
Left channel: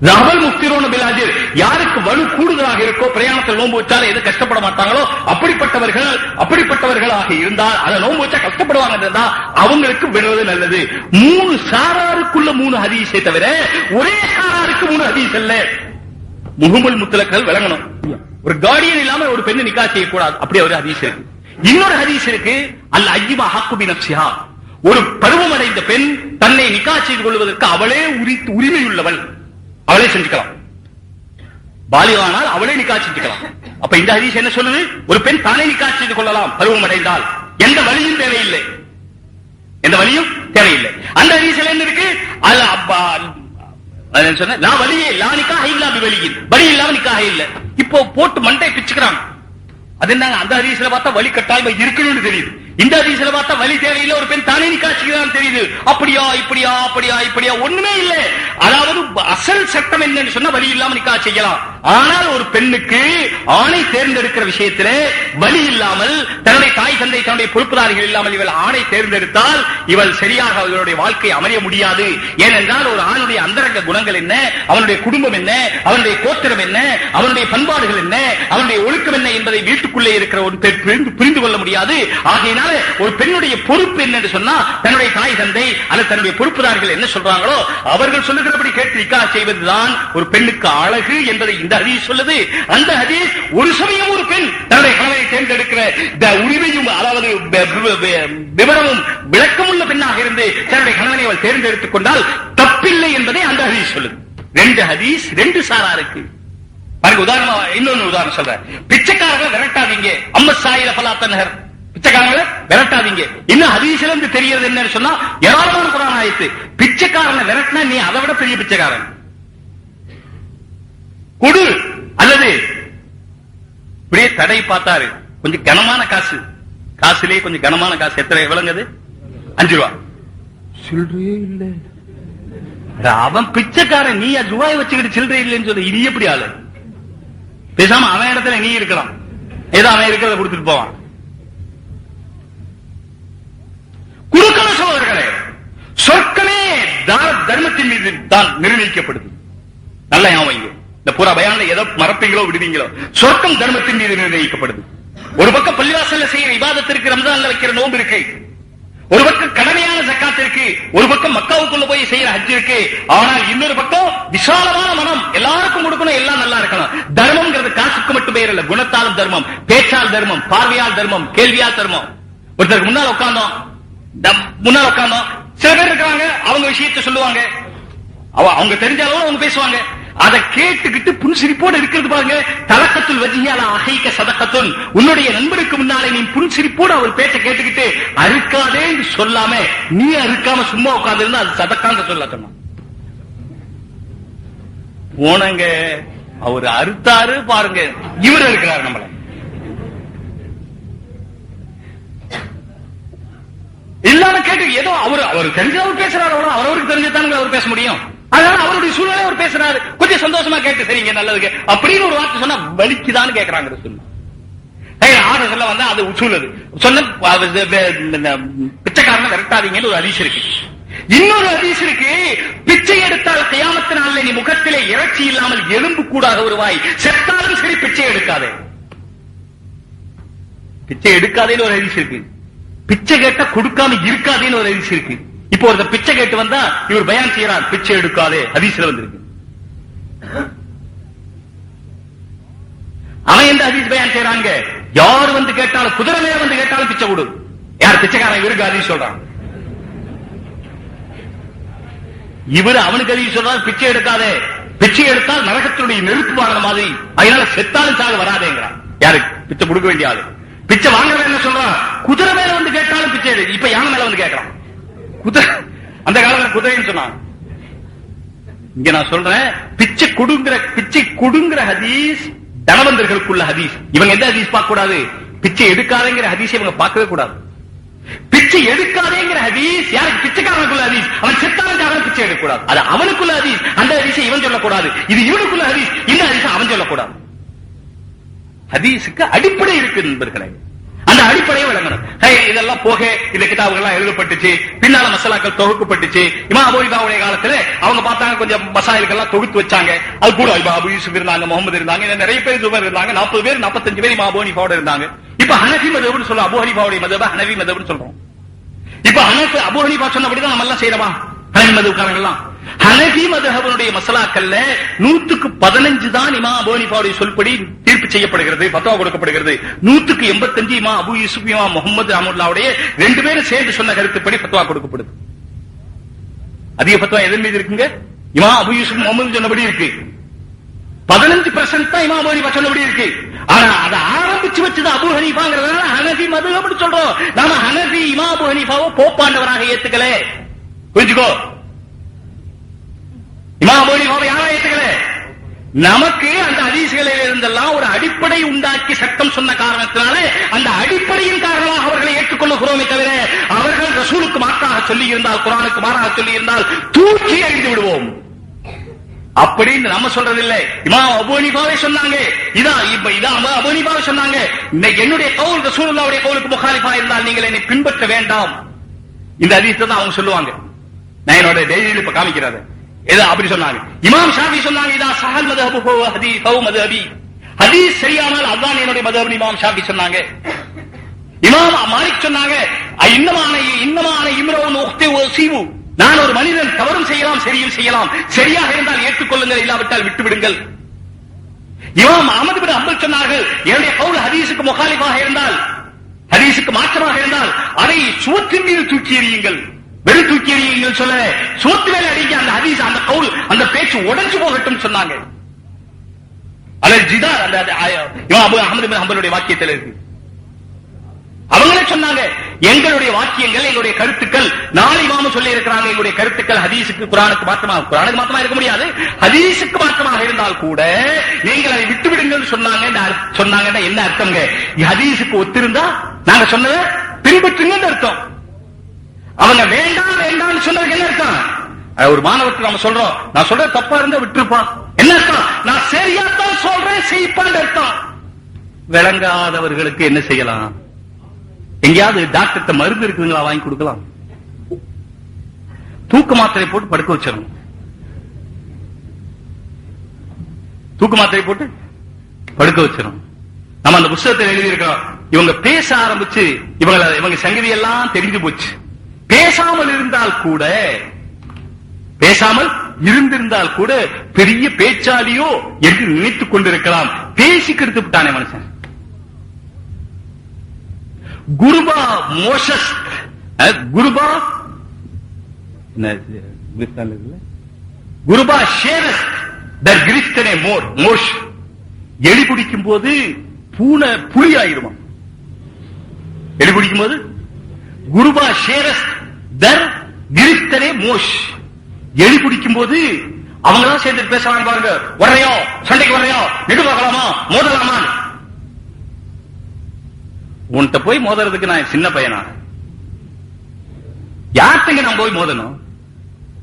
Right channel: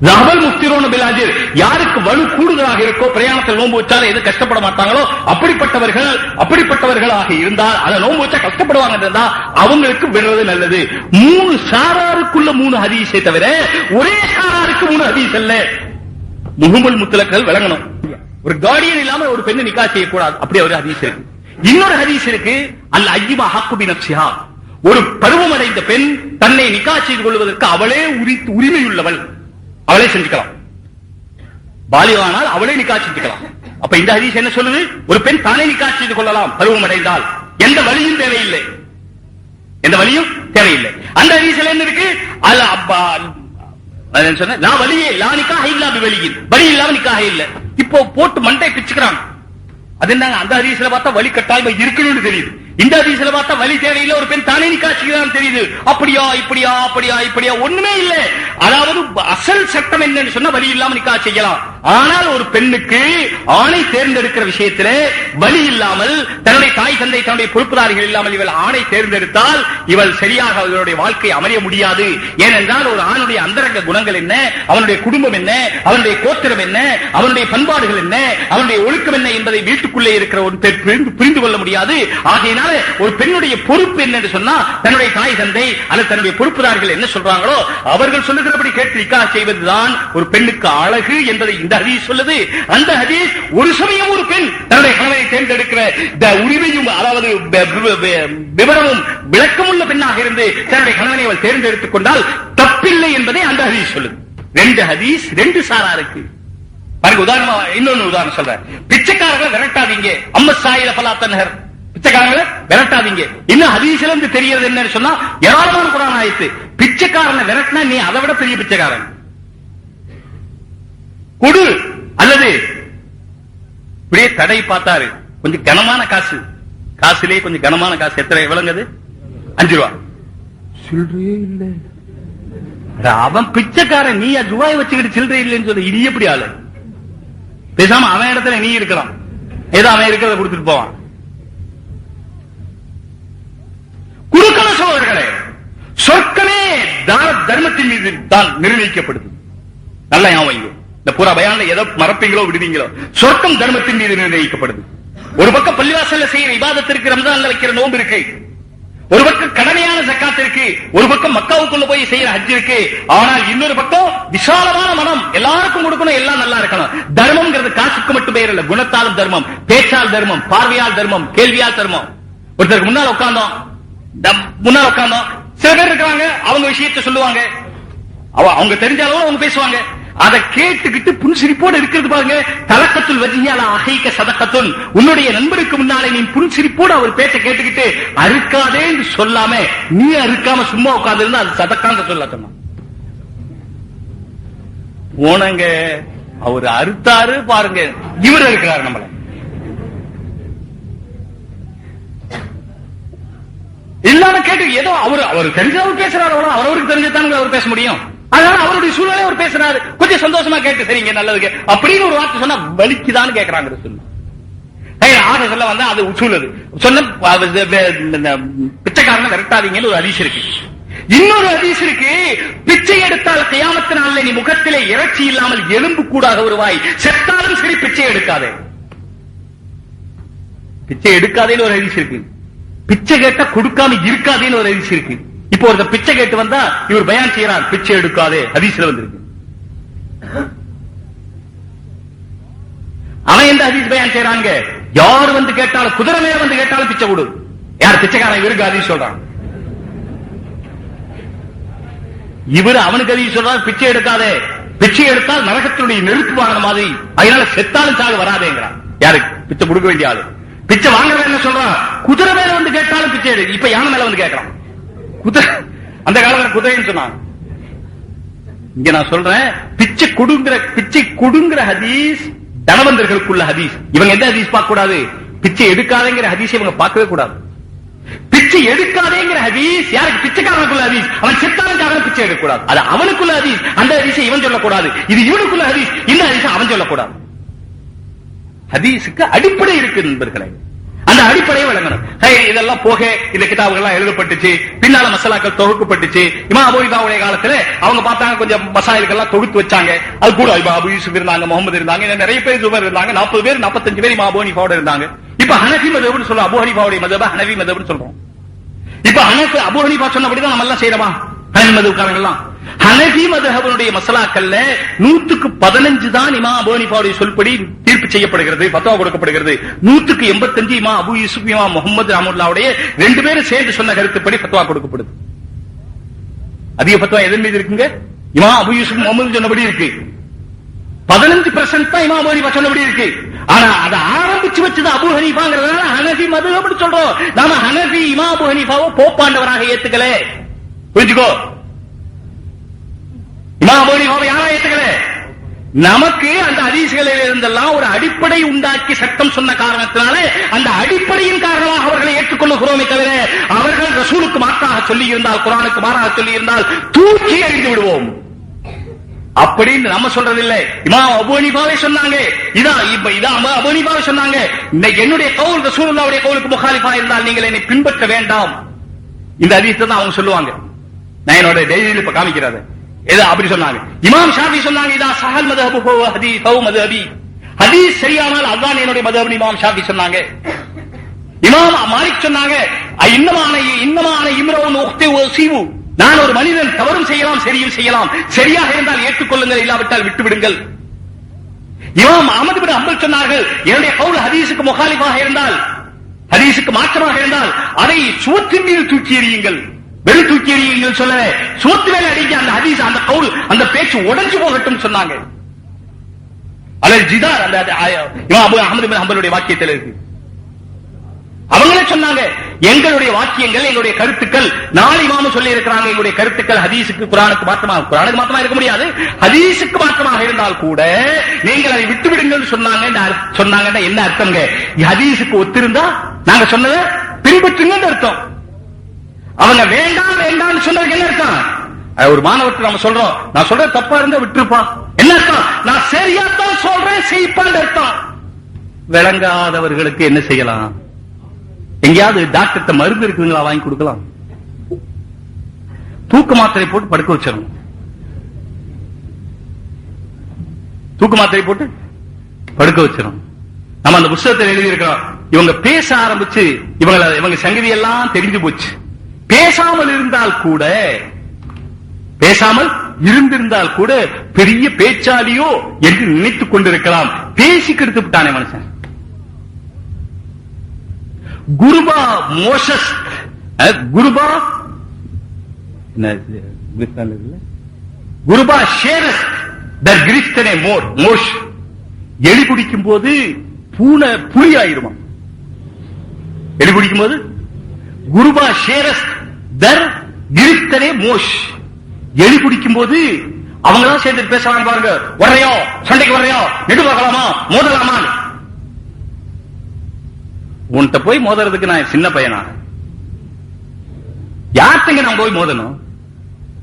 ذهبல் முஃப்திரூன பில் அஜ்ர், யாருக்கு வலு கூடுதலாக இருக்கோ பிரயாணத்தில் நோன்பு வச்சாலும் எது கஷ்டப்பட மாட்டாங்களோ அப்படிப்பட்டவர்களாக இருந்தால், அதை நோன்பு வச்சா கஷ்டப்படுவாங்க இருந்தா அவங்களுக்கு விடுறது நல்லது. 3 சாராருக்குள்ள 3 ஹதீஸை தவிர ஒரே சாராருக்கு 3 ஹதீஸ் அல்ல. முஹம்மல் முத்தலக்கல் விளங்கணும். ஒரு கார்டியன் இல்லாம ஒரு பெண்ணை நிக்கா செய்யக்கூடாது, அப்படி ஒரு ஹதீஸ் இருக்கு. இன்னொரு ஹதீஸ் இருக்கு, அல் அய்யிமா ஹக்கு பி நஃப்ஸிஹா, ஒரு பருவமடைந்த பெண் தன்னை நிக்கா செய்து கொள்வதற்கு அவளே உரிமையுள்ளவள், அவளே செஞ்சுக்கலாம். பாலிகானால் அவளே நிக்கா செஞ்சுக்கலாம். அப்ப இந்த ஹதீஸ் என்ன சொல்லுது? ஒரு பெண் தானே நிக்கா செய்து கொள்ளலாம் பருவம் அடைந்தால், எந்த வழியும் தேவையில்லை, எந்த வழியும் தேவையில்லை. அந்த ஹதீஸ்ல என்ன இருக்கு? அல் அப்பா சொன்ன லா வலியே லா நிக்காஹ் இல்லா பிவலியின், வலி இல்லாம நிக்காஹ் இல்ல. இப்போ போட்டு மண்டை பிச்சுக்கிறாங்க. அது என்னங்க? அந்த ஹதீஸ்ல பார்த்தா வலி கட்டாயமா இருக்கணும்னு தெரியுது, இந்த ஹதீஸ்ல பார்த்தா வலி தேவையில்லை, ஒரு பெண் தானே நிக்காஹ் செய்யலாம் தெரியுது. அப்படியா இப்படியா அப்படியா இப்படியா ஒண்ணுமே இல்லை. அதாவது அசல் சட்டம் என்னன்னு சொன்னா வலி இல்லாம நிக்காஹ் செய்யலாம். ஆனால் ஒரு பெண்ணுக்கு ஆணை தேர்ந்தெடுக்கிற விஷயத்திலே வலி இல்லாமல், தன்னுடைய தாய் தந்தை தன்னுடைய பொறுப்புதாரிகள் இல்லாமல் இவள் ஆணை தேர்ந்தெடுத்தால் இவள் சரியாக அவளுடைய வாழ்க்கை அமைய முடியாது. ஏனென்றால் ஒரு ஆணுடைய அந்தரங்க குணங்கள் என்ன, அவனுடைய குடும்பம் என்ன, அவனுடைய கோத்திரம் என்ன, அவனுடைய பண்பாடுகள் என்ன, அவனுடைய ஒழுக்கம் என்ன என்பதை வீட்டுக்குள்ளே இருக்கிற ஒரு பெண் புரிந்து கொள்ள முடியாது. ஆகையினால் ஒரு பெண்ணுடைய பொறுப்பு என்னன்னு சொன்னா, தன்னுடைய தாய் தந்தை அல்லது தன்னுடைய பொறுப்புதார்கள் என்ன சொல்றாங்களோ அவர்கள் சொல்லுகிறபடி கேட்டு நிக்காஹ் செய்வதுதான் ஒரு பெண்ணுக்கு அழகு என்பதை இந்த ஹதீஸ் சொல்லுது. அந்த ஹதீஸ் ஒரு சமயம் ஒரு பெண் தன்னுடைய கணவனை தேர்ந்தெடுக்கிற உரிமையும், அதாவது விவரமும் விளக்கமுள்ள பெண்ணாக இருந்து தன்னுடைய கணவனை அவள் தேர்ந்தெடுத்துக் கொண்டால் தப்பில்லை என்பதை அந்த ஹதீஸ் சொல்லுது. 2 ஹதீஸ் 2 சாராருக்கு. பாருங்க, உதாரணமா இன்னொன்னு உதாரணம் சொல்றேன். பிச்சைக்காரர்களை விரட்டாதீங்க, அம்ம சாயில பலாத்தன்ஹர், பிச்சைக்காரங்களை விரட்டாதீங்க. இன்னும் ஹதீஸ்ல இருந்து தெரியறது என்னன்னு சொன்னா, ஏராளமான குர்ஆன் ஆயத்து, பிச்சைக்காரனை விரட்டினா நீ அதை விட பெரிய பிச்சைக்காரன் கொடு, அல்லது இப்படியே தடை பார்த்தாரு, கொஞ்சம் கனமான காசு, காசுலயே கொஞ்சம் கனமான காசு, எத்தனை விளங்குது? 5 ரூபா. சில்லறையே இல்ல, அவன் பிச்சைக்காரன், நீ ரூபாய் வச்சுக்கிட்டு சில்லறை இல்லைன்னு சொல்லி இது எப்படி ஆளு? பேசாம அவன் இடத்துல நீ இருக்கலாம், ஏதோ அவன் இருக்கிறத கொடுத்துட்டு போவான். குறுக்கண சகோதரர்களே, சொர்க்கமே தர்மத்தின் மீது தான் நிர்ணயிக்கப்படுது. நல்ல ஞாபகம், இந்த பூரா பயான்ல எதோ மறப்பீங்களோ விடுவீங்களோ, சொர்க்கம் தர்மத்தின் மீது நிர்ணயிக்கப்படுது. ஒரு பக்கம் பள்ளிவாசல்ல செய்யற இபாதத்திற்கு, ரம்ஜான்ல வைக்கிற நோன்பு இருக்கு, ஒரு பக்கம் கடமையான ஜக்காத் இருக்கு, ஒரு பக்கம் மக்காவுக்குள்ள போய் செய்யற ஹஜ் இருக்கு. ஆனால் இன்னொரு பக்கம் விசாலமான மனம், எல்லாருக்கும் கொடுக்கணும், எல்லாம் நல்லா இருக்கணும். தர்மம்ங்கிறது காசுக்கு மட்டும் பேர் இல்ல, குணத்தாலும் தர்மம், பேச்சால் தர்மம், பார்வையால் தர்மம், கேள்வியால் தர்மம். ஒருத்தருக்கு முன்னால் உட்கார்ந்தோம், சில பேர் இருக்காங்க, அவங்க விஷயத்தை சொல்லுவாங்க, அவங்க தெரிஞ்ச அளவு அவங்க பேசுவாங்க, அதை கேட்டுக்கிட்டு புன்சிரிப்போடு இருக்கிறது பாருங்க. தலக்கத்துல் வஜ்ஹியால அஹீக சதகத்துன், உன்னுடைய நண்பருக்கு முன்னாலே நீ புன்சிரிப்போடு அவர் பேச்ச கேட்டுக்கிட்டு அறுக்காதே சொல்லாம நீ அறுக்காம சும்மா உட்கார்ந்து இருந்தா அது சதக்கான்னு சொல்லட்டமா. போனங்க அவர் அறுத்தாரு பாருங்க, இவர் இருக்கிறார் நம்மள. இல்லாம கேட்டு ஏதோ அவர் தெரிஞ்சவர் பேசுறாரு, அவருக்கு தெரிஞ்சதானுங்க அவர் பேச முடியும். அதனால அவருடைய சூழ்நிலை அவர் பேசுறாரு, கொஞ்சம் சந்தோஷமா கேட்டு சரிங்க நல்லதுக்கு அப்படின்னு ஒரு வார்த்தை சொன்னா வலிக்குதான்னு கேட்கறாங்க. ஆக சொல்ல வந்தா அது உசூலது சொன்ன பிச்சைக்காரனை விரட்டாதீங்கன்னு ஒரு ஹதீஸ் இருக்கு. இன்னொரு ஹதீஸ் இருக்கு, பிச்சை எடுத்தால் கியாமத்து நாள்ல நீ முகத்திலே இறைச்சி இல்லாமல் எலும்பு கூடாக வருவாய், செத்தாலும் சரி பிச்சை எடுக்காதே. பிச்சை எடுக்காதேன்னு ஒரு ஹதீஸ் இருக்கு, பிச்சை கேட்டா கொடுக்காம இருக்காதேன்னு ஒரு ஹதீஸ் இருக்கு. இப்போ ஒரு பிச்சை கேட்டு வந்தா இவர் பயான் செய்யறார், பிச்சை எடுக்காதே ஹதீஸ்ல வந்திருக்கு. அவன் எந்த ஹதீஸ் பயான் செய்யறாங்க? யார் வந்து கேட்டாலும், குதிரை மேல வந்து கேட்டாலும் பிச்சை கொடு. யார் பிச்சைக்காரன்? இவருக்கு ஹதீஸ் சொல்றான். இவர் அவனுக்கு ஹதீஸ் சொல்றான், பிச்சை எடுக்காதே, பிச்சை எடுத்தால் நரகத்தினுடைய நெருப்பு வாங்கின மாதிரி, அதனால செத்தாலும் சாக வராதேங்கிறான். யாருக்கு? பிச்சை கொடுக்க வேண்டிய ஆளு. பிச்சை வாங்குறவன் என்ன சொல்றான்? குதிரை மேல வந்து கேட்டாலும் பிச்சை எடு. இப்ப யானை மேல வந்து கேட்கறான். குதிரை அந்த காலத்துல குதிரைன்னு சொன்னான். இங்க நான் சொல்றேன், பிச்சை கொடுங்கிற ஹதீஸ் தனவந்தர்களுக்குள்ள ஹதீஸ். இவங்க எந்த ஹதீஸ் பார்க்க கூடாது? பிச்சை எடுக்காதேங்கிற ஹதீஸ் இவங்க பார்க்கவே கூடாது. பிச்சை எடுக்காதேங்கிற ஹதீஸ் யாருக்கு? பிச்சைக்காரனுக்குள்ள ஹதீஸ். அவன் செத்தானுக்காக பிச்சை எடுக்கக்கூடாது, அது அவனுக்குள்ள ஹதீஸ். அந்த ஹதீஸை இவன் சொல்லக்கூடாது, இது இவனுக்குள்ள ஹதீஸ். இந்த ஹதீஸை அவன் சொல்லக்கூடாது. ஹதீஸுக்கு அடிப்படை இருக்கு நண்பர்களே, அந்த அடிப்படையை விளங்கணும். இதெல்லாம் போக இந்த கிதாபுகள் எழுதப்பட்டுச்சு, பின்னால மசாலாக்கள் தொகுக்கப்பட்டுச்சு. இமாம் அபூ ஹனீஃபாவுடைய காலத்துல அவங்க பார்த்தாங்க, கொஞ்சம் மசாயில்கள் எல்லாம் தொகுத்து வச்சாங்க. அது கூட அபூ யூசுப் இருந்தாங்க, முகமது இருந்தாங்க, நிறைய பேர் ஜுபைர் இருந்தாங்க, 40 பேர் 45 பேர் இமாம் அபூ ஹனீஃபாவோட இருந்தாங்க. இப்ப ஹனஃபி மذஹப்னு சொல்றோம், அபூ ஹனீஃபாவுடைய மذஹப் ஹனஃபி மذஹப்னு சொல்றோம். இப்ப அபூ ஹனீஃபா சொன்னபடிதான் நம்ம எல்லாம் செய்யறோமா? ஹனஃபி மذஹப்காரங்க எல்லாம் ஹனஃபி மذஹபுடைய மசாலாக்கள்ல 100க்கு 15 தான் இமாம் அபூ ஹனீஃபாவுடைய சொல்படி தீர்ப்பு செய்யப்படுகிறது, ஃபத்வா கொடுக்கப்படுகிறது. 100க்கு 85 இமாம் அபூ யூசுப் இமாம் முகமது ரஹ்மத்துல்லாஹி ரெண்டு பேரும் சேர்ந்து சொன்ன கருத்துப்படி ஃபத்வா கொடுக்கப்படுது. அதிக ஃபத்வா எதன் மீது இருக்குங்க? இமாம் அபூ யூசுப் முகமது சொன்னபடி இருக்கு. 15% தான் இமாம் அபூ ஹனீஃபா சொன்னபடி இருக்கு. ஆனா அதை ஆரம்பிச்சு வச்சது அபூ ஹனீஃபாங்கிறதுனால ஹனஃபி மذஹப்னு சொல்றோம். நாம ஹனஃபி இமாம் அபூ ஹனீஃபாவை போப்பாண்டவராக ஏத்துக்கல. புரிஞ்சுக்கோ, இமாம் அபூ ஹனீஃபாவை யாரா ஏத்துக்கல? நமக்கு அந்த ஹதீஸ்களில் இருந்தெல்லாம் ஒரு அடிப்படை உண்டாக்கி சட்டம் சொன்ன காரணத்தினால அந்த அடிப்படையின் காரணமாக அவர்களை ஏற்றுக்கொள்ளுகிறோமே தவிர, அவர்கள் ரசூலுக்கு மாற்றாக சொல்லி இருந்தால், குர்ஆனுக்கு மாறாக சொல்லி இருந்தால் தூக்கி எறிந்து விடுவோம் அப்படின்னு நம்ம சொல்றதில்லை. இமாம் அபூ ஹனீஃபாவே சொன்னாங்க, இதான் அபூ ஹனீஃபாவே சொன்னாங்க, என்னுடைய கவுல் ரசூலுல்லாஹ்வுடைய கவுலுக்கு முகாலிஃபா இருந்தால் நீங்கள் என்னை பின்பற்ற வேண்டாம். இந்த ஹதீஸ் தான் அவங்க சொல்லுவாங்க. நான் என்னோட டெய்லியில் இப்ப காமிக்கிறது ஏதோ அப்படி சொன்னாங்க. இமாம் ஷாஃபி சொன்னாங்க, இதான் சஹல் மذஹபு ஹதீஸ் மذஹபி, ஹதீஸ் சரியானால் அதான் என்னுடைய மذஹப். இமாம் ஷாஃபி சொன்னாங்க. இமாம் மாலிக் சொன்னாங்க, இன்னமான இம்ரவுன் உக்தி வஸீவு, நான் ஒரு மனிதன் தவறும் செய்யலாம் சரியும் செய்யலாம், சரியாக இருந்தால் ஏற்றுக்கொள்ளுங்கள், இல்லாவிட்டால் விட்டு விடுங்கள். இமாம் அஹ்மத் பின் ஹம்பல் சொன்னார்கள், என்னுடைய கவுல் ஹதீஸுக்கு முகாலிஃபாக இருந்தால், ஹதீஸுக்கு மாற்றமாக இருந்தால் அதை சுவற்றின் மீது தூக்கி எறியுங்கள். வெறும் தூக்கி எறியுங்கள் சொல்ல, சுவத்து மேல அடிக்க அந்த ஹதீஸ், அந்த கவுல், அந்த பேச்சு உடைஞ்சு போகட்டும் சொன்னாங்க. அதில் ஜிதார் அந்த இமாம் அஹ்மத் பின் ஹம்பலுடைய வாக்கியத்தில் இருக்கு. அவங்களே சொன்னாங்க, எங்களுடைய வாக்கியங்கள், எங்களுடைய கருத்துக்கள், நாலு இமாம் சொல்லி இருக்கிறாங்க, எங்களுடைய கருத்துக்கள் ஹதீஸுக்கு குர்ஆனுக்கு மாற்றமா இருக்க முடியாது, ஹதீஸுக்கு மாற்றமாக இருந்தால் கூட நீங்கள் அதை விட்டு விடுங்கள் சொன்னாங்கன்னா என்ன அர்த்தம்ங்க? ஹதீஸுக்கு ஒத்திருந்தா நாங்க சொன்னதை பின்பற்றுங்கன்னு அர்த்தம். அவங்க வேண்டாம் வேண்டாம் சொன்னதுக்கு என்ன அர்த்தம்? ஒரு மாணவருக்கு நம்ம சொல்றோம், நான் சொல்ற தப்பா இருந்தா விட்டுருப்பா, என்ன அர்த்தம்? நான் சரியாத்தான் சொல்றேன் செய்ப்பான்னு அர்த்தம். விளங்காதவர்களுக்கு என்ன செய்யலாம்? எங்கேயாவது டாக்டர் மருந்து இருக்குங்களா வாங்கி கொடுக்கலாம், தூக்க மாத்திரை போட்டு படுக்க வச்சிடணும். தூக்க மாத்திரை போட்டு படுக்க வச்சிடணும். நம்ம அந்த புத்தகத்தில் எழுதி இருக்கிறோம், இவங்க பேச ஆரம்பிச்சு இவங்க சங்கதி எல்லாம் தெரிஞ்சு போச்சு. பேசாமல் இருந்திருந்தால் கூட பெரிய பேச்சாலியோ என்று நினைத்துக் கொண்டிருக்கலாம். பேசி கெடுத்து விட்டானே மனுஷன். குருபா மோசஸ், குருபா ஷேரஸ் தர் கிரிஸ்தனே மோஷ். எலி குடிக்கும் போது பூனை புலி ஆயிருமா? எலி குடிக்கும் போது குருபா ஷேரஸ் தர் கிரிஸ்தனே மோஷ். எலி குடிக்கும் போது அவங்க தான் சேர்ந்து பேசலாம் பாருங்க. வரையோ சண்டைக்கு வரையோ, நெடு பார்க்கலாமா, மோதலாமா? உன்கிட்ட போய் மோதுறதுக்கு நான் சின்ன பையனா? யார்த்தங்க நான் போய் மோதணும்?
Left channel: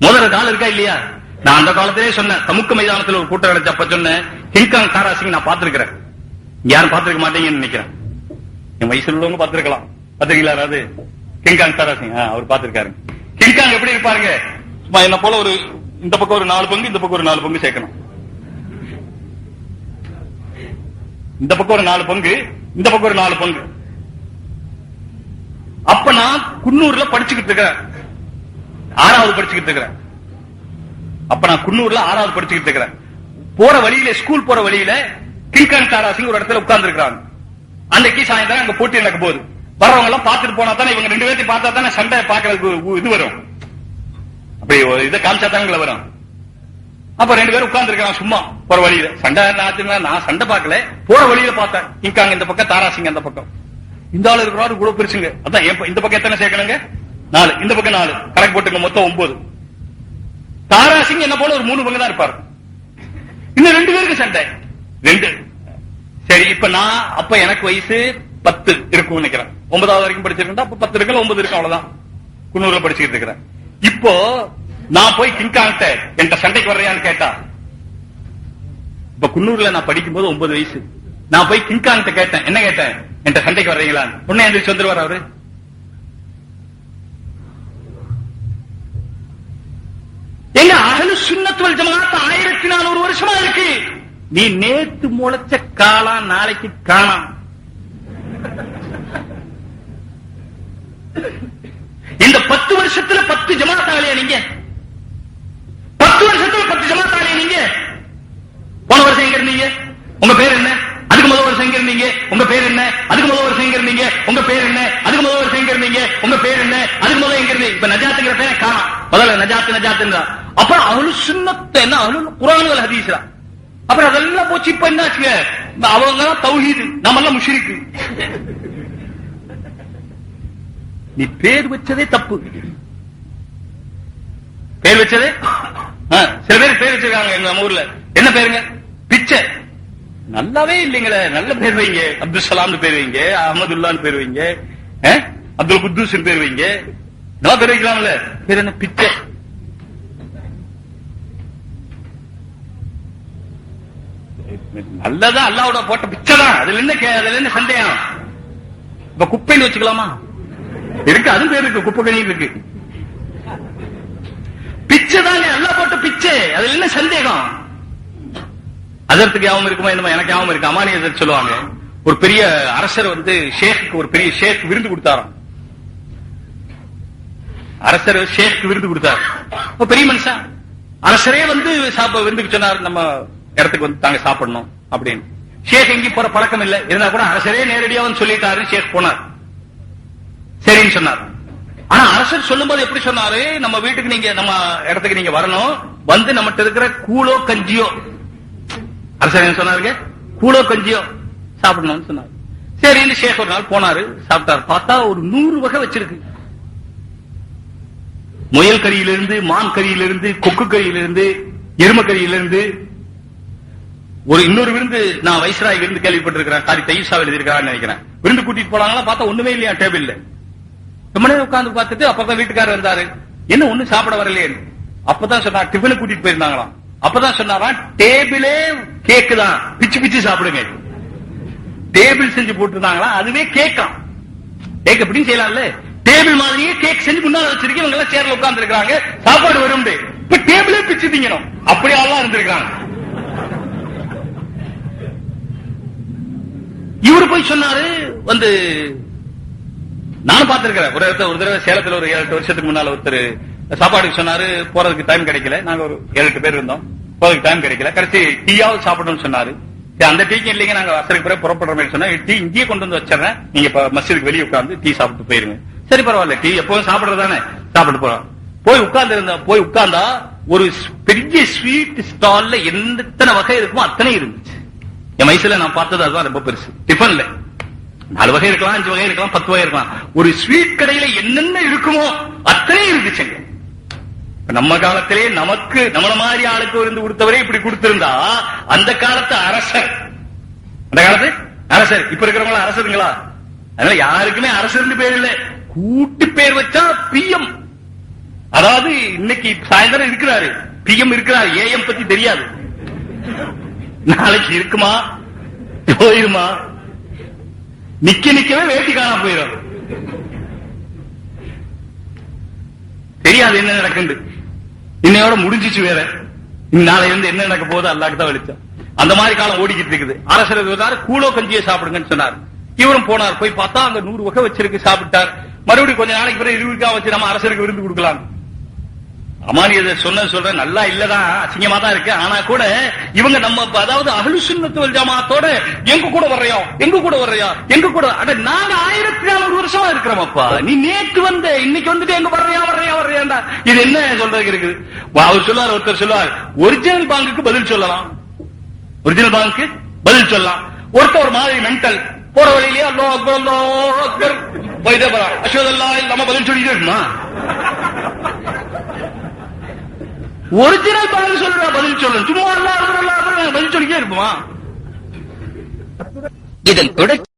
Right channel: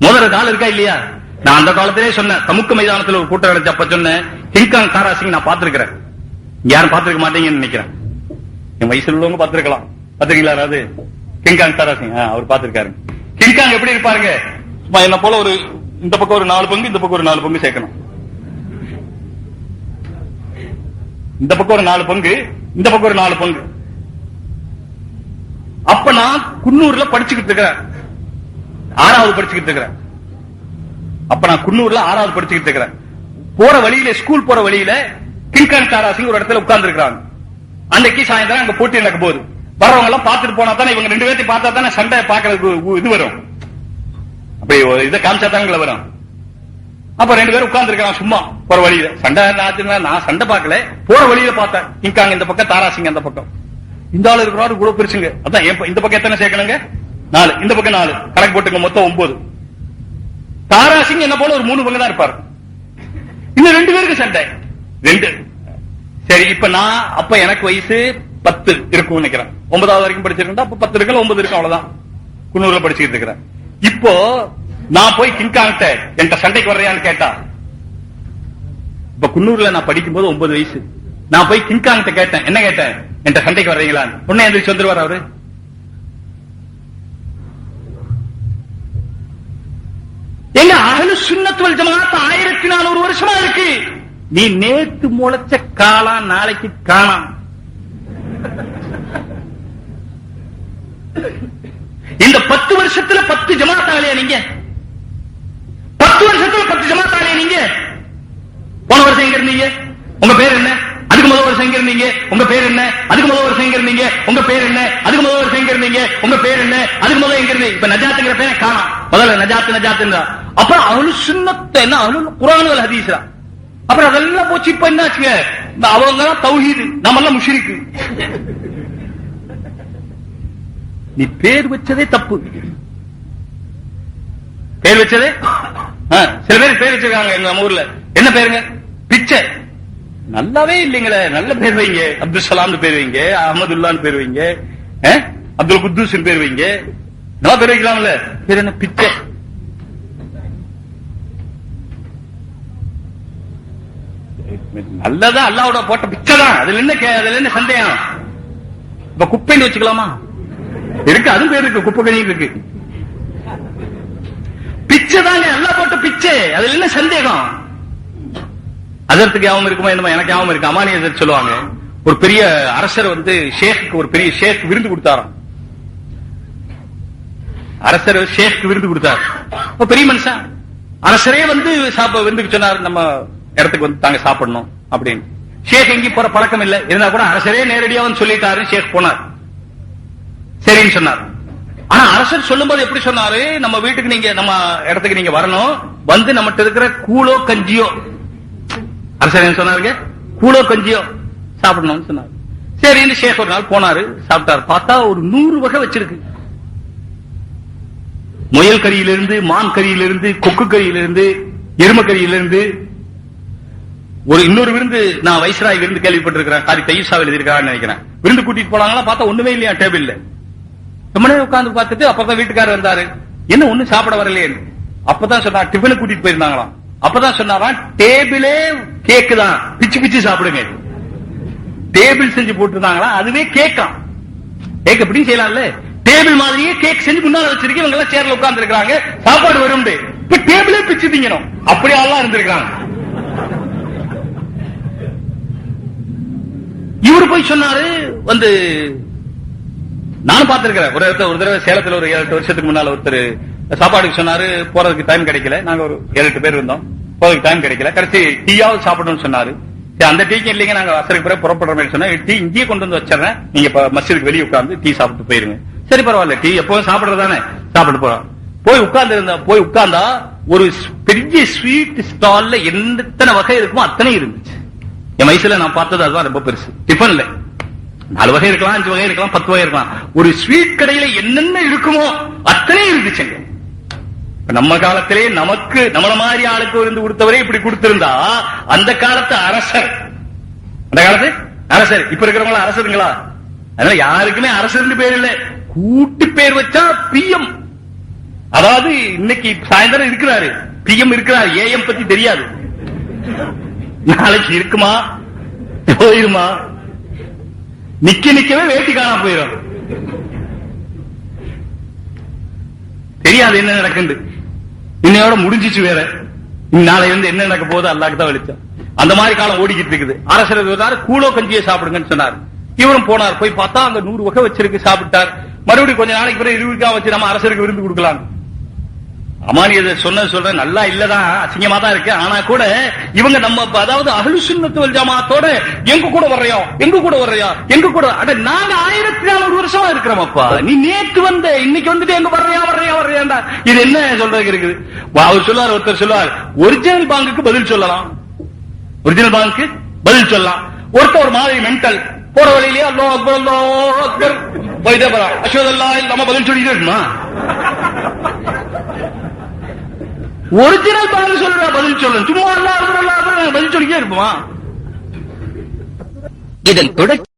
மோதுற காலம் இருக்கா இல்லையா? நான் அந்த காலத்திலே சொன்னேன், சமுக்க மைதானத்தில் ஒரு கூட்டம் நடச்சப்ப சொன்னேன், கிங்காங் தாராசிங் நான் பார்த்திருக்கிறேன், யாரும் பார்த்திருக்க மாட்டீங்கன்னு நினைக்கிறேன். என் வயசுல உள்ளவங்க பார்த்திருக்கலாம். பார்த்திருக்கீங்களா? அதாவது கிங்காங் தாராசிங் அவர் பார்த்திருக்காரு. கிங்காங் எப்படி இருப்பாருங்க? என்ன போல ஒரு இந்த பக்கம் ஒரு 4 பங்கு, இந்த பக்கம் ஒரு 4 பங்கு சேர்க்கணும். இந்த பக்கம் ஒரு 4 பங்கு, இந்த பக்கம் ஒரு 4 பங்கு. நான் குன்னூர்ல படிச்சுக்கிட்டு இருக்கிறேன், 6வது படிச்சுக்கிட்டு இருக்கிறேன். அப்ப நான் குன்னூர்ல 6வது படிச்சுக்கிட்டு இருக்கிறேன். போற வழியில, ஸ்கூல் போற வழியில கிங்கான் தாராசிங் ஒரு இடத்துல உட்கார்ந்து இருக்கிறாங்க. அன்னைக்கு சாயந்தரம் அங்க போட்டி நடக்க போகுது. வரவங்க எல்லாம் பார்த்துட்டு போனா தானே, இவங்க 2 பேர்த்தையும் பார்த்தா தானே சண்டை பாக்குறதுக்கு இது வரும், அப்படி இதை காமிச்சா தானே வரும். அப்ப 2 பேரும் உட்கார்ந்து இருக்காங்க சும்மா போற வழியில. சண்டை நான் சண்டை பார்க்கல, போற வழியில பார்த்தேன். கிங்காங் இந்த பக்கம், தாராசிங் அந்த பக்கம். இந்த ஆள் இருக்கிறாரு கூட பெருசுங்க. அதான் இந்த பக்கம் எத்தனை சேர்க்கணுங்க? 4, இந்த பக்கம் 4, கணக்கு போட்டுங்க, மொத்தம் 9. தாராசிங் என்ன போல ஒரு 3 பங்கு தான் இருப்பாரு. இன்னும் 2 பேருக்கு சண்டை. 2 சரி. இப்ப நான் அப்ப எனக்கு வயசு 10 இருக்கும் நினைக்கிறேன். 9வது வரைக்கும் படிச்சிருக்கேன். அப்ப 10 இருக்கு, 9 இருக்கு, அவ்வளவுதான். குன்னூர்ல படிச்சுட்டு இருக்கிறேன். இப்போ நான் போய் கிங்காங்கிட்ட என்கிட்ட சண்டைக்கு வர்றியான்னு கேட்டா, இப்ப குன்னூர்ல நான் படிக்கும் போது 9 வயசு. நான் போய் கிங்காங்கிட்ட கேட்டேன், என்ன கேட்டேன், என்கிட்ட சண்டைக்கு வர்றீங்களான்னு. உடனே எந்திரிச்சு வந்துருவார் அவரு. எங்க அஹ்லு சுன்னத் வல் ஜமாஅத் 1400 வருஷமா இருக்கு. நீ நேத்து முளைச்ச காலா நாளைக்கு காணாம். இந்த 10 வருஷத்துல 10 ஜமாஅத் ஆகலையா நீங்க? 10 வருஷத்துல 10 ஜமாஅத் ஆகலையா நீங்க? போன வருஷம் எங்க இருந்தீங்க? உங்க பேர் என்ன? அதுக்கு முதல் வருஷம் எங்க இருந்தீங்க? உங்க பேர் என்ன? அதுக்கு முதல் வருஷம் எங்க இருந்தீங்க? உங்க பேர் என்ன? அதுக்கு முதல் வருஷம் எங்க இருந்தீங்க? உங்க பேர் என்ன? அதுக்கு முதல்ல எங்க இருந்தீங்க? இப்ப நஜாத்துங்கிற பேரை காணோம். முதல்ல நஜாத்துன்றா. அப்புறம் அஹ்லு சுன்னத் என்ன, அஹ்லுல் குர்ஆன் வல் ஹதீஸ். அப்புறம் அதெல்லாம் போச்சு. இப்ப என்ன ஆச்சு? அவங்க எல்லாம் தௌஹீத், நம்ம எல்லாம் முஷ்ரிக். நீ பேர் வச்சதே தப்பு. பேர் வச்சதே சில பேர் பேர் வச்சிருக்காங்க நம்ம ஊர்ல. என்ன பேருங்க? பிச்சை. நல்லாவே இல்லைங்களே. நல்ல பேர் வைங்க. அப்துல் சலாம் பேர் வைங்க, அஹமதுல்லான்னு பேர் வைங்க, அப்துல் குத்தூஸ் பேர் வைங்க. நல்லா பேர் வைக்கலாம்ல. பேர் என்ன? பிச்சை. நல்லதான், அல்லாவோட போட்ட பிச்சை தான். அதுல என்ன சந்தேகம்? இப்ப குப்பைன்னு வச்சுக்கலாமா? இருக்கு, அது பேர் இருக்கு, குப்பை கணி இருக்கு. பிச்சை தாங்க, அல்லா போட்ட பிச்சை. அதுல என்ன சந்தேகம்? அதற்கு யாவும் இருக்குமா என்னமா? எனக்கு யாவும் இருக்கு. அமானியர் சொல்லுவாங்க, ஒரு பெரிய அரசர் ஷேக்கு, ஒரு பெரிய ஷேக் விருந்து கொடுத்தாராம். அரசர் ஷேக் விருந்து கொடுத்தார். பெரிய மனுஷன் அரசரே விருந்துக்கு சொன்னார், நம்ம இடத்துக்கு தாங்க சாப்பிடணும் அப்படின்னு. ஷேக் எங்கேயும் போற பழக்கம் இல்லை, இருந்தா கூட அரசரே நேரடியா சொல்லிட்டாரு. ஷேக் போனார், சரின்னு சொன்னார். ஆனா அரசர் சொல்லும்போது எப்படி சொன்னாரு, நம்ம வீட்டுக்கு நீங்க, நம்ம இடத்துக்கு நீங்க வரணும், நம்மகிட்ட இருக்கிற கூழோ கஞ்சியோ, அரசர் என்ன சொன்னாருங்க, கூழோ கஞ்சியோ சாப்பிடணும்னு சொன்னாரு. சரின்னு ஷேக் ஒரு நாள் போனாரு, சாப்பிட்டாரு. பார்த்தா ஒரு 100 வகை வச்சிருக்கு. முயல் கறியிலிருந்து, மான் கறியிலிருந்து, கொக்கு கறியிலிருந்து, எரும கறியிலிருந்து. ஒரு இன்னொரு விருந்து நான் வைஸ்ராய் விருந்து கேள்விப்பட்டிருக்கிறேன், காரி தைசாவில் எழுதியிருக்கான்னு நினைக்கிறேன். விருந்து கூட்டிட்டு போனாங்களா, பார்த்தா ஒண்ணுமே இல்லையா டேபிள்ல. ரொம்ப நேரம் உட்கார்ந்து பார்த்துட்டு அப்பதான் வீட்டுக்காரர் வந்தாரு. என்ன ஒண்ணும் சாப்பிட வரலையே? அப்பதான் சொன்னா, டிஃபனு கூட்டிட்டு போயிருந்தாங்களாம். அப்பதான் சொன்னாராம், டேபிளே கேக்கு தான், பிச்சு பிச்சு சாப்பிடுங்க. டேபிள் செஞ்சு போட்டுருந்தாங்களா, அதுவே கேக்காம். கேக் எப்படி செய்யலாம்ல, டேபிள் மாதிரியே கேக் செஞ்சு முன்னால வச்சிருக்கீங்க. இவங்க எல்லாம் சேர்ல உட்கார்ந்து இருக்காங்க, சாப்பாடு வரும். இப்ப டேபிளே பிச்சு திங்கணும், அப்படியெல்லாம் இருந்திருக்காங்க. இவரு போய் சொன்னாரு, நானும் பார்த்திருக்கிறேன். ஒரு தடவை சேலத்துல ஒரு 7-8 வருஷத்துக்கு முன்னால ஒருத்தர் சாப்பாடுக்கு சொன்னாரு, போறதுக்கு டைம் கிடைக்கல. நாங்க ஒரு 7-8 பேர் இருந்தோம், போறதுக்கு டைம் கிடைக்கல. கடைசி டீயாவது சாப்பிடணும்னு சொன்னாரு. அந்த டீக்கு இல்லைங்க, நாங்க வசதிக்கு பிறகு புறப்படுற மாதிரி சொன்னா, டீ இங்கேயே கொண்டு வந்து வச்சிடறேன், நீங்க மஸ்ஜிதுக்கு வெளியே உட்கார்ந்து டீ சாப்பிட்டு போயிருங்க. சரி பரவாயில்ல, டீ எப்போதும் சாப்பிடுறதானே, சாப்பிட்டு போறோம். போய் உட்கார்ந்தா ஒரு பெரிய ஸ்வீட் ஸ்டால்ல எத்தனை வகை இருக்குமோ அத்தனை இருந்துச்சு. என் வயசுல நான் பார்த்தது அதுதான் ரொம்ப பெருசு. டிஃபன்ல 4 வகை இருக்கலாம், 5 வகை இருக்கலாம், 10 வகை இருக்கலாம். ஒரு ஸ்வீட் கடையில என்னென்ன இருக்குமோ அத்தனை இருந்துச்சுங்க. நம்ம காலத்திலே நமக்கு நம்மள மாதிரி ஆளுக்கு இருந்து கொடுத்தவரே இப்படி கொடுத்திருந்தா, அந்த காலத்து அரசர், இப்ப இருக்கிறவங்களா அரசருங்களா? அதனால யாருக்குமே அரசர்னு பேர் இல்லை, கூட்டு பேர் வச்சா பிஎம். அதாவது இன்னைக்கு சாயந்தரம் இருக்கிறாரு, பிஎம் இருக்கிறாரு, ஏஎம் பத்தி தெரியாது. நாளைக்கு இருக்குமா, போயிருமா, நிக்கவே வேட்டி காணா போயிடும், தெரியாது என்ன நடக்குது. இன்னையோட முடிஞ்சிச்சு வேற, நாளை இருந்து என்ன நடக்க போகுது அல்லாஹ்க்கு தான் வெளிச்சம். அந்த மாதிரி காலம் ஓடிக்கிட்டு இருக்குது. அரசர் கூழோ கஞ்சியை சாப்பிடுங்கன்னு சொன்னார். இவரும் போனார், போய் பார்த்தா அங்க 100 வகை வச்சிருக்கு, சாப்பிட்டார். மறுபடியும் கொஞ்ச நாளைக்கு பிறகு இதுக்காக வச்சு நம்ம அரசருக்கு விருந்து கொடுக்கலாம். அமானியதை சொல்றேன் நல்லா இல்லதான், அசிங்கமா தான் இருக்கு. ஆனா கூட இவங்க நம்ம அதாவது அஹ்லு சுன்னத் வல் ஜமாஅத்தோட எங்க கூட வர்றியா எங்க கூட அட நாங்க 1400 வருஷமா இருக்கிறோம்ப்பா. நீ நேற்று வந்த இன்னைக்கு வந்துட்டு எங்க வர்றியாண்டா இது என்ன சொல்றதுக்கு இருக்குது? அவர் சொல்லுவார், ஒருத்தர் சொல்லுவார் ஒரிஜினல் பாங்குக்கு பதில் சொல்லலாம், ஒருத்தர் ஒரு மாதிரி மென்டல் போற வழியிலேயே அல்லாஹ் அக்பர் போயிட்டே போறான், அஷ்ஹது அல்லா இல்லாம பதில் சொல்லிட்டே இருக்குமா? ஒரிஜினல் பாங்கு சொல்ற பதில் சொல்லணும், சும்மா அல்லாஹ் அக்பர் பதில் சொல்லிட்டே இருக்குமா? இதன் தொடர்ச்சி